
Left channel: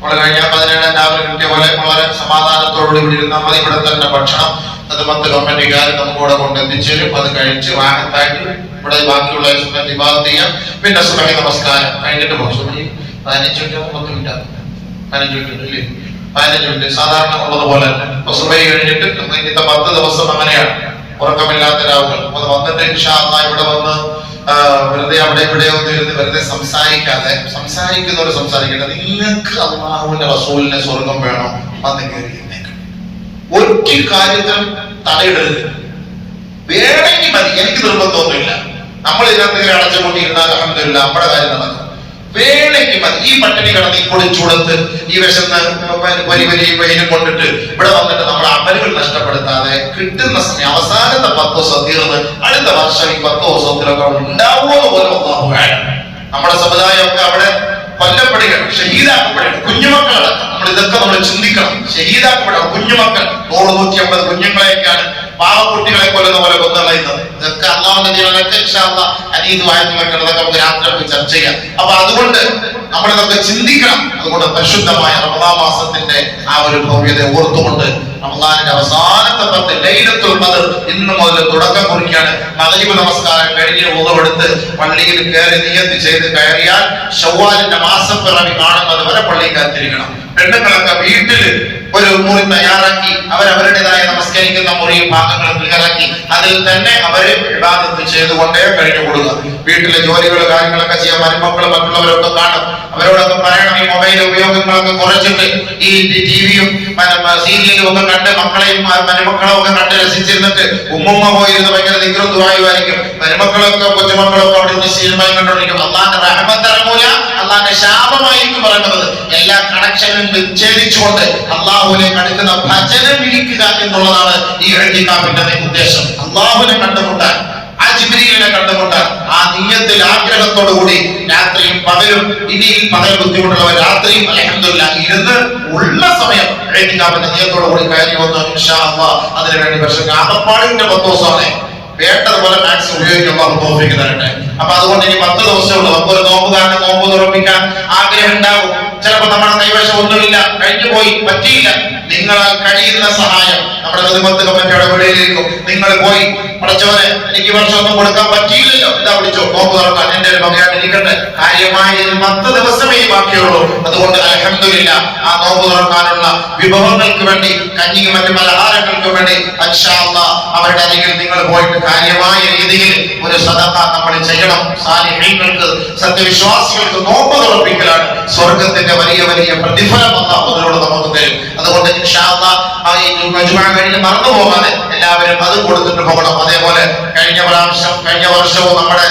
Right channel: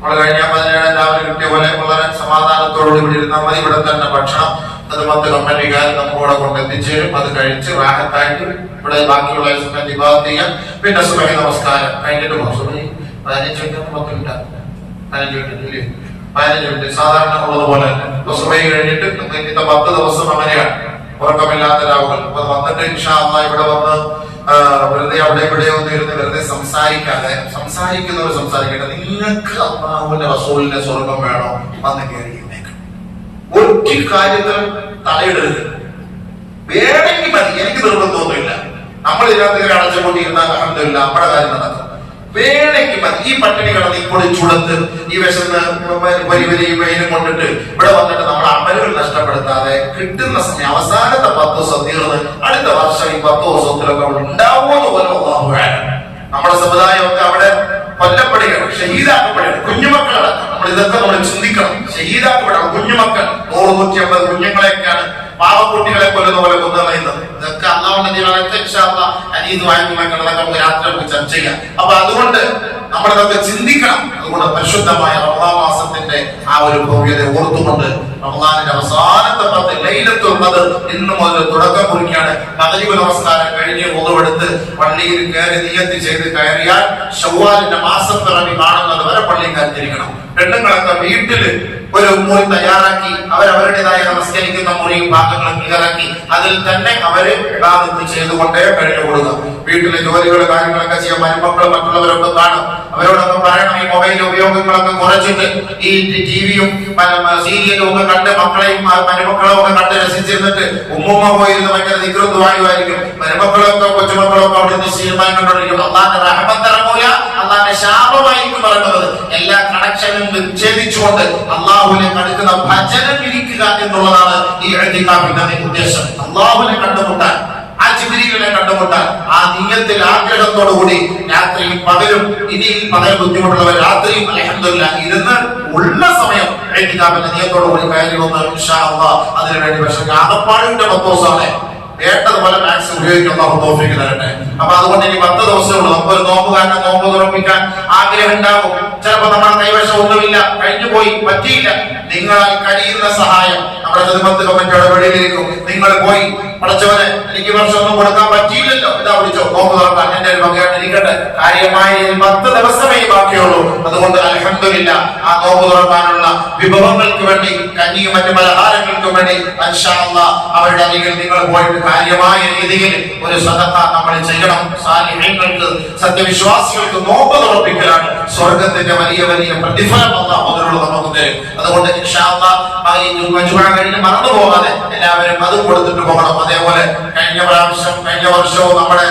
നമ്മൾ കഴിഞ്ഞ 17 രാവിലെ കിട്ടിയ പോലെ വളരെ സമാധാനത്തോടുകൂടി ഇവിടെ ഇരുന്നാൽ മതി. ഇവിടെ തന്നെ ഭക്ഷണം അത് കമ്പനിക്കാർ നമുക്കിവിടെ കൊണ്ടെത്തിച്ചേരും. അത് കഴിച്ച് റാഹത്തായിട്ട് ഇവിടെ ബാക്കിയുള്ള ഇബാദത്ത് ചെയ്യാൻ. പിന്നെ സുബഹി നമസ്കാരം കഴിഞ്ഞിട്ട് പോകും. സുബഹി 15 മിനിറ്റ് 10 മിനിറ്റ് 15 മിനിറ്റ് ഇല്ലേ, 15 മിനിറ്റ് സാധാരണ ഉള്ളതുപോലെ. സുബഹി കഴിഞ്ഞിട്ട് ഇന്നത്തെ 10 ദിവസം അങ്ങനെയാണ്, ഉറക്കമില്ലാത്ത രാവുകൾ. അത് വന്നിട്ട് ഇൻഷാ അല്ലാഹ് ഇവിടെ വന്ന് വെറുതെ അവിടെ ഇവിടെ ഒന്നും ഇരുന്ന് വെറുതെ സംസാരിക്കുന്നവർ സംസാരിക്കട്ടെ. നിങ്ങൾക്ക് അല്ലാഹുവിന്റെ റസൂലിന്റെ സ്വർഗം വേണോ? വന്ന് കയറി ഒരു കാര്യത്തിലും തടയിടരുത്. വേണമെങ്കിൽ മതി, എനിക്ക് നിർബന്ധമൊന്നുമില്ല. നമ്മൾ ഇതിനകത്ത് അടച്ചുകൊണ്ടിരുന്നാൽ അൽഹംദുലില്ലാ നമ്മുടെ കാര്യം നടക്കും. വേണമെങ്കിൽ മതി. ഈ പട്ടിണി കിടന്ന് ഈ ചൂടത്ത് ഈ വിശന്ന് വെയിലും കൊണ്ടിട്ട് ഇവിടെ വന്നിട്ട് നമ്മൾ അമലുകൾ നഷ്ടപ്പെടുത്താതെ കിട്ടുന്ന സമയം അവസാനത്തെ 10 ദിവസം തീർന്ന് അടുത്ത വർഷം ഈ 10 ദിവസത്തിലൊക്കെ ഉണ്ടാവുമെന്ന് പോലും അല്ലാഹു അഅലം. നമ്മുടെ സമുദായമൊക്കെ അവിടെ കൊല്ലപ്പെടുകയാണ്, ഷഹീദാക്കപ്പെടുകയാണ്. കുഞ്ഞുമക്കളടക്കം നമ്മൾ ഇതൊക്കെ നമ്മൾ ചിന്തിക്കണം. ഷഹീദാക്കപ്പെടണം കുഞ്ഞുമക്കൾ. 100-150 കുഞ്ഞുങ്ങളെയൊക്കെയാണ് പാവക്കുട്ടികളെ കൊല്ലുന്ന പോലെ കൊന്നുകളയുന്നത്. ഇതൊക്കെ അല്ലാഹുവിന്റെ ജീവനൊക്കെ ഇൻഷാ അല്ലാഹ് അനീതിവായതൊക്കെ നമുക്ക് രാത്രി ചർച്ച ചെയ്യാം. അപ്പൊ അതുകൊണ്ട് നമ്മളിതൊക്കെ ചിന്തിക്കണം. അതുകൊണ്ട് പരിശുദ്ധമായ റമദാൻ മാസത്തിന്റെ ആ ഒരു ഭവ്യത ഓർത്തുകൊണ്ട് റമദാനിന്റെ അവസാനത്തെ 10 ലൈലത്തുൽ ഖദർ ഇന്ന് മുതൽ തുടക്കം കുറിക്കാണ്. മഗ്രിബ് നമസ്കാരം കഴിഞ്ഞ് ഉളവെടുത്ത് പള്ളിയിൽ കയറി നിയത്ത് ചെയ്ത് കയറിയാൽ ശവ്വാലിന്റെ മാസപ്പിറവി കാണുന്നത് വരെ പള്ളിയിൽ കാത്തിരിക്കണം. പെണ്ണുങ്ങളൊക്കെ വീട്ടില് ഒരു മുറി തയ്യാറാക്കി അവരവരുടേതായ നമസ്കരിക്കുന്ന മുറിയും ഭാഗങ്ങളും തയ്യാറാക്കി അതിൽ തന്നെ അവര് ഇബാദത്ത് ചെയ്തുകൊണ്ടേ കഴിഞ്ഞു കൊടുക്കുക. വീട്ടിലെ ജോലികൾ കാര്യങ്ങളൊക്കെ ചെയ്യാൻ മരുമക്കൾ മറ്റുള്ളവരൊക്കെ കാണും. അവരോടൊക്കെ പറയണം ഈ മൊബൈൽ ഉപയോഗങ്ങളൊക്കെ കുറച്ചിട്ട് ഈ ടിവിയും സീരിയലും ഒക്കെ കണ്ട് മക്കളെയും മരുമക്കളും ഒക്കെ കണ്ട് രസിച്ചിരുന്നിട്ട് ഉമ്മുമ്മ പോയിരുന്ന് ഭയങ്കര ദിക്റും ദുആയുമായിരിക്കും. മരുമക്കളൊക്കെ കൊച്ചുമക്കളൊക്കെ അവിടെ നിന്ന് ശീലമായി കണ്ടോണ്ടിരിക്കും. അള്ളാന്റെ റഹ്മത്തിറങ്ങൂല, അള്ളാന്റെ ശാപമായിരിക്കും പറയുന്നത്. എല്ലാ കണക്ഷനും വിച്ഛേദിച്ചുകൊണ്ട് അള്ളാഹുവിലേക്ക് അടുക്കുന്ന ഭജനം ഇരിക്കുക എന്നുള്ളതാണ് ഈ ഇഅ്തികാഫിന്റെ ഉദ്ദേശം. അള്ളാഹുവിനെ കണ്ടുമുട്ടാൻ, ആ ജിബ്രീലിനെ കണ്ടുമുട്ടാൻ, ആ നിയ്യത്തിൽ ആഗ്രഹത്തോടു കൂടി രാത്രിയും പകലും, ഇനി പകൽ ബുദ്ധിമുട്ടുള്ളവർ രാത്രിയും അൽഹംദുലില്ലാഹ് ഇരുന്ന് ഉള്ള സമയം ഇഅ്തികാഫിന്റെ നിയ്യത്തോടു കൂടി കയറി വന്ന് ഇൻഷാ അല്ലാഹ് അതിനുവേണ്ടി. പക്ഷെ ആകപ്പാടിന്റെ 10 ദിവസമാണ് വേണ്ടതുപോലെ മാക്സിമം ഉപയോഗിക്കാൻ അല്ലാഹു തൗഫീഖ് തരട്ടെ. അപ്പൊ അതുകൊണ്ട് ഇനി 10 ദിവസമുള്ളൂ. നമുക്കൊരു നോമ്പുകാരനെ നോമ്പ് തുറപ്പിക്കാൻ ആഗ്രഹം ഉണ്ടാകും. ചിലപ്പോ നമ്മുടെ കൈവശം ഒന്നുമില്ല, കഴിഞ്ഞു പോയി, പറ്റിയില്ല. നിങ്ങളാൽ കഴിയുന്ന സഹായം നമ്മുടെ ഖിദ്മത്ത് കമ്മിറ്റിയുടെ വഴിയിലേക്കും നിങ്ങൾ പോയി, പടച്ചവനെ എനിക്ക് ഈ വർഷം ഒന്നും കൊടുക്കാൻ പറ്റിയില്ലല്ലോ, ഇതാ വിളിച്ചോ നോമ്പ് തുറക്കാൻ എന്റെ ഒരു വകയായിട്ട് ഇരിക്കട്ടെ. കാര്യമായി 10 ദിവസമേ ബാക്കിയുള്ളൂ. അതുകൊണ്ട് അൽഹംദുലില്ലാഹ് ആ നോമ്പ് തുറക്കാനുള്ള വിഭവങ്ങൾക്ക് വേണ്ടി, കഞ്ഞിയും മറ്റു പലഹാരങ്ങൾക്ക് വേണ്ടി ഇൻഷാ അല്ലാഹ് അവരുടെ അരികിൽ നിങ്ങൾ പോയിട്ട് കാര്യമായ രീതിയിൽ ഒരു സദഖ നമ്മൾ ചെയ്യണം. സാലിഹീങ്ങൾക്ക്, സത്യവിശ്വാസികൾക്ക് നോമ്പ് തുറപ്പിക്കലാണ് സ്വർഗത്തിന്റെ വലിയ വലിയ പ്രതിഫലം അല്ലാഹു അതിനോട് നമുക്ക് തരും. അതുകൊണ്ട് ഇൻഷാ അല്ലാഹ് ഈ മജ്മുഅ കഴിഞ്ഞ് മറന്നു പോകാതെ എല്ലാവരും അത് കൊടുത്തിട്ട് പോകണം. അതേപോലെ കഴിഞ്ഞ വർഷവും നമ്മുടെ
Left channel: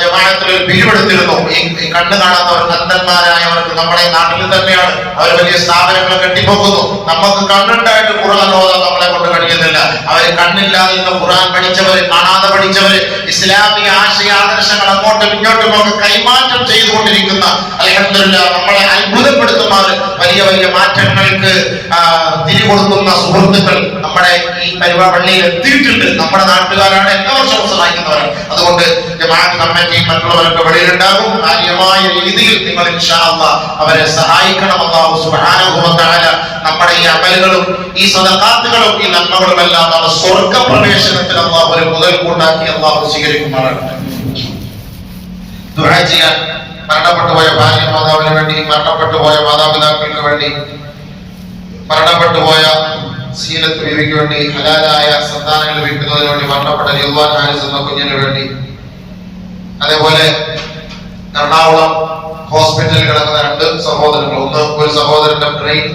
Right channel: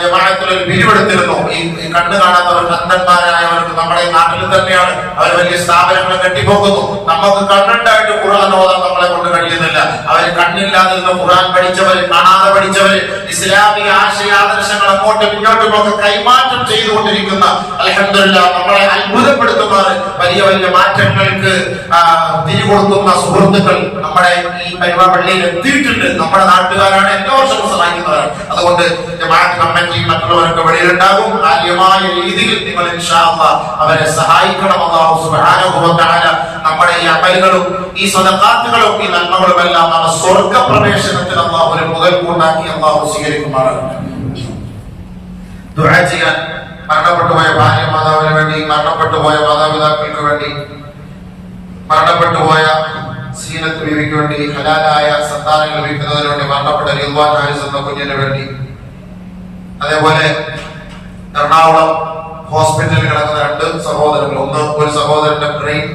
ജമാഅത്തിൽ ഒരു പിരിവെടുത്തിരുന്നു. ഈ കണ്ണ് കാണാത്തവർക്ക്, അന്ധന്മാരായവർക്ക് നമ്മുടെ നാട്ടിൽ തന്നെയാണ്. അവർ വലിയ സ്ഥാപനങ്ങൾ കെട്ടിപ്പോക്കുന്നു. നമുക്ക് കണ്ണുണ്ടായിട്ട് ഖുർആൻ ഓതാൻ നമ്മളെ കൊണ്ട് കഴിയുന്നില്ല. അവര് കണ്ണില്ലാതെ നിന്ന് ഖുർആൻ പഠിച്ചവര്, കാണാതെ പഠിച്ചവര്, ഇസ്ലാമിക ആശയാദർശങ്ങൾ അങ്ങോട്ടും ഇങ്ങോട്ടും ഒക്കെ കൈമാറ്റം ചെയ്തുകൊണ്ടിരിക്കുന്ന അൽഹംദുലില്ലാഹ് നമ്മളെ അത്ഭുതപ്പെടുത്തുമാറ് വലിയ വലിയ മാറ്റങ്ങൾക്ക് തിരികൊടുക്കുന്ന സുഹൃത്തുക്കൾ നമ്മുടെ ഈ പള്ളിയിൽ എത്തിയിട്ടുണ്ട്. നമ്മുടെ നാട്ടുകാരാണ്, എല്ലാ വർഷവും സഹായിക്കുന്നവരാണ്. അതുകൊണ്ട് ജമാഅത്ത് കമ്മിറ്റി മറ്റുള്ളവർക്ക് വഴിയിലുണ്ടാകും. കാര്യമായ രീതിയിൽ നിങ്ങൾ ഇൻഷാ അല്ലാഹ് അവരെ സഹായിക്കണം. അല്ലാഹു സുബ്ഹാനഹു വ തആല നമ്മുടെ ഈ അമലുകളും ഈ സദഖാത്തുകളും ഈ നന്മകളും എല്ലാം നമ്മുടെ സ്വർഗ്ഗ പ്രവേശനത്തിന് അല്ലാഹു ഒരു മുതൽക്കൂട്ടാക്കി അല്ലാഹു സ്വീകരിക്കുമാറാകട്ടെ. ദുആ ചെയ്യാൻ മരണപ്പെട്ടുപോയ ഭാര്യ മാതാവിന് വേണ്ടി, മരണപ്പെട്ടുപോയ മാതാപിതാക്കൾക്ക് വേണ്ടി, മരണപ്പെട്ടുപോയ സീനത്ത് ബീവിക്ക് വേണ്ടി, ഹലാലായ സന്താനങ്ങൾ ലഭിക്കുന്നതിന് വേണ്ടി, മരണപ്പെട്ട റിദ്വാൻ ഹാരിസ് എന്ന കുഞ്ഞിന് വേണ്ടി, അതേപോലെ എറണാകുളം ഹോസ്പിറ്റലിൽ കിടക്കുന്ന 2 സഹോദരങ്ങൾ. ഒരു സഹോദരന്റെ ബ്രെയിൻ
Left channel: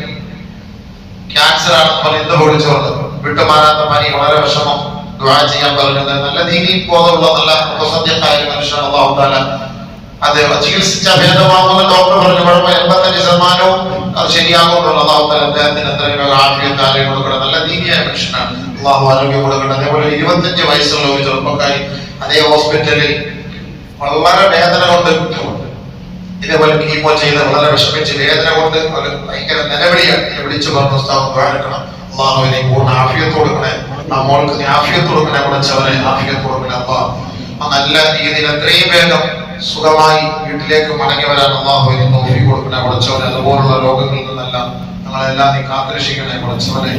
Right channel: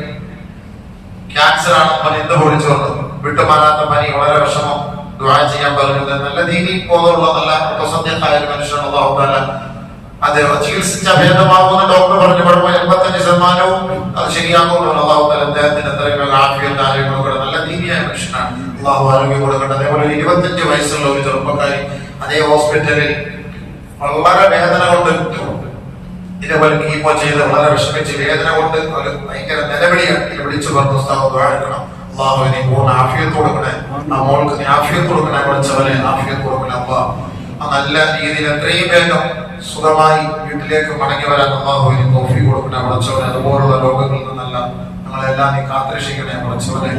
ക്യാൻസർ ആണെന്ന് ഇന്ന് വിളിച്ചുകൊണ്ട് വിട്ടുമാറാത്ത പനി, വളരെ വിഷമം. ദുആ ചെയ്യാൻ പറയുന്നത് നല്ല രീതിയിൽ ബോധമുള്ള നല്ല സത്യമായ മനുഷ്യൻ. അല്ലാഹു തആല അത് ചികിത്സിച്ച ഭേദമാകുന്ന ഡോക്ടർ പറഞ്ഞു കുഴപ്പമില്ല, 85% അത് ശരിയാകുമെന്ന് അല്ലാഹു തആല അദ്ദേഹത്തിന് എത്രയും ആഫിയത്ത് ആരോഗ്യം കൊടുക്കണം. നല്ല ദീനിയായ മനുഷ്യനാണ്, അല്ലാഹു ആരോഗ്യം കൊടുക്കണം. അതേപോലെ 25 വയസ്സുള്ള ഒരു ചെറുപ്പക്കാരി അതേ ഹോസ്പിറ്റലിൽ വളരെ വേദന കൊണ്ട്, ഇതേപോലെ കീമോ ചെയ്ത് വളരെ വിഷമിച്ച് വേദന കൊണ്ട് ഭയങ്കര നിലവിളിയാണ്. വിളിച്ചു പറഞ്ഞു ദ്വാരക്കണം, അല്ലാഹുവിനെ പൂർണ്ണ ആഫിയത്ത് കൊടുക്കണേ, നമ്മൾക്ക് നീ ആഫിയത്ത് കൊടുക്കണേ, കുറച്ചവരെ ആഫിയത്ത് കൊടുക്കണേ. അല്ലാഹ് നല്ല രീതിയിൽ എത്രയും വേഗം സുഖമായി വീട്ടിലേക്ക് മടങ്ങി വരാൻ അല്ലാഹുവിനെ തൗഫീഖ് കൊടുക്കണേ. കുറച്ചവരെ അതുപോലുള്ള രോഗങ്ങളിൽ നിന്നെല്ലാം നമ്മളെല്ലാം നീ കാത്തുരക്ഷിക്കണേ. കുറച്ചവരെ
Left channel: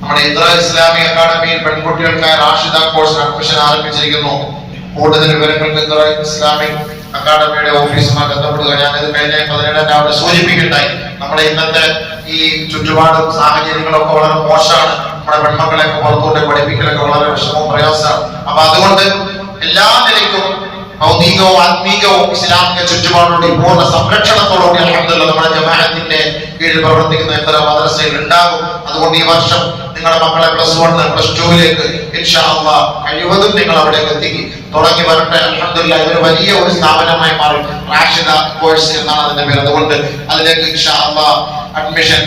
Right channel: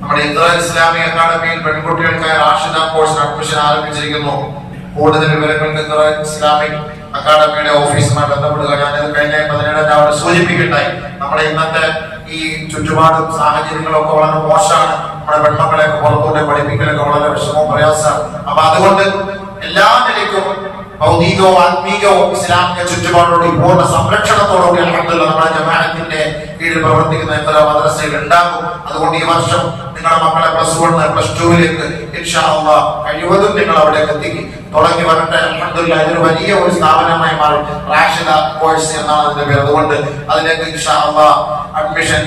നമ്മുടെ ഇസ്ലാമിക് അക്കാദമിയിൽ പെൺകുട്ടികൾക്കായി റാഷിദ കോഴ്സിന് അഡ്മിഷൻ ആരംഭിച്ചിരിക്കുന്നു. കൂടുതൽ വിവരങ്ങൾക്ക് ഇസ്ലാമിക് അക്കാദമിയുടെ ഓഫീസുമായി ബന്ധപ്പെടുക. ഞാനത് കഴിഞ്ഞ 17 സൂചിപ്പിക്കണ്ടായി. നമ്മുടെ ഇന്നത്തെ ഈ ചുറ്റുപാടും സാഹചര്യങ്ങളൊക്കെ വളരെ മോശമാണ്. നമ്മുടെ പെൺമക്കളെയൊക്കെ പുറത്തോട്ട് പഠിപ്പിക്കലൊക്കെ വളരെ വിഷമവും പ്രയാസമാണ്. അപ്പൊ അതുകൊണ്ട് എല്ലാ നിലയ്ക്കും ഭൗതികവും ആത്മീകവും ഇസ്ലാമിക ചുറ്റുപാടോടെ പൂർണ്ണ സംരക്ഷണത്തോടുകൂടി അൽഹംദുലില്ലാഹ് നമ്മുടെ ജമാഅത്തിന്റെ കീഴിൽ പ്രവർത്തിക്കുന്ന ഇത്തരം മദ്രസയിൽ ഉണ്ടാകും. അതുകൊണ്ട് ഈ വർഷം നിങ്ങളുടെ മക്കളെ +1 +2 ഇൻഷാ അല്ലാഹ് കഴിവതും നിങ്ങൾ അവിടേക്ക് എത്തിക്കി തുടങ്ങി വരട്ടെ. അൽഹംദുലില്ലാഹ് ഇതൊരു വലിയ ഒരു സ്ഥാപനമായി മാറി. റാഷിദ കോഴ്സ് എന്നാണ് അതിന്റെ പേര്. അതുകൊണ്ട് അതിലേക്ക് ഇൻഷാ അല്ലാഹ് അഡ്മിഷൻ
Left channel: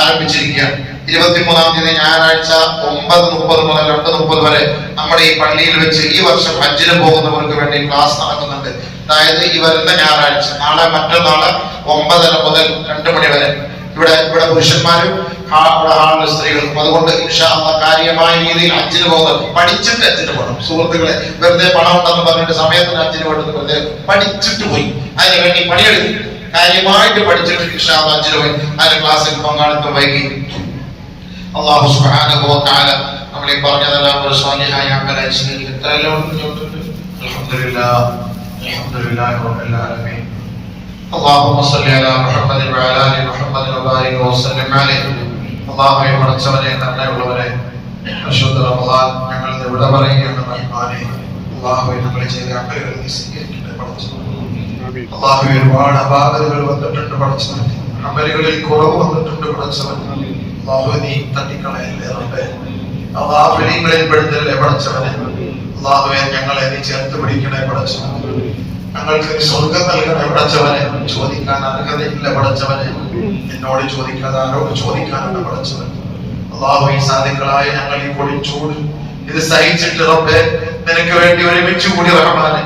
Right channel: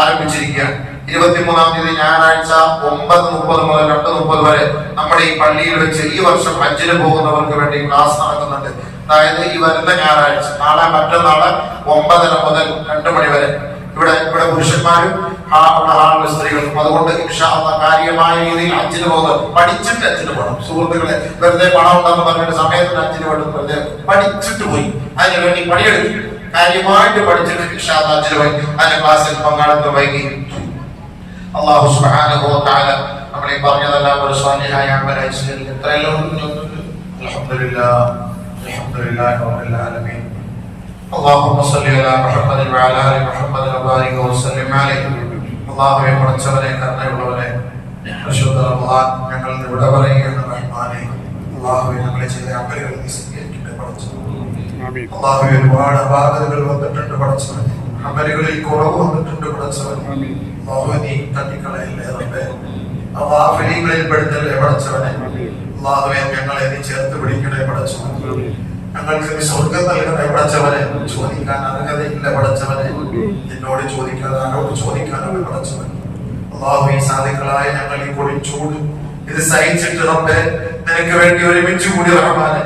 ആരംഭിച്ചിരിക്കുകയാണ്. 23-ാം തീയതി ഞായറാഴ്ച 9:30 മുതൽ 2:30 വരെ നമ്മുടെ ഈ പള്ളിയിൽ വെച്ച് ഈ വർഷം ഹജ്ജിന് പോകുന്നവർക്ക് വേണ്ടി ക്ലാസ് നടക്കുന്നുണ്ട്. അതായത് ഈ വരുന്ന ഞായറാഴ്ച, നാളെ മറ്റന്നാള് 9:30 മുതൽ 2 മണി വരെ ഇവിടെ പുരുഷന്മാരും ഹാളിലെ സ്ത്രീകൾക്കും. അതുകൊണ്ട് ഇൻഷാ അല്ലാഹ് കാര്യമായ രീതിയിൽ ഹജ്ജിന് പോകുന്നത് പഠിച്ചിട്ട് ഹജ്ജിന് പോകണം. സുഹൃത്തുക്കളെ, വെറുതെ പണം ഉണ്ടെന്ന് പറഞ്ഞിട്ട് സമയത്തിന് ഹജ്ജിന് പോയിട്ട് വെറുതെ പഠിച്ചിട്ട് പോയി അതിന് വേണ്ടി പണിയെടുക്കും. കാര്യമായിട്ട് പഠിച്ചിട്ട് ഇൻഷാ അല്ലാഹ് ഹജ്ജിന് പോയി അതിന് ക്ലാസ്സിൽ പങ്കാളിത്തം വൈകി അല്ലാഹു സുബ്ഹാനഹു വ തആല നമ്മളെ പറഞ്ഞതെല്ലാം ഒരു സ്വാലിഹായ അമലായി സ്വീകരിക്കട്ടെ. എത്രയെല്ലാം അൽഹംദുലില്ലാഹ് അൽഹംദുലില്ലാഹി റബ്ബിൽ ആലമീൻ. اللهم صل على محمد وعلى ال محمد وبارك وسلم عليه. അല്ലാഹുവേ പടച്ചവനെ കരുണയുള്ളവനെ പരിശുദ്ധ റമദാൻ ഞങ്ങൾ ഇവിടെ പറയുന്ന റഹ്മാനെ അല്ലാഹുവേ ഞങ്ങൾ ചെയ്ത അമലുകൾ നീ സ്വീകരിക്കട്ടെ പടച്ചവനെ. അല്ലാഹുവേ ഒരുപാട് അപാകതകൾ വന്നിട്ടുണ്ട് പടച്ചവനെ, അമലുകളിൽ കുറവ് വന്നിട്ടുണ്ട് പടച്ചവനെ. അല്ലാഹുവേ നീ തട്ടിക്കളയല്ലേ റബ്ബേ, അല്ലാഹുവിനെ പെടുത്തല്ലേ പടച്ചവനെ. അല്ലാഹുവേ ഞങ്ങളെ നീ ചേർത്ത് പിടിക്കണേ പടച്ചവനെ. ഞങ്ങൾക്ക് നീ സ്വർഗം നൽകണേ പടച്ചവനെ. ചോദിക്കാൻ അർഹതയില്ല പടച്ചവനെ, എന്നോട് ചോദിക്കാതെ ആരോട് ചോദിക്കാനാണ് പടച്ചവൻ. അല്ലാഹു ഈ സാധുക്കളായി ഞങ്ങൾ ഈ പൊളിച്ചൂട് ഇത് സഹിച്ചിട്ട് റബ്ബേ നിനക്ക് വേണ്ടി ഒരുമിച്ച് കൂടി റഹ്മാനെ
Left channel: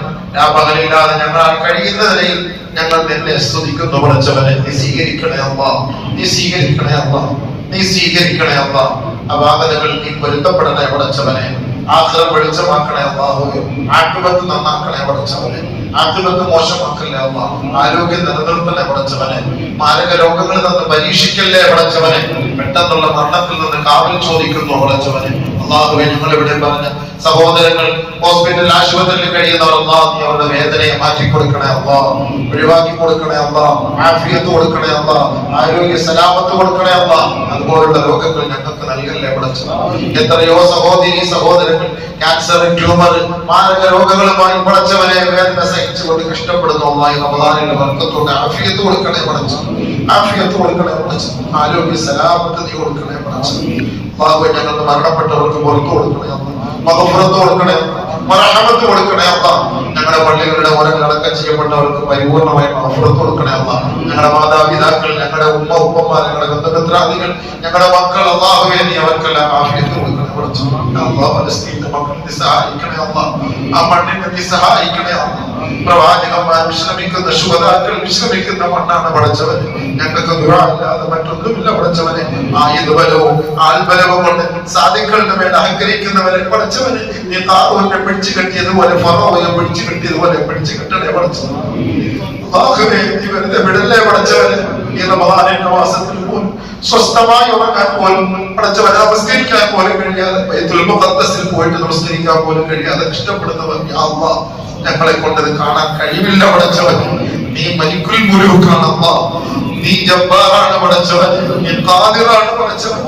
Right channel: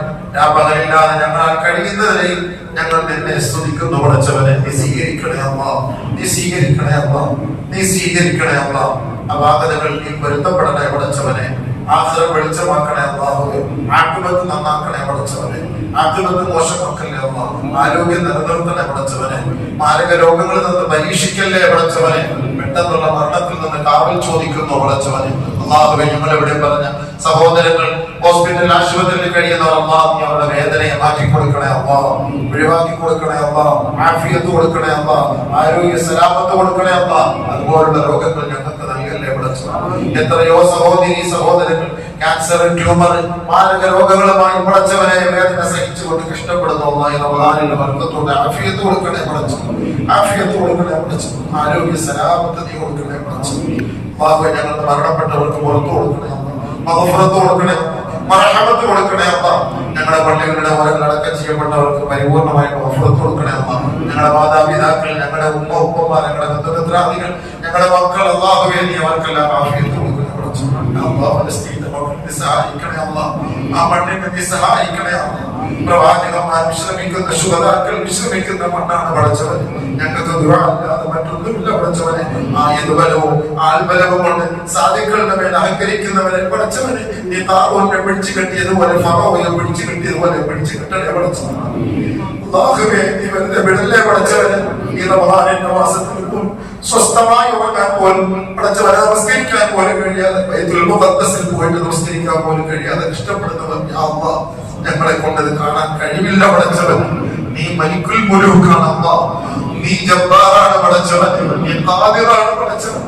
പകലില്ലാതെ ഞങ്ങൾ കഴിയുന്ന നിലയിൽ ഞങ്ങൾ നിന്നെ സ്തുതിക്കുന്നു പടച്ചവനെ. നീ സ്വീകരിക്കണേ അല്ലാഹ്, നീ സ്വീകരിക്കണേ അല്ലാഹ്, നീ സ്വീകരിക്കണേ അല്ലാഹ്. അപാകതകൾ നീ പൊരുത്തപ്പെടണേ പടച്ചവനെ. ആഖിറം വെളിച്ചമാക്കണേ അല്ലാഹുവേ. ആഖിബത്ത് നന്നാക്കണേ പടച്ചവനെ. ആഖിബത്ത് മോശമാക്കല്ലേ അല്ലാഹ്. ആരോഗ്യം നിലനിർത്തണേ പടച്ചവനെ. മാരക രോഗങ്ങളിൽ നിന്ന് പരീക്ഷിക്കല്ലേ പടച്ചവനെ. പെട്ടെന്നുള്ള മരണത്തിൽ നിന്ന് കാവൽ ചോദിക്കുന്നു പടച്ചവനെ. അല്ലാഹുവേ ഞങ്ങൾ ഇവിടെ പറഞ്ഞ സഹോദരങ്ങൾ ഹോസ്പിറ്റൽ ആശുപത്രിയിൽ കഴിയുന്നവർ അല്ലാഹ് നീ അവരുടെ വേദനയെ മാറ്റി കൊടുക്കണേ അല്ലാഹ്, ഒഴിവാക്കി കൊടുക്കണേ അല്ലാഹ്, ആഫിയത്ത് കൊടുക്കണേ അല്ലാഹ്, ആരോഗ്യ സലാമത്ത് കൊടുക്കണേ അല്ലാഹ്. അതുപോലുള്ള രോഗങ്ങൾ ഞങ്ങൾക്ക് നൽകല്ലേ പടച്ചവനെ. എത്രയോ സഹോദരി സഹോദരങ്ങൾ ക്യാൻസർ, ട്യൂമർ, മാരക രോഗങ്ങളുമായി പടച്ചവനെ വേദന സഹിച്ചുകൊണ്ട് കഷ്ടപ്പെടുന്നു അല്ലാഹ്. റമദാനിലെ ബർക്കത്തോടെ ആഫിയത്ത് കൊടുക്കണേ പടച്ചവനെ, ആഫിയത്ത് കൊടുക്കണേ പടച്ചവനെ. ആരോഗ്യ സലാമത്ത് നീ കൊടുക്കണേ പടച്ചവനെ. അല്ലാഹുവേ ഞങ്ങൾക്ക് മരണപ്പെട്ടവർക്ക് പുറത്തു കൊടുക്കണേ അല്ലാഹ്, മഗ്ഫിറത്ത് കൊടുക്കണേ, മർഹമത്ത് കൊടുക്കണേ അല്ലാഹ്. ഞങ്ങളുടെ പള്ളികളുടെ ഓരങ്ങൾ അടക്കം ചെയ്യപ്പെട്ടവർക്ക് പരിപൂർണമായി മഗ്ഫിറത്ത് കൊടുക്കണേ അല്ലാഹ്. ഞങ്ങളുടെ മാതാപിതാക്കൾ, ഞങ്ങളുടെ ഉപ്പമാർ, ഞങ്ങളുടെ ബന്ധുമിത്രാദികൾ, ഞങ്ങളുടെ മക്കൾ അല്ലാഹുവേ നീ അവർക്കെല്ലാം ആഫിയത്ത് കൊടുക്കണേ പടച്ചവനെ. അല്ലാഹ് ഫലസ്തീനിലെ മക്കളെ സഹായിക്കണേ അല്ലാഹ്, ആ മണ്ണിനെ നീ സഹായിക്കണേ അല്ലാഹ്. പ്രവാചകന്മാർ വിശ്രമിക്കുന്ന ശുഹദാക്കൾ വിശ്രമിക്കുന്ന മണ്ണാണ് പടച്ചവനെ. ഞങ്ങൾക്ക് ദുആ അല്ലാതെ മറ്റൊന്നുമില്ല പടച്ചവനെ. ആയുധബലവും ആൽബലവും കൊണ്ട് സാധുക്കളുടെ മേൽ അഹങ്കരിക്കുന്നവരെ പടച്ചവനെ നീ താറൂനെ പിടിച്ചു കെട്ടിയതുപോലെ ഫറോവയെ പിടിച്ചു കെട്ടിയതുപോലെ പിടിച്ചു കെട്ടണേ പടച്ചവനെ. അല്ലാഹുവേ നീ വെറുതെ വിടല്ലേ പടച്ചവനെ. ഈ റമദാനിന്റെ മാസത്തിൽ പോലും സ്വസ്ഥമായി ഉറങ്ങാൻ പോലും പടച്ചവനെ നമസ്കരിക്കാൻ പോലും കഴിയാതെ ബൈത്തുൽ മുഖദ്ദസിൽ പോയിട്ട് നമസ്കരിക്കാൻ പോലും കഴിയാതെ കഷ്ടപ്പെടുന്നവർ യാ അല്ലാഹ് ഞങ്ങളെ കൊണ്ടത് കാണാൻ കഴിവില്ല പടച്ചവൻ. നീ മലിക്കുൽ മുലൂക്കാണ് അല്ലാഹ്, നീ ജബ്ബാറാണ് പടച്ചവൻ, നീ ഖാദിറാണ് പടച്ചവൻ.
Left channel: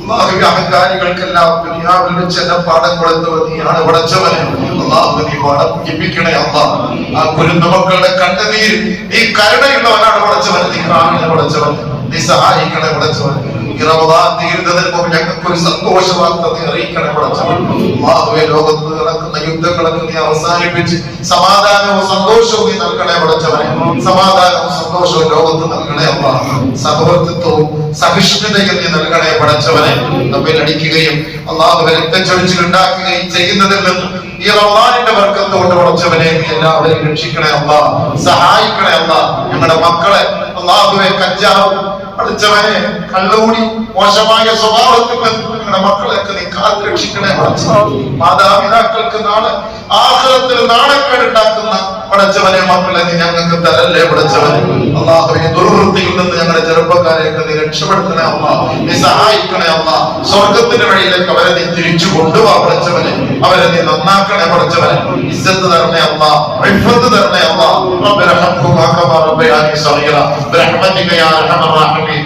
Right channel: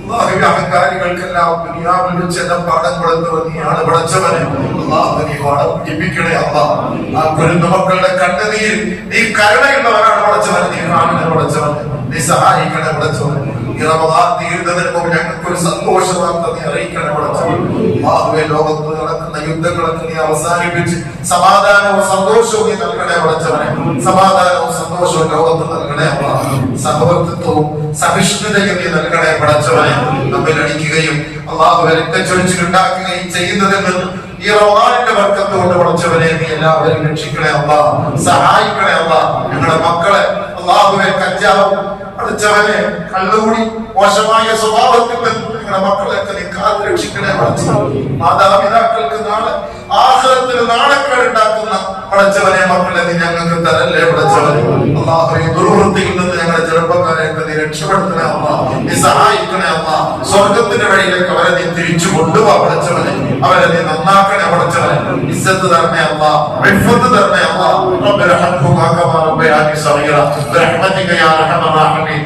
അല്ലാഹുവേ അഹങ്കാരികൾക്കെല്ലാം ദുനിയാവിൽ വെച്ച് എന്നെ പാഠം കൊടുത്തവൻ നീയാണ് പടച്ചവനെ. അല്ലാഹു നീ വർദ്ധിപ്പിക്കണേ അല്ലാഹ്. ആ കുരുന്നുമക്കളുടെ കണ്ണുനീർ നീ കരുണയുള്ളവനാണ് പടച്ചവൻ. നീ കാണണേ പടച്ചവൻ, നീ സഹായിക്കണേ പടച്ചവൻ. ഈ റമദാൻ തീരുന്നതിന് മുമ്പ് ഞങ്ങൾക്ക് ഒരു സന്തോഷ വാർത്ത നീ അറിയിക്കണേ പടച്ചവൻ. അല്ലാഹുവേ ലോകത്ത് നടക്കുന്ന യുദ്ധങ്ങളൊക്കെ നീ അവസാനിപ്പിച്ച് സമാധാനവും സന്തോഷവും നീ നൽകണേ പടച്ചവനെ. സമാധാനവും സന്തോഷവും ലോകത്ത് നൽകണേ അല്ലാഹ്. സഹവർത്തിത്വവും സഹിഷ്ണുതയും നീ നൽകണേ പടച്ചവനെ. നമ്മെ അടിക്കുകയും അല്ലാഹുവേ രക്തച്ചൊരിച്ചിൽ ഉണ്ടാക്കുകയും ചെയ്യുന്നതിൽ നിന്ന് ഈ റമദാനിന്റെ ബർക്കത്തോടെ പടച്ചവനെ നീ എല്ലാവരെയും രക്ഷിക്കണേ അല്ലാഹ്, സഹായിക്കണേ അല്ലാഹ്. ഞങ്ങളുടെ മക്കളെ അല്ലാഹുവേ കഞ്ചാവ് പഠിച്ചവനെ കള്ളുകൂടി മോശമായ സ്വഭാവത്തിൽ നിങ്ങളുടെ മക്കളെയൊക്കെ നീ കാത്ത് രക്ഷിക്കണേ പടച്ചവനെ. മാതാപിതാക്കൾക്ക് നാളെ ആഖിറത്തിൽ നാണക്കേടുണ്ടാക്കുന്ന പടച്ചവനെ മക്കളെ നീ ഞങ്ങൾക്ക് തരല്ലേ പടച്ചവനെ. അല്ലാഹുവേ ദുർവൃത്തിയിൽ നിന്ന് ഞങ്ങളുടെ ചെറുപ്പക്കാരെയൊക്കെ നീ രക്ഷപ്പെടുത്തണേ അല്ലാഹ്, നീ സഹായിക്കണേ അല്ലാഹ്. സ്വർഗത്തിന്റെ വഴിയിലേക്ക് അവരെ നീ തിരിച്ചു കൊണ്ടുപോവാ പടച്ചവനെ. അവരെ നീ നന്നാക്കണേ പടച്ചവനെ. ഇസ്സത്ത് തരണേ അല്ലാഹ്, ഇഫ്ഫത്ത് തരണേ അല്ലാഹ്. റബ്ബിർഹംഹുമാ കമാ റബ്ബയാനി സഗീറ ബിറഹ്മതിക യാ അർഹമർ റഹീമീൻ.